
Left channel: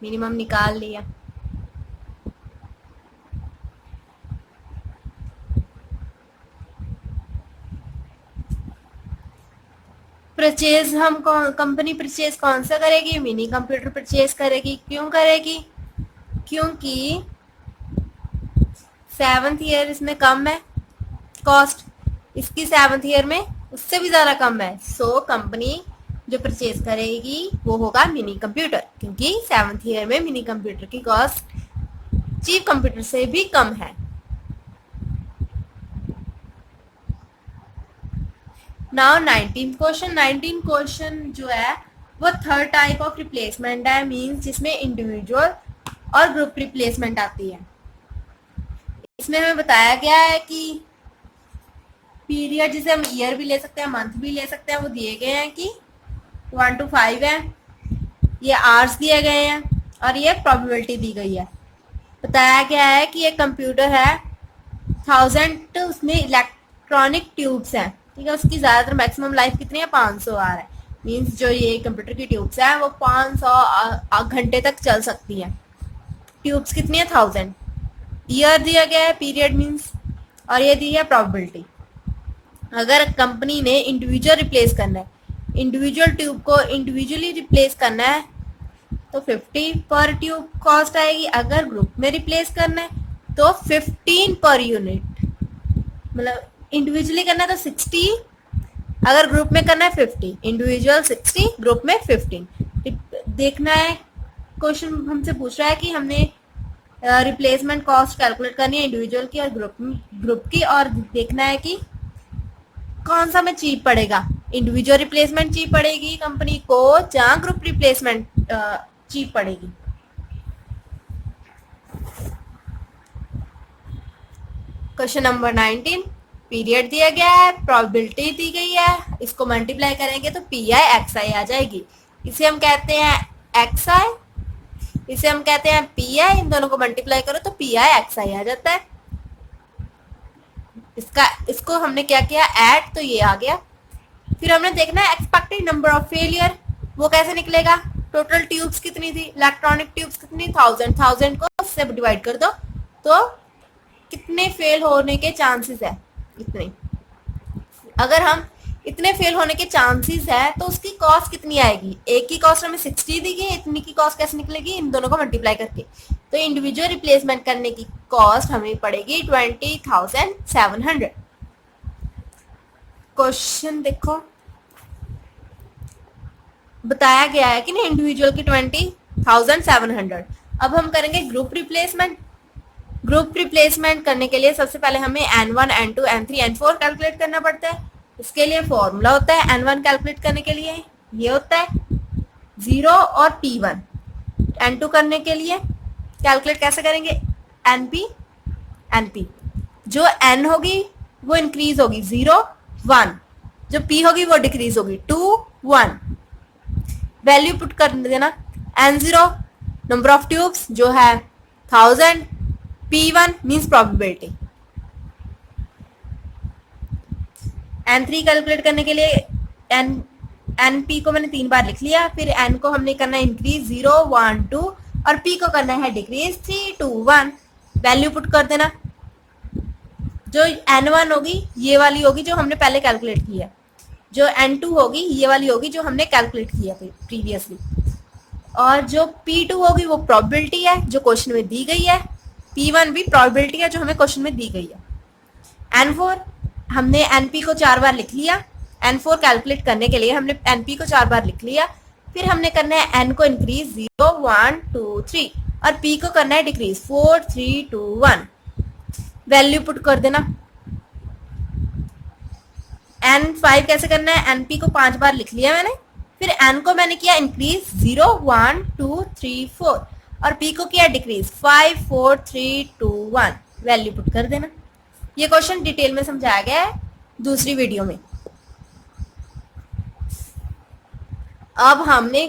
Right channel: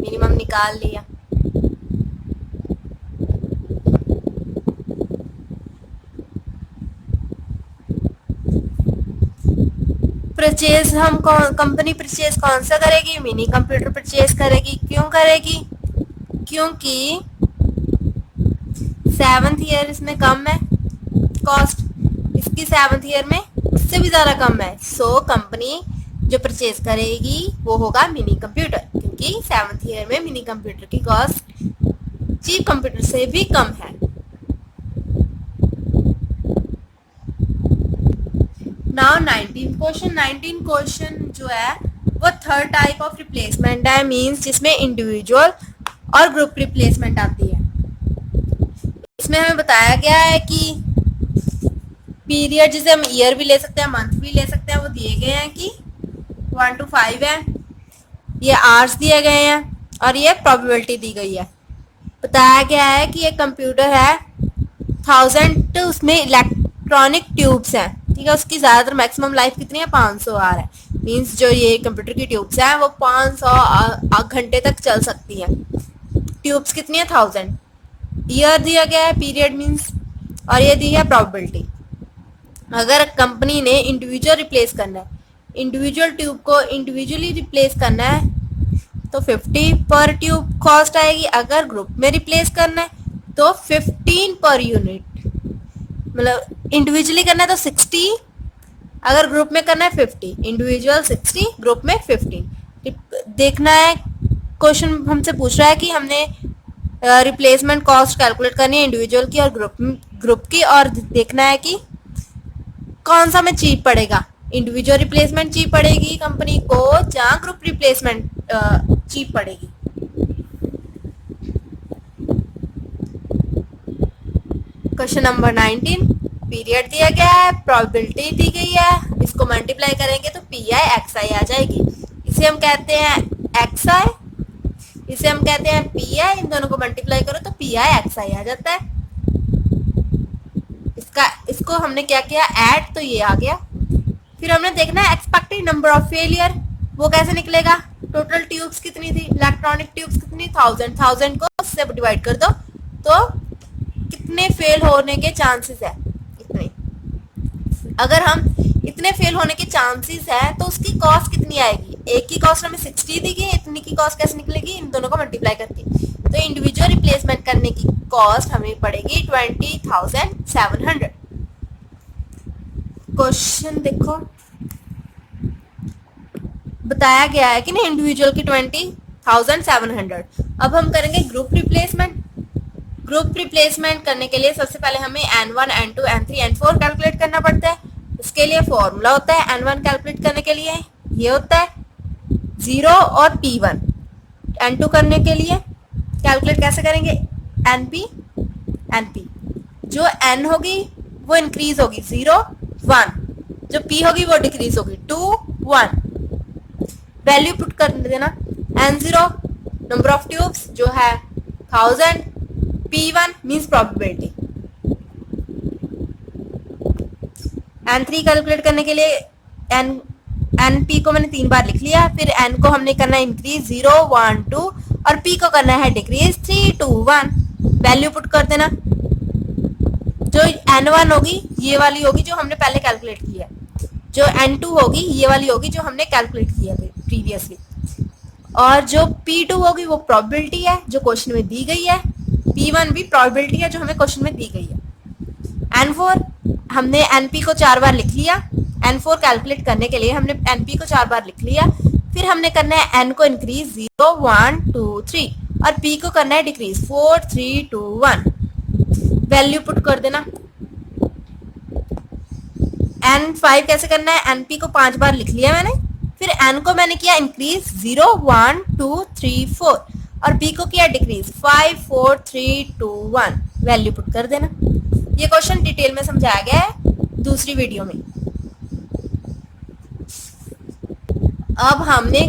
मिनिमम निकाल लिया। परचेज हम कंपनी परचेज कौन सा करेगी, मिनी कंप्यूटर परचेज करेगी। क्यों करेगी, क्योंकि 7th ईयर इसमें कम है कॉस्ट, इसकी 7th ईयर में उससे भी ज़्यादा कम है। सो कंपनी जो परचेज करेगी वो होगा मिनी कंप्यूटर, क्योंकि 7th ईयर में मिनी कंप्यूटर की कॉस्ट चीप कंप्यूटर से भी कम है। नाउ 19 क्वेश्चन जो है वो थर्ड टाइप ऑफ रिप्लेसमेंट है, मींस जिसमें इंडिविजुअल और ग्रुप रिप्लेसमेंट आती है। इसमें हमें बताया गया है कि पीरियड, जिसे हम ईयर भी ले सकते हैं, मंथ भी ले सकते हैं, वो दिए गए हैं कि 1 to 5 है, ये आवर्स दिए गए हैं और ये प्रोबेबिलिटी दी गई है। बताया गया है कि ये कंप्यूटर है 1000, उसमें इलेक्ट्रॉनिक ट्यूब्स हैं, ठीक है, उसकी ज़्यादातर मैक्सिमम लाइफ कितनी है 500 आवर है, मींस जो ये कंप्यूटर की ट्यूब्स हैं वो 500 घंटे तक चल सकती हैं। ट्यूब्स कितनी है 1000, ईयर दिया गया है, पीरियड मींस, और ये दी है प्रोबेबिलिटी। अगर कंपनी ने इंडिविजुअल रिप्लेस करना है, इंडिविजुअल ट्यूब को इंडिविजुअली रिप्लेस करना है, तो 50 पर ट्यूब कॉस्ट आएगी। अगर ग्रुप में रिप्लेस करना है तो 15 पर यूनिट, मतलब इंडिविजुअली करना है तो 60, अगर ग्रुप में करना है 50, इंडिविजुअल 60, ग्रुप में 15। देखना है, क्वेश्चन हमसे पूछ रहा है कि हमने रिप्लेसमेंट कॉस्ट कैलकुलेट करनी है इंडिविजुअल की और ग्रुप की, और देखना है कि कौन सा में चीप पड़ेगा, इंडिविजुअल रिप्लेसमेंट चीप पड़ेगी कंपनी को या ग्रुप रिप्लेसमेंट चीप पड़ेगी। क्वेश्चन नंबर 19, पीरियड दिया गया है, प्रोबेबिलिटी दी गई है, इसको मल्टीप्लाई करेंगे तो पी आई एक्स आई आ जाएगी। इसे हम कहते हैं एक्स आई, इसे हम कहते हैं पी आई, इन दोनों को मल्टीप्लाई करो तो पी आई एक्स आई आ जाता है। इसको हमने क्या किया, ऐड, तो ये आ गया। फिर हमने देखना है एक्सपेक्टेड नंबर ऑफ फेलियर, वो कैसे निकलेगा, टोटल ट्यूब्स कितनी थी, इलेक्ट्रॉनिक ट्यूब्स कितनी, 1000 को उससे डिवाइड कर दो तो कितने फेल होने के चांसेस है, इतने। अगर हम इतने फेल होने के चांसेस है तो उसकी कॉस्ट कितनी आएगी, एक की कॉस्ट हमें 60 दी गई, इतनी की कॉस्ट कैसे निकलेगी, इन दोनों को मल्टीप्लाई करके। तो इंडिविजुअल रिप्लेसमेंट करने की कॉस्ट हमें पड़ेगी 20,700। क्वेश्चन देखो, बताया गया है कि नहीं इंडिविजुअल की 20,700। अब हम करेंगे ग्रुप रिप्लेसमेंट। ग्रुप रिप्लेसमेंट करने के लिए सबसे पहले हमें N1, N2, N3, N4 calculate करना पड़ता है। इसके लिए फॉर्मूला होता है N1 कैलकुलेट करने के लिए ये होता है 0 और P1। N2 करने के लिए कैलकुलेट कैसे करेंगे, NP। जो N होगी वो इंक्रीज होगी 0, 1, जो P होगी वो डिक्रीज होगी 2, 1। वैल्यू पुट कर देना, N0 नंबर ऑफ ट्यूब्स जो है 1000, P1 means probability. N3 calculate करने के लिए NP को मैंने 3 बार लिख लिया, फिर N को हमने करना है इंक्रीज 0, 1, 2 और P को करना है डिक्रीज 3, 2, 1। वैल्यू पुट कर देना, जो N1 होगी ये वाली होगी जो हमने पहले कैलकुलेट की है, जो N2 होगी ये वाली होगी जो हमने कैलकुलेट किया था प्रीवियसली, और जो P2 होगी वो प्रोबेबिलिटी है जो क्वेश्चन में दी गई है, P1 भी प्रोबेबिलिटी है जो हमें क्वेश्चन में दी गई है। N4 हमने NP को 4 बार लिख लिया, N4 कैलकुलेट करने के लिए हमने NP को 4 बार लिख लिया, फिर हमने करना है N को इंक्रीज 0, 1, 2, 3 और P को करना है डिक्रीज 4, 3, 2, 1। वैल्यू पुट कर देना। N5 कैसे करना है, NP को 5 बार लिख लिया मैंने, फिर N को मैंने किया इंक्रीज 0, 1, 2, 3, 4 और P को किया डिक्रीज 5, 4, 3, 2, 1। वैल्यू पुट कर देना। ये क्वेश्चन डिटेल में समझाया गया है दूसरी वीडियो में। अब हमने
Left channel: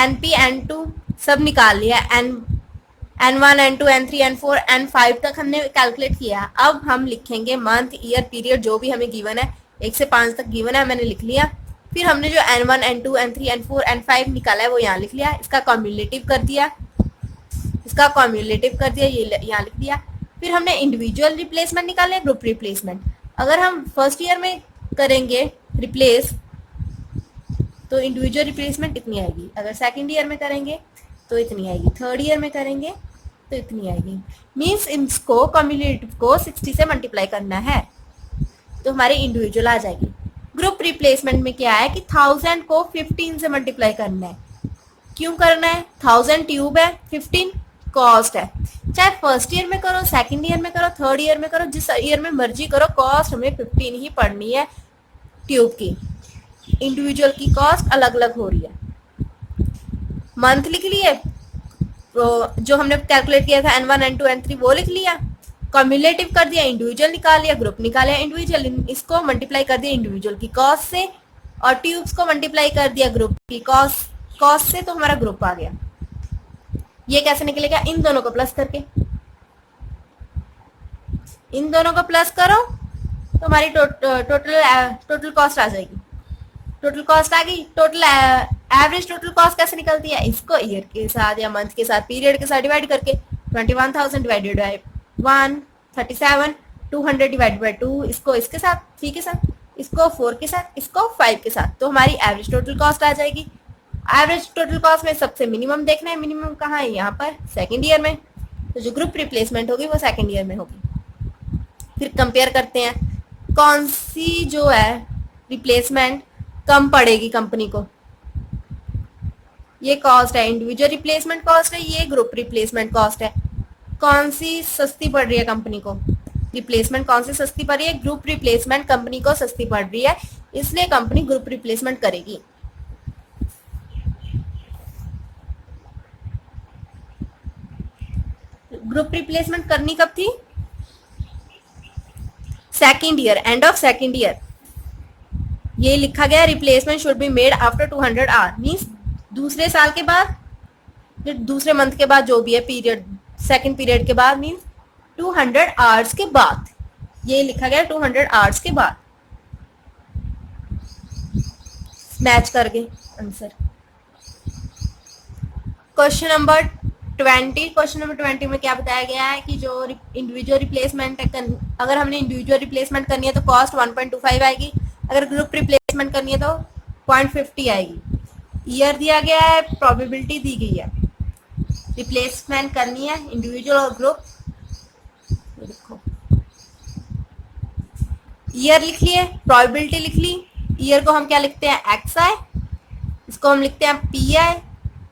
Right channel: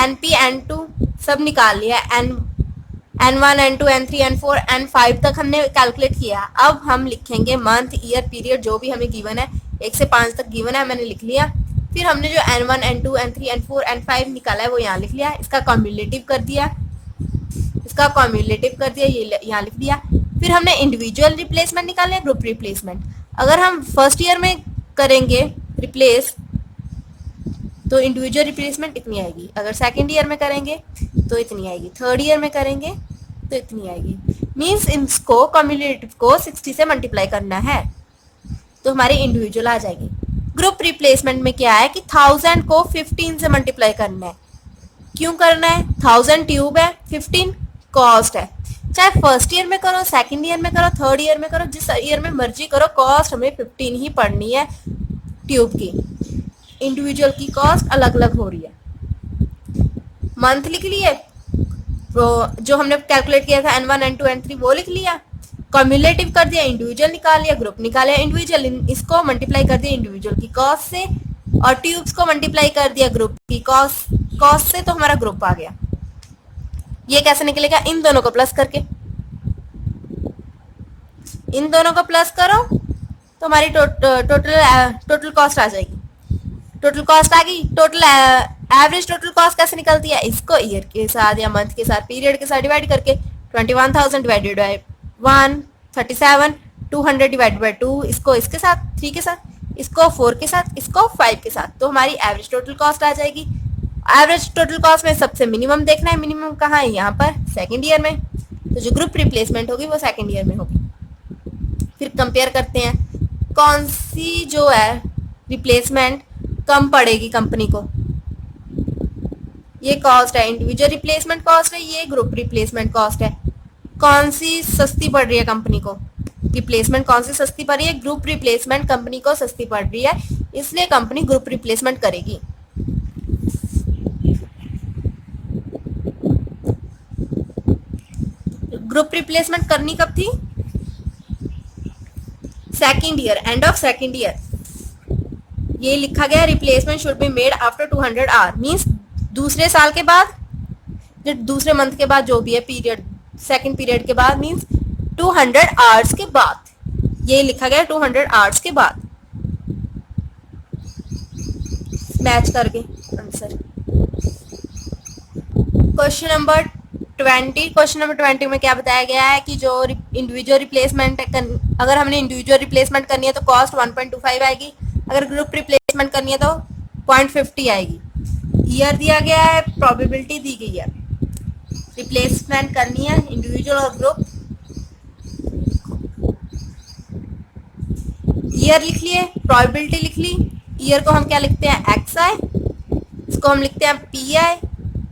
NP, N2 सब निकाल लिया, N1, N2, N3, N4, N5 तक हमने कैलकुलेट किया। अब हम लिखेंगे मंथ, ईयर, पीरियड जो भी हमें गिवन है, 1 से 5 तक गिवन है, मैंने लिख लिया। फिर हमने जो N1, N2, N3, N4, N5 निकाला है वो यहाँ लिख लिया, इसका कम्युलेटिव कर दिया, ये यहाँ लिख दिया। फिर हमने इंडिविजुअल रिप्लेसमेंट निकाला है, ग्रुप रिप्लेसमेंट। अगर हम फर्स्ट ईयर में करेंगे रिप्लेस तो इंडिविजुअल रिप्लेसमेंट इतनी आएगी, अगर सेकेंड ईयर में करेंगे तो इतनी आएगी, थर्ड ईयर में करेंगे तो इतनी आएगी। मीन्स इसको कम्युलेटिव को 60 से मल्टीप्लाई करना है तो हमारी इंडिविजुअल आ जाएगी। ग्रुप रिप्लेसमेंट में क्या है कि 1000 को 15 से मल्टीप्लाई करना है। क्यों करना है, 1000 ट्यूब है, 15 कॉस्ट है। चाहे फर्स्ट ईयर में करो, सेकंड ईयर में करो, थर्ड ईयर में करो, जिस ईयर में मर्जी करो, कॉस्ट हमें 15 ही पड़नी है ट्यूब की। इंडिविजुअल की कॉस्ट अलग अलग हो रही है। मंथ लिख लिए, तो जो हमने कैलकुलेट किया था N1, N2, N3 वो लिख लिया, कम्युलेटिव कर दिया, इंडिविजुअल निकाल लिया, ग्रुप निकाला इंडिविजुअल, इसको मल्टीप्लाई कर दिया इंडिविजुअल की कॉस्ट से और ट्यूब्स को मल्टीप्लाई कर दिया ग्रुप की कॉस्ट से, तो हमारा ग्रुप आ गया। ये कैसे निकलेगा, इन दोनों को प्लस करके, इन दोनों को प्लस करो तो हमारी टोटल कॉस्ट आ जाएगी। टोटल कॉस्ट आ गई। टोटल एवरेज टोटल कॉस्ट कैसे निकलती है, इसको ईयर के साथ या मंथ के साथ, पीरियड के साथ डिवाइड करके 21,000 डिवाइडेड बाय 1, 37, 200 डिवाइडेड बाय 2, इसको इसके साथ, 3 के साथ, इसको 4 के साथ, इसको 5 के साथ, तो हमारी एवरेज टोटल कॉस्ट आ जाएगी। एवरेज टोटल कॉस्ट में सबसे मिनिमम देखना है, मिनिमम कहाँ है, यहाँ पर सेकेंड ईयर में, तो जो ग्रुप रिप्लेसमेंट होगी वो सेकेंड ईयर में होगी। फिर कंपेयर करते हैं कौन सी जो है रिप्लेसमेंट कम पड़ेगी कंपनी को। ये कॉस्ट है, इंडिविजुअल रिप्लेसमेंट कॉस्ट है, ये ग्रुप रिप्लेसमेंट कॉस्ट है। कौन सी सस्ती पड़ रही है कंपनी को, रिप्लेसमेंट कौन सी सस्ती पड़ रही है, ग्रुप रिप्लेसमेंट कंपनी को सस्ती पड़ रही है, इसलिए कंपनी ग्रुप रिप्लेसमेंट करेगी। ग्रुप रिप्लेसमेंट करनी कब थी, second year, end of second year. ये लिखा गया replacement should be made after 200 hour, means दूसरे साल के बाद, दूसरे मंथ के बाद, जो भी है पीरियड, सेकेंड पीरियड के बाद, मीन्स 200 आवर्स के बाद। ये लिखा गया 200 आवर्स के बाद, मैच करके answer. Question number 20, question number 20 में क्या बताया गया है कि जो इंडिविजुअल रिप्लेसमेंट, अगर हमने इंडिविजुअल रिप्लेसमेंट करनी है तो कॉस्ट 1.25 आएगी, अगर ग्रुप रिप्लेसमेंट करनी है तो 0.50 आएगी। ईयर दिया गया है, प्रोबेबिलिटी दी गई है। रिप्लेसमेंट करनी है इंडिविजुअल और ग्रुप, ईयर लिख लिए, प्रोबेबिलिटी लिख ली। ईयर को हम क्या लिखते हैं, एक्स आई, इसको हम लिखते हैं पी आई,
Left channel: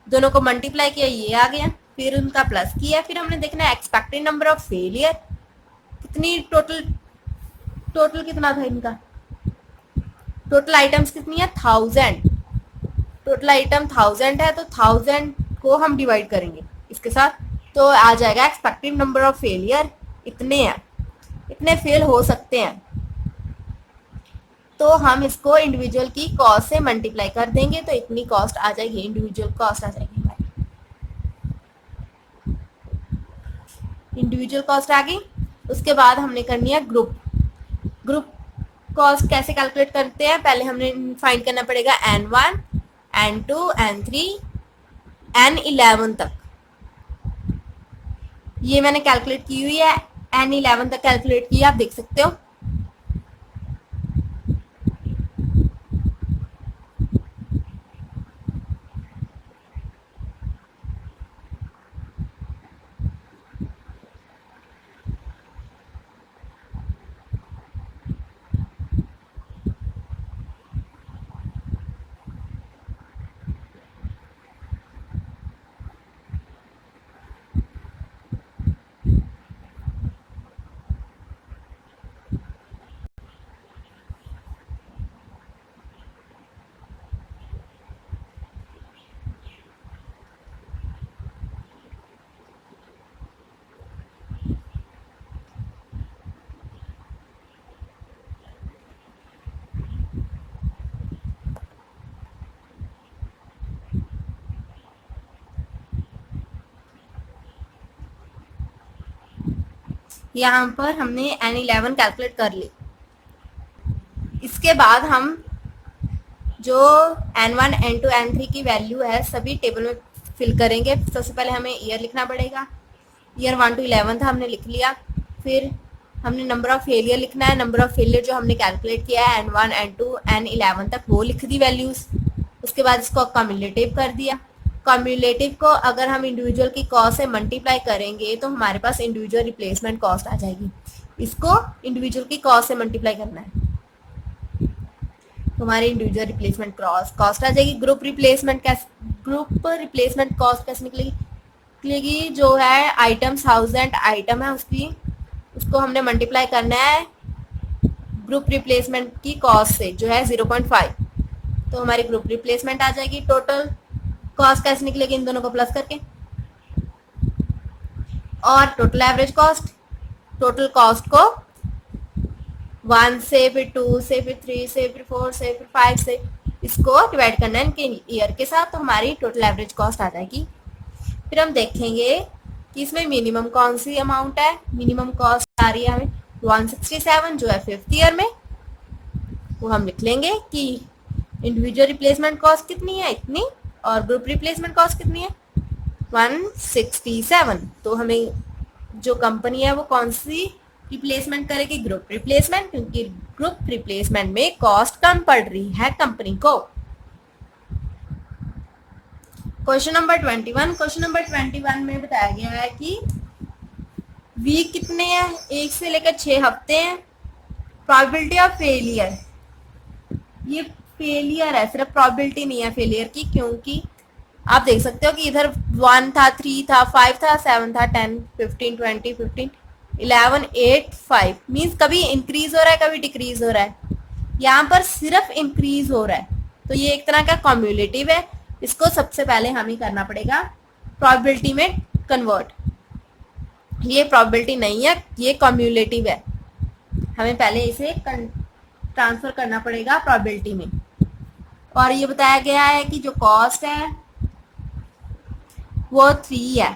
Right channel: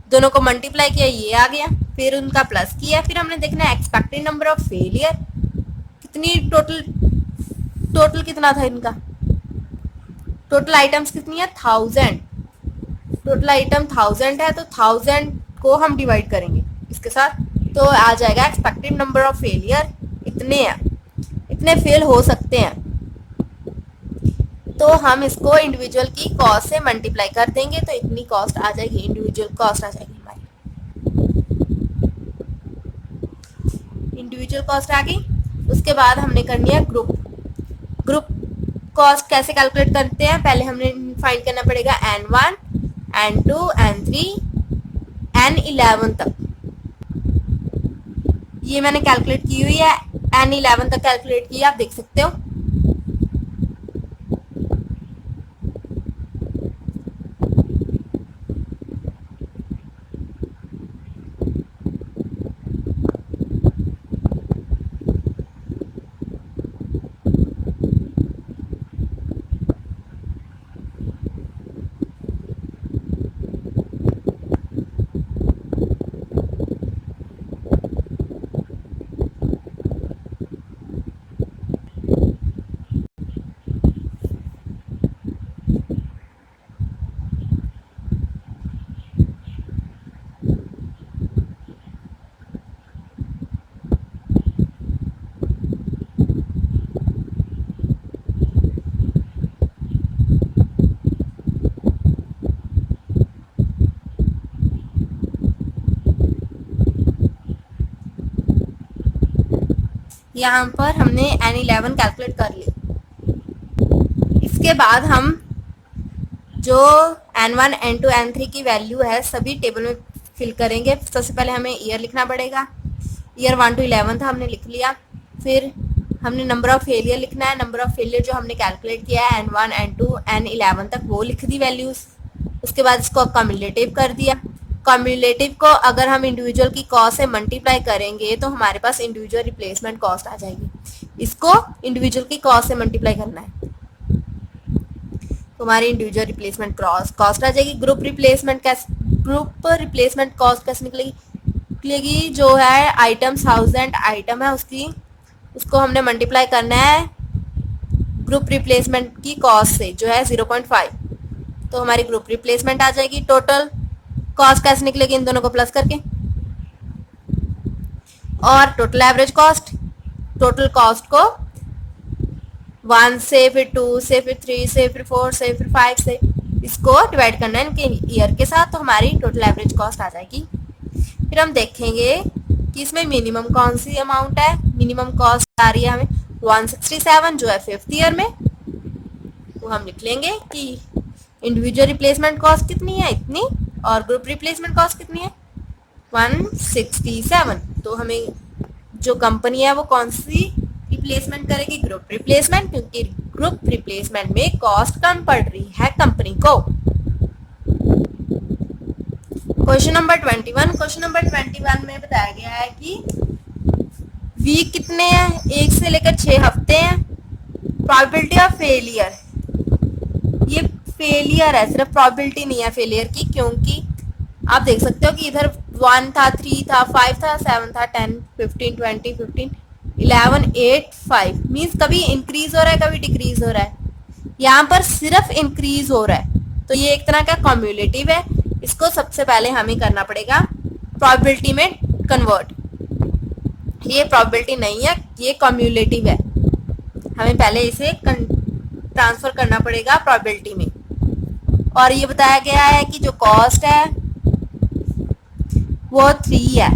दोनों को मल्टीप्लाई किया, ये आ गया, फिर उनका प्लस किया। फिर हमने देखना है एक्सपेक्टेड नंबर ऑफ फेलियर, कितनी टोटल कितना था इनका, टोटल आइटम्स कितनी है, 1000, टोटल आइटम 1000 है, तो 1000 को हम डिवाइड करेंगे इसके साथ, तो आ जाएगा एक्सपेक्टेड नंबर ऑफ फेलियर इतने हैं, इतने फेल हो सकते हैं। तो हम इसको इंडिविजुअल की कॉस्ट से मल्टीप्लाई कर देंगे, तो इतनी कॉस्ट आ जाएगी, इंडिविजुअल कॉस्ट आ जाएगी हमारी, इंडिविजुअल कॉस्ट आ गई। उसके बाद हमने करनी है ग्रुप कॉस्ट। कैसे कैलकुलेट करते हैं, पहले हमने फाइंड करना पड़ेगा N1, N2, N3, N11 तक। ये मैंने कैलकुलेट की हुई है, N11 तक कैलकुलेट की, आप देख सकते हो। यहाँ पर हमने N11 कैलकुलेट कर ली। इसके बाद हम जो N1, N2, N3 की वैल्यू है सभी टेबल में फिल करेंगे। सबसे पहले हमें ईयर लिखना पड़ेगा, ईयर 1 to 11 था, हमने लिख लिया। फिर हमने नंबर ऑफ फेलियर लिखना है, नंबर ऑफ फेलियर जो हमने कैलकुलेट किया है N1, N2, N11 तक, वो लिख दी वैल्यूज। उसके बाद इसको कम्युलेटिव कर दिया। कम्युलेटिव को अगर हम इंडिविजुअल की कॉस्ट से मल्टीप्लाई करेंगे तो हमारे पास इंडिविजुअल रिप्लेसमेंट कॉस्ट आ जाएगी। इसको इंडिविजुअल की कॉस्ट से मल्टीप्लाई करना है तो हमारी इंडिविजुअल रिप्लेसमेंट कॉस्ट आ जाएगी। ग्रुप रिप्लेसमेंट कॉस्ट कैसे निकलेगी, जो है आइटम 1000 आइटम है उसको हमने मल्टीप्लाई करना है ग्रुप रिप्लेसमेंट की कॉस्ट से, जो है 0.5, तो हमारी ग्रुप रिप्लेसमेंट आ जाएगी। टोटल कॉस्ट कैसे निकलेगी, इन दोनों को प्लस करके, और total average cost, total cost को 1 से, फिर 2 से, फिर 3 से, फिर 4 से, फिर 5 से, इसको डिवाइड करना है इनके ईयर के साथ, तो हमारी टोटल एवरेज कॉस्ट आ जाएगी। फिर हम देखेंगे कि इसमें मिनिमम कौन सी अमाउंट है। मिनिमम कॉस्ट आ रही है हमें 167, जो है 5th ईयर में, वो हम लिख लेंगे कि इंडिविजुअल रिप्लेसमेंट कॉस्ट कितनी है, इतनी, और ग्रुप रिप्लेसमेंट कॉस्ट कितनी है, 167। तो हमें जो कंपनी है वो कौन सी रिप्लेसमेंट करेगी, ग्रुप रिप्लेसमेंट, क्योंकि ग्रुप रिप्लेसमेंट में कॉस्ट कम पड़ रही है कंपनी को। Question number 21। क्वेश्चन नंबर 21 में बताया गया है कि वीक कितने हैं, 1 से लेकर 6 हफ्ते हैं। प्रोबेबिलिटी ऑफ फेलियर, ये फेलियर है, सिर्फ प्रोबेबिलिटी नहीं है फेलियर की, क्योंकि आप देख सकते हो कि इधर 1 था, 3 था, 5 था, 7 था, 10, 15, 20, 15, 11, 8, 5 मीन्स कभी इंक्रीज हो रहा है, कभी डिक्रीज हो रहा है। यहाँ पर सिर्फ इंक्रीज हो रहा है, तो ये एक तरह का कम्युलेटिव है। इसको सबसे पहले हमें करना पड़ेगा प्रोबेबिलिटी में कन्वर्ट। ये प्रोबेबिलिटी नहीं है, ये कम्युलेटिव है। हमें पहले इसे ट्रांसफर करना पड़ेगा प्रोबेबिलिटी में। और ये बताया गया है कि जो कॉस्ट है वो 3 है,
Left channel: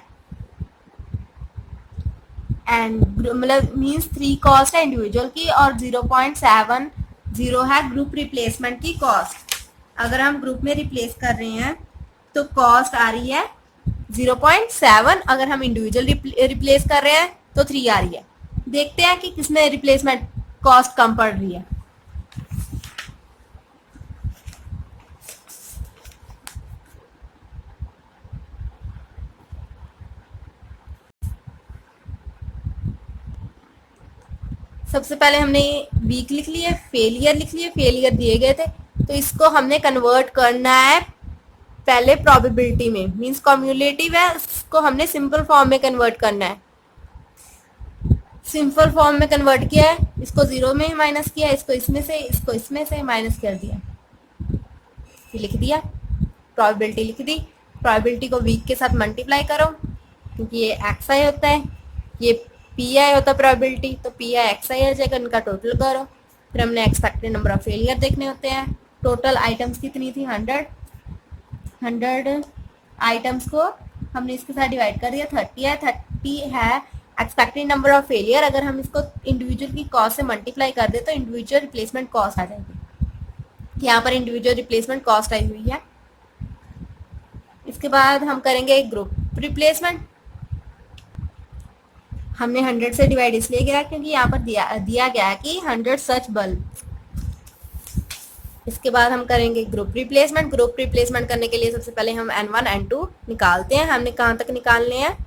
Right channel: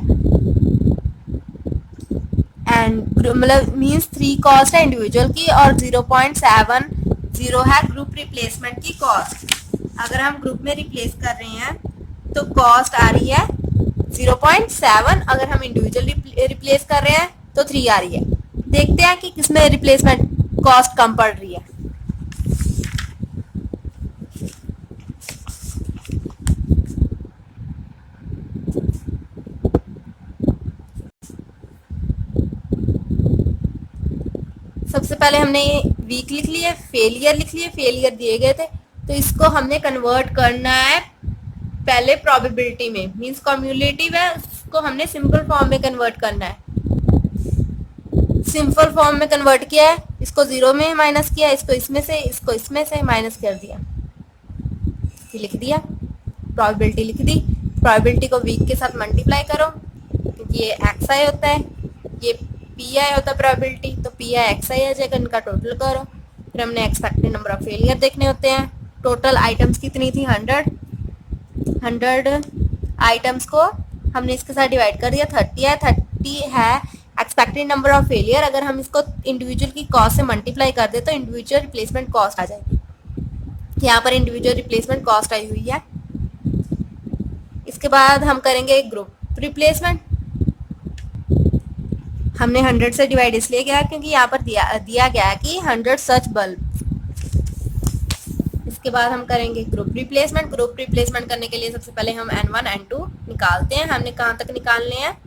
एंड मतलब मीन्स 3 कॉस्ट है इंडिविजुअल की, और 0.70 है ग्रुप रिप्लेसमेंट की कॉस्ट। अगर हम ग्रुप में रिप्लेस कर रहे हैं तो कॉस्ट आ रही है 0.7, अगर हम इंडिविजुअल रिप्लेस कर रहे हैं तो 3 आ रही है। देखते हैं कि किसमें रिप्लेसमेंट कॉस्ट कम पड़ रही है। सबसे पहले हमने वीक लिख लिए, फेलियर लिख लिए, फेलियर दिए गए थे, तो इसको हमने कन्वर्ट करना है पहले प्रोबेबिलिटी में, मींस कम्युलेटिव है, इसको हमने सिंपल फॉर्म में कन्वर्ट करना है। सिंपल फॉर्म में कन्वर्ट किया है, इसको 0 में माइनस किया, इसको इसमें से, इसको इसमें से माइनस कर दिया, लिख दिया, प्रोबेबिलिटी लिख दी। प्रोबेबिलिटी को वीक के साथ मल्टीप्लाई करो, क्योंकि ये एक्स आई होता है, ये पी आई होता है प्रोबेबिलिटी, तो पी आई एक्स आई आ जाएगा, इनका टोटल करो। फिर हमने एक्सपेक्टेड नंबर ऑफ फेलियर देखने होते हैं। टोटल आइटम्स कितनी थी, 100 आइटम्स को हमने इसके साथ डिवाइड कर दिया, 30 है, 30 है एक्सपेक्टेड नंबर ऑफ फेलियर। अगर हम इसको इंडिविजुअल की कॉस्ट से मल्टीप्लाई कर दे तो इंडिविजुअल रिप्लेसमेंट कॉस्ट आ जाएगी। यहाँ पर इंडिविजुअल रिप्लेसमेंट कॉस्ट आई हुई है। इसके बाद हम करेंगे ग्रुप रिप्लेसमेंट। हमने 100 से डिवाइड इसलिए किया क्योंकि यहाँ पर दिया गया है कि 100 सच बल्ब। इसके बाद हम करेंगे ग्रुप रिप्लेसमेंट। ग्रुप रिप्लेसमेंट करने के लिए सबसे पहले हम N1 N2 निकालते हैं। हमने कहाँ तक निकालने हैं,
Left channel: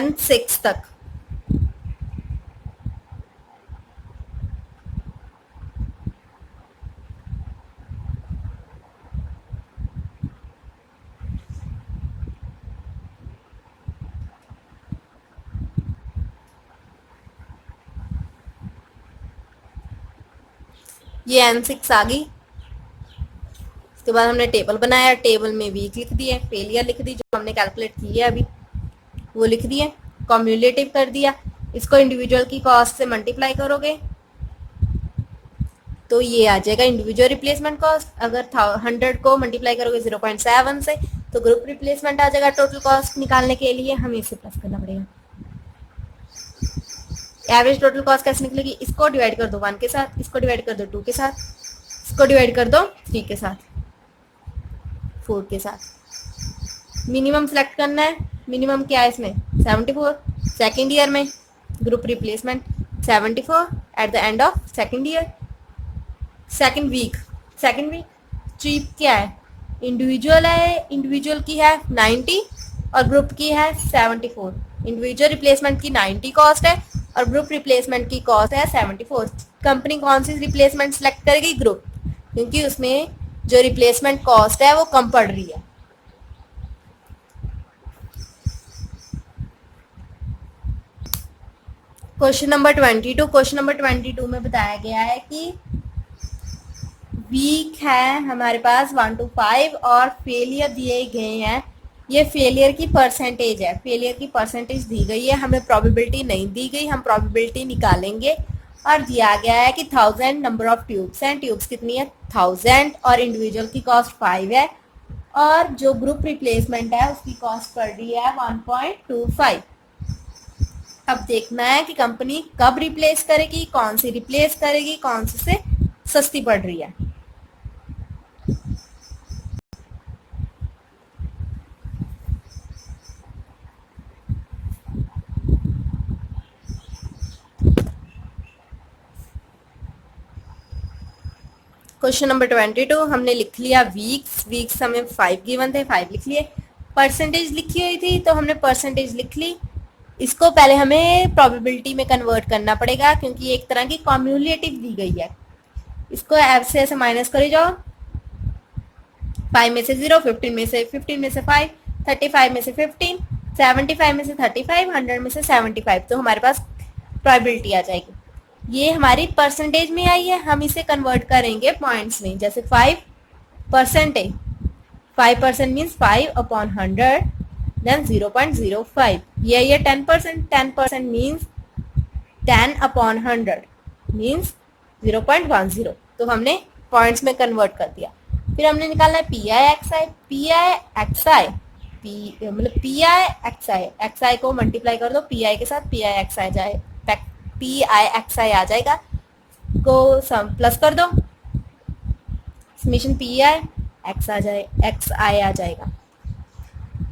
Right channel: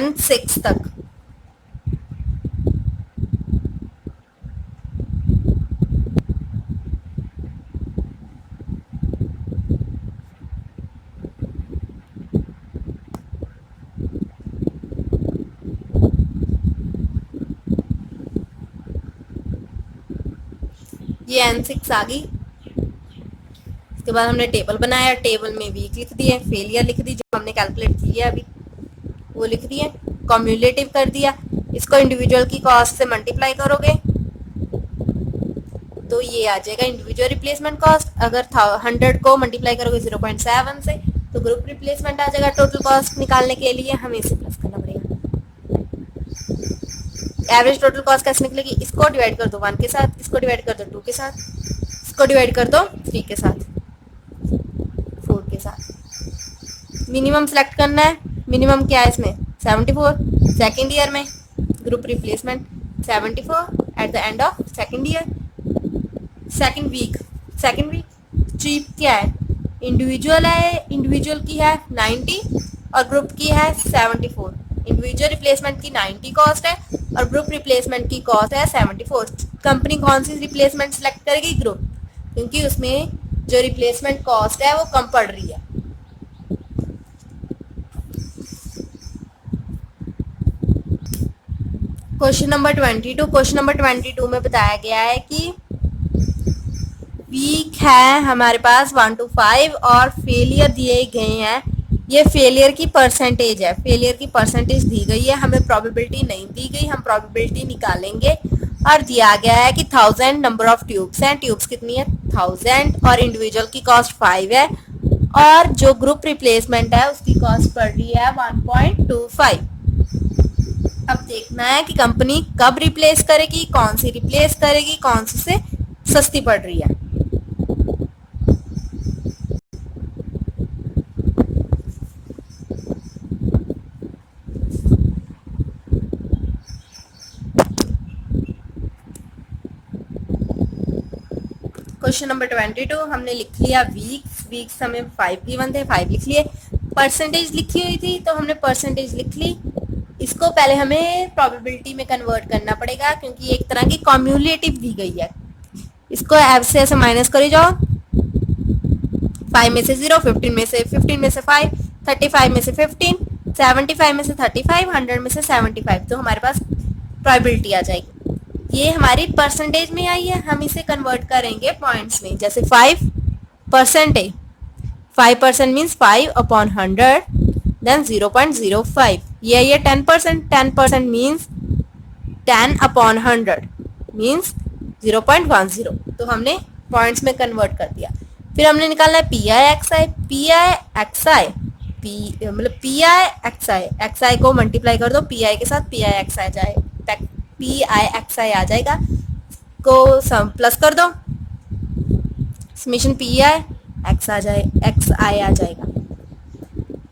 N6 तक। ये N6 आ गई। इसके बाद हमने टेबल बनाया, टेबल में वीक लिख दिए, फेलियर लिख दी, जो हमने कैलकुलेट की है अभी वो लिख दिए, कम्युलेटिव कर दिया। इसको इंडिविजुअल की कॉस्ट से मल्टीप्लाई करोगे तो ये आ जाएगा इंडिविजुअल रिप्लेसमेंट कॉस्ट। अगर 100 को मल्टीप्लाई करोगे 0.7 से तो ग्रुप रिप्लेसमेंट आ जाएगा। टोटल कॉस्ट निकालने के लिए हमें इसे प्लस करना पड़ेगा। एवरेज टोटल कॉस्ट कैसे निकलेगी, इसको डिवाइड कर दो 1 के साथ, इसको डिवाइड कर दो 2 के साथ, इसको डिवाइड कर दो 3 के साथ, 4 के साथ। मिनिमम सेलेक्ट करना है। मिनिमम क्या है इसमें, 74 सेकेंड ईयर में। Group replacement 74 at the end of second year. Second week cheap क्या है, इंडिविजुअल है, इंडिविजुअल की है 90 और ग्रुप की है 74। इंडिविजुअल रिप्लेसमेंट की 90 कॉस्ट है और ग्रुप रिप्लेसमेंट की कॉस्ट है 74। कंपनी कौन सी रिप्लेसमेंट सेलेक्ट करेगी, ग्रुप, क्योंकि उसमें जो रिप्लेसमेंट कॉस्ट है वो कम पड़ रही है। Question number 22। क्वेश्चन नंबर 22 में बताया गया है कि वीक है हमारे पास 1 to 5 और फेलियर दिए गए हैं। ये फेलियर की परसेंटेज है, फेलियर की परसेंटेज दी गई है, हमें प्रोबेबिलिटी नहीं दी गई, हम प्रोबेबिलिटी निकालेंगे। और दिया गया है कि 1000 नंबर ऑफ ट्यूब्स हैं, ट्यूब्स कितनी है 1000 और इंडिविजुअल की कॉस्ट 5 है और जो ग्रुप रिप्लेसमेंट है उसकी कॉस्ट पड़ रही है 1.25। अब देखना है कि कंपनी कब रिप्लेस करेगी, कौन सी रिप्लेस करेगी, कौन सी से सस्ती पड़ रही है। क्वेश्चन नंबर 22 हमने लिख लिया वीक्स। वीक्स हमें 5 गिवन थे, 5 लिख लिए। परसेंटेज लिखी हुई थी तो हमने परसेंटेज लिख ली। इसको पहले हमें प्रोबेबिलिटी में कन्वर्ट करना पड़ेगा क्योंकि एक तरह की कॉम्युलेटिव दी गई है। इसको ऐसे माइनस करी जाओ। 5 में से 0, 15 में से 5, 35 में से 15, 75 में से 35, 100 में से 75, तो हमारे पास प्रोबेबिलिटी आ जाएगी। ये हमारी परसेंटेज में आई है, हम इसे कन्वर्ट करेंगे पॉइंट्स में। जैसे 5% है, 5% मीन्स 5/100, देन 0.05। ये 10%, 10% मीन्स 10/100 मीन्स 0.10। तो हमने पॉइंट्स में कन्वर्ट कर दिया। फिर हमने निकालना है P I X I. P I X I मतलब P I X I, X I को मल्टीप्लाई कर दो पी आई के साथ, पी आई एक्स आई जाए, पी आई एक्स आई आ जाएगा, को सम प्लस कर दो, समेशन पी आई एक्स आ जाए, एक्स आई आ जाएगा।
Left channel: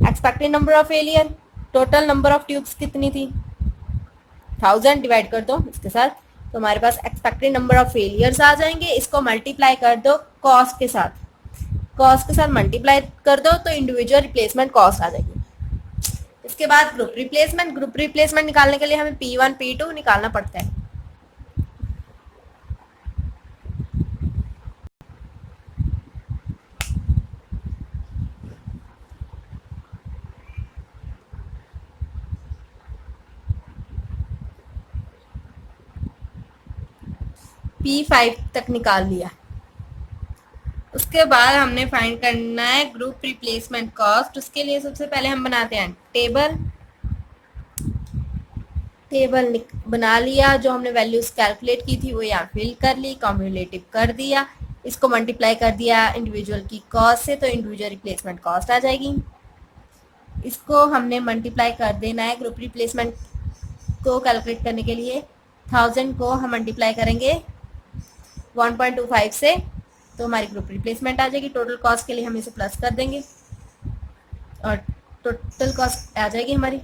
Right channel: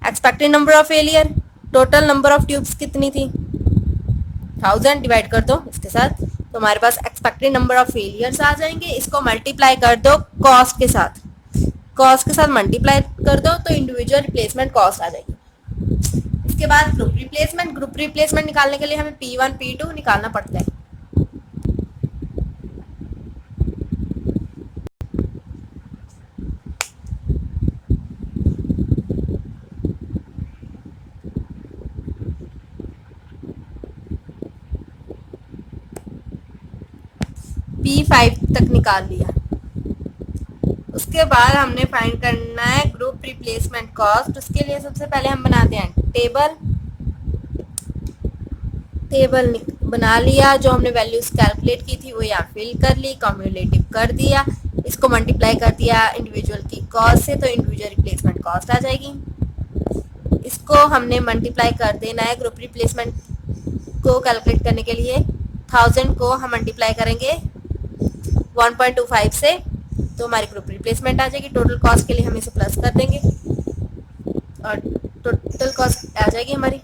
Expected number of failure, total number of tubes कितनी थी 1000, डिवाइड कर दो इसके साथ, तो हमारे पास एक्सपेक्टेड नंबर ऑफ फेलियर्स आ जाएंगे। इसको मल्टीप्लाई कर दो कॉस्ट के साथ, कॉस्ट के साथ मल्टीप्लाई कर दो तो इंडिविजुअल रिप्लेसमेंट कॉस्ट आ जाएगी। इसके बाद ग्रुप रिप्लेसमेंट। ग्रुप रिप्लेसमेंट निकालने के लिए हमें P1 P2 निकालना पड़ता है। P5 तक निकाल लिया। उसके बाद हमने फाइंड करना है ग्रुप रिप्लेसमेंट कॉस्ट। उसके लिए सबसे पहले हम बनाते हैं टेबल। टेबल बना लिया, जो हमने वैल्यूज कैलकुलेट की थी वो यहाँ फिल कर ली, कॉम्युलेटिव कर दिया, इसको मल्टीप्लाई कर दिया इंडिविजुअल की कॉस्ट से, तो इंडिविजुअल रिप्लेसमेंट कॉस्ट आ जाएगी। इसको हमने मल्टीप्लाई कर देना है ग्रुप रिप्लेसमेंट को कैलकुलेट करने के लिए। 1000 को हम मल्टीप्लाई करेंगे 1.25 से, तो हमारी ग्रुप रिप्लेसमेंट आ जाएगी। टोटल कॉस्ट के लिए हम इसे प्लस कर देंगे और टोटल कॉस्ट आ जाएगी हमारी।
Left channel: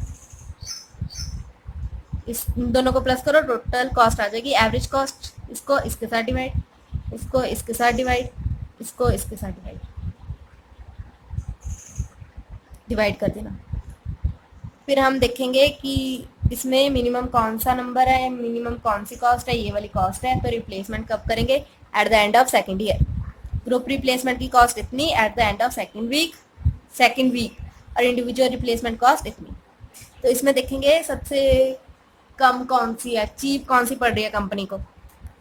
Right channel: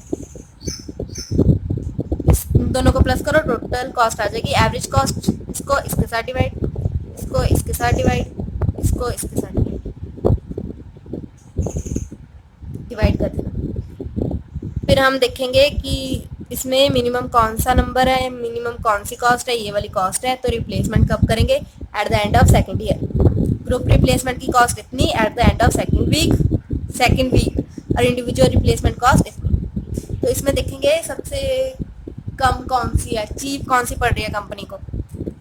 इस दोनों को प्लस करो, टोटल कॉस्ट आ जाएगी। एवरेज कॉस्ट, इसको इसके साथ डिवाइड, इसको इसके साथ डिवाइड, इसको इसके साथ डिवाइड कर देना। फिर हम देखेंगे कि इसमें मिनिमम कौन सा नंबर है, मिनिमम कौन सी कॉस्ट है, ये वाली कॉस्ट है। तो रिप्लेसमेंट कब करेंगे? At the end of second year. Group replacement की कॉस्ट इतनी at the end of second week, और इंडिविजुअल रिप्लेसमेंट कॉस्ट इतनी। तो इसमें देखेंगे सबसे कम कौन सी है, चीप कौन सी पड़ रही है कंपनी को।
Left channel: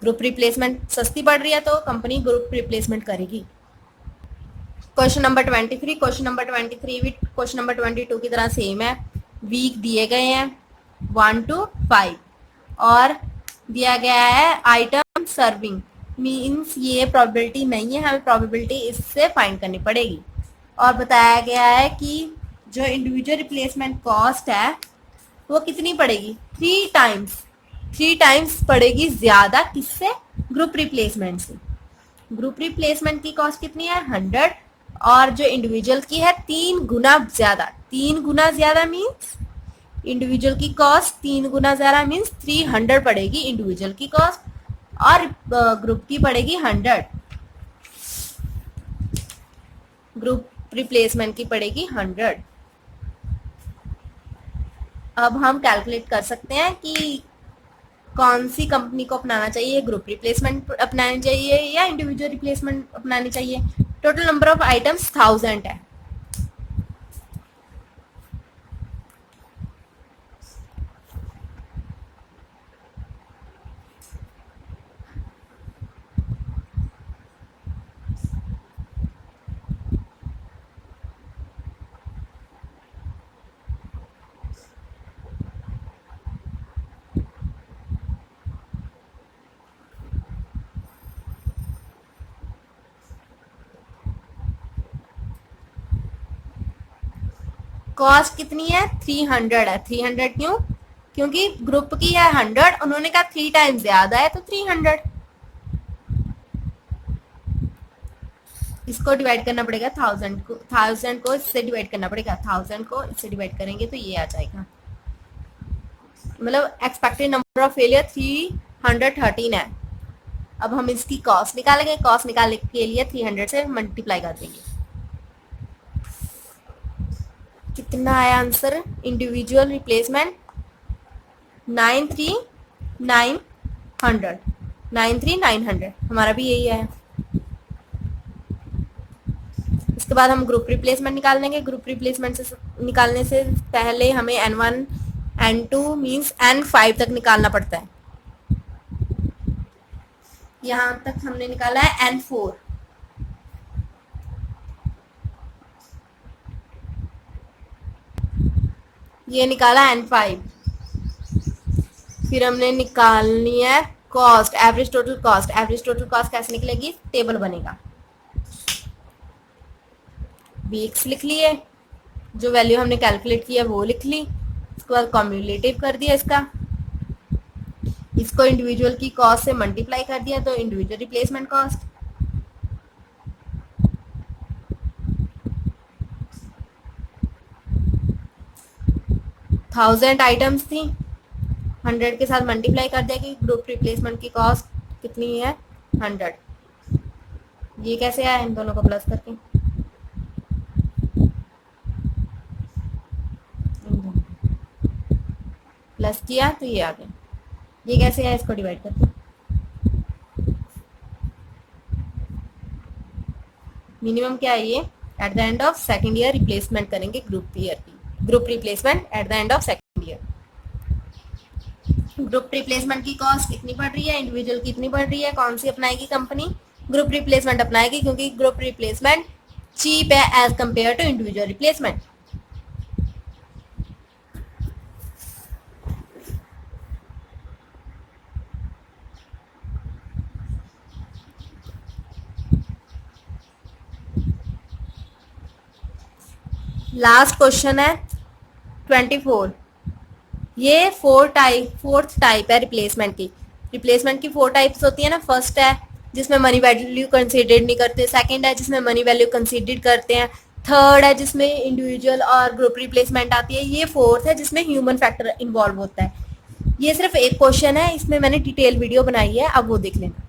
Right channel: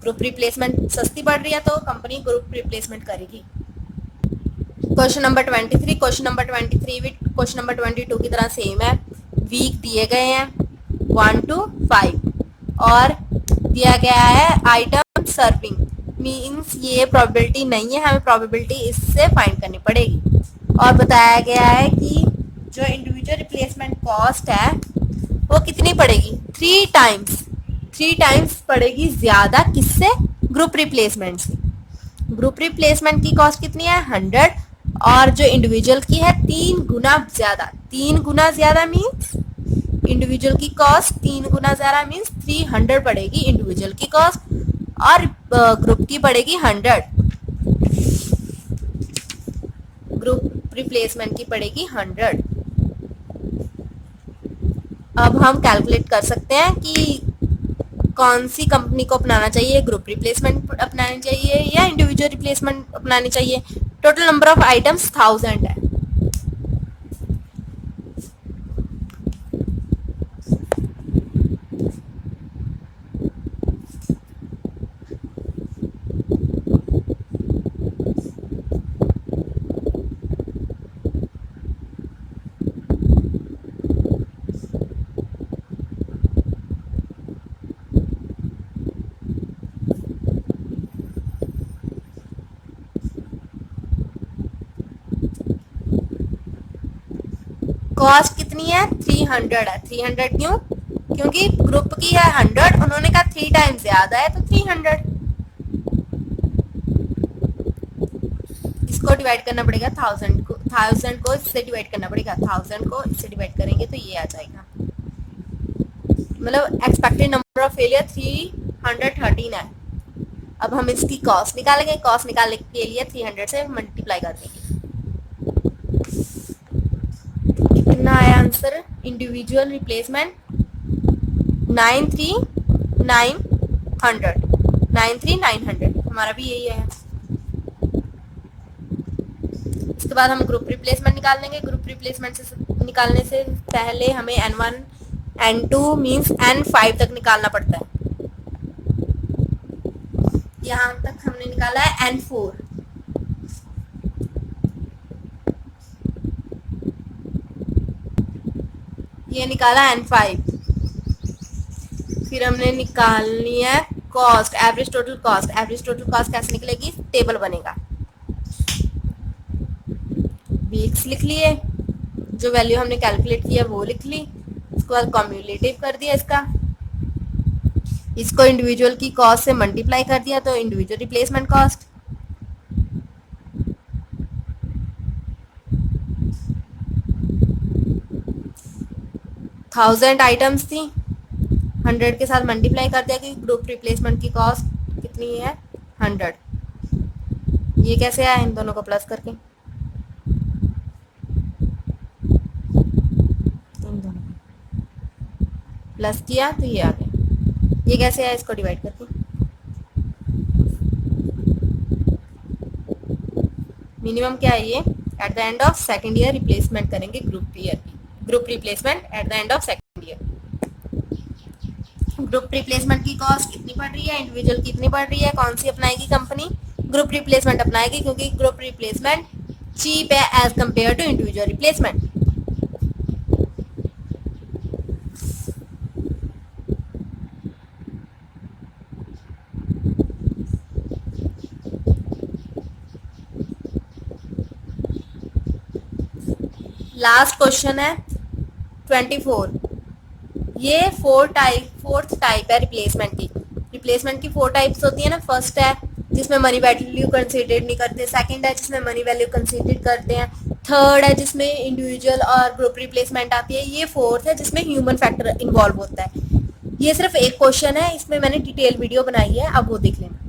ग्रुप रिप्लेसमेंट सस्ती पड़ रही है तो कंपनी ग्रुप रिप्लेसमेंट करेगी। Question number 23। क्वेश्चन नंबर 23 भी क्वेश्चन नंबर 22 की तरह सेम है। वीक दिए गए हैं 1 to 5 और दिया गया है आइटम सर्विंग, मीन्स ये प्रोबेबिलिटी नहीं है, हमें प्रोबेबिलिटी इससे फाइंड करनी पड़ेगी। और बताया गया है कि जो इंडिविजुअल रिप्लेसमेंट कॉस्ट है वो कितनी पड़ेगी? 3 टाइम्स पड़ेगी ज़्यादा, किससे? ग्रुप रिप्लेसमेंट से। ग्रुप रिप्लेसमेंट की कॉस्ट कितनी है? 100, और जो इंडिविजुअल की है 3 गुना ज़्यादा। 3 गुना ज़्यादा मीन्स इंडिविजुअल की कॉस्ट 3 गुना ज़्यादा मीन्स 300 पड़ेगी इंडिविजुअल की कॉस्ट, और ग्रुप की पड़ेगी 100। ग्रुप रिप्लेसमेंट की पड़ेगी 100। अब हम कैलकुलेट कर सकते हैं कि कौन सी कंपनी को अपनाना चाहिए, ग्रुप रिप्लेसमेंट अपनानी चाहिए या इंडिविजुअल रिप्लेसमेंट अपनानी चाहिए। टोटल नंबर ऑफ आइटम्स 1000 है। कॉस्ट कितनी है? 300 है। 300 क्यों? क्योंकि ग्रुप की है 100, उन्होंने कहा 3 टाइम्स ज्यादा है तो 300। इसको डिवाइड करना पड़ेगा 1000 को इससे डिवाइड करना पड़ेगा, 1000 को इससे डिवाइड करेंगे तो ये आ जाएगा। मतलब एक्सपेक्टेड नंबर ऑफ फेलियर 313 है। अब हम इसकी कॉस्ट निकालेंगे। कॉस्ट निकालने के लिए 300 से मल्टीप्लाई कर देंगे। कितना आया आंसर? इंडिविजुअल रिप्लेसमेंट 93900 हमारा भी यही है। इसके बाद हम ग्रुप रिप्लेसमेंट निकाल लेंगे। ग्रुप रिप्लेसमेंट से निकालने से पहले हमें N1 N2 मीन्स N5 तक निकालना पड़ता है। यहां तक हमने निकाला है N4। ये निकाला N5। फिर हमने निकालनी है cost, average total cost. Average total cost कैसे निकलेगी? टेबल बनेगा। वीक्स लिख लिए, जो वैल्यू हमने कैलकुलेट किया वो लिख ली। उसके बाद कॉम्युलेटिव कर दिया इसको इंडिविजुअल की कॉस्ट से मल्टीप्लाई कर दिया, तो individual replacement cost. Thousand items थी, 100 के साथ मल्टीप्लाई कर दिया कि ग्रुप रिप्लेसमेंट की कॉस्ट कितनी है? 100। ये कैसे आया? इन दोनों को प्लस करके, प्लस किया तो ये आ गया। ये कैसे आया? इसको डिवाइड करके। मिनिमम क्या है? ये at the end of second year replacement करेंगे group replacement at the end of second year. Group replacement की कॉस्ट कितनी पड़ रही है? इंडिविजुअल कितनी पड़ रही है? कौन सी अपनाएगी कंपनी? ग्रुप रिप्लेसमेंट अपनाएगी, क्योंकि ग्रुप रिप्लेसमेंट चीप है as compare to individual replacement. Last question है 24। ये फोर्थ टाइप है रिप्लेसमेंट की। रिप्लेसमेंट की 4 टाइप्स होती है ना। फर्स्ट है जिसमें मनी वैल्यू कंसीडर्ड नहीं करते, सेकंड है जिसमें मनी वैल्यू कंसीडर करते हैं, थर्ड है जिसमें इंडिविजुअल और ग्रुप रिप्लेसमेंट आती है, ये फोर्थ है जिसमें ह्यूमन फैक्टर इन्वॉल्व होता है। ये सिर्फ एक क्वेश्चन है, इसमें मैंने डिटेल वीडियो बनाई है, अब वो देख लेना।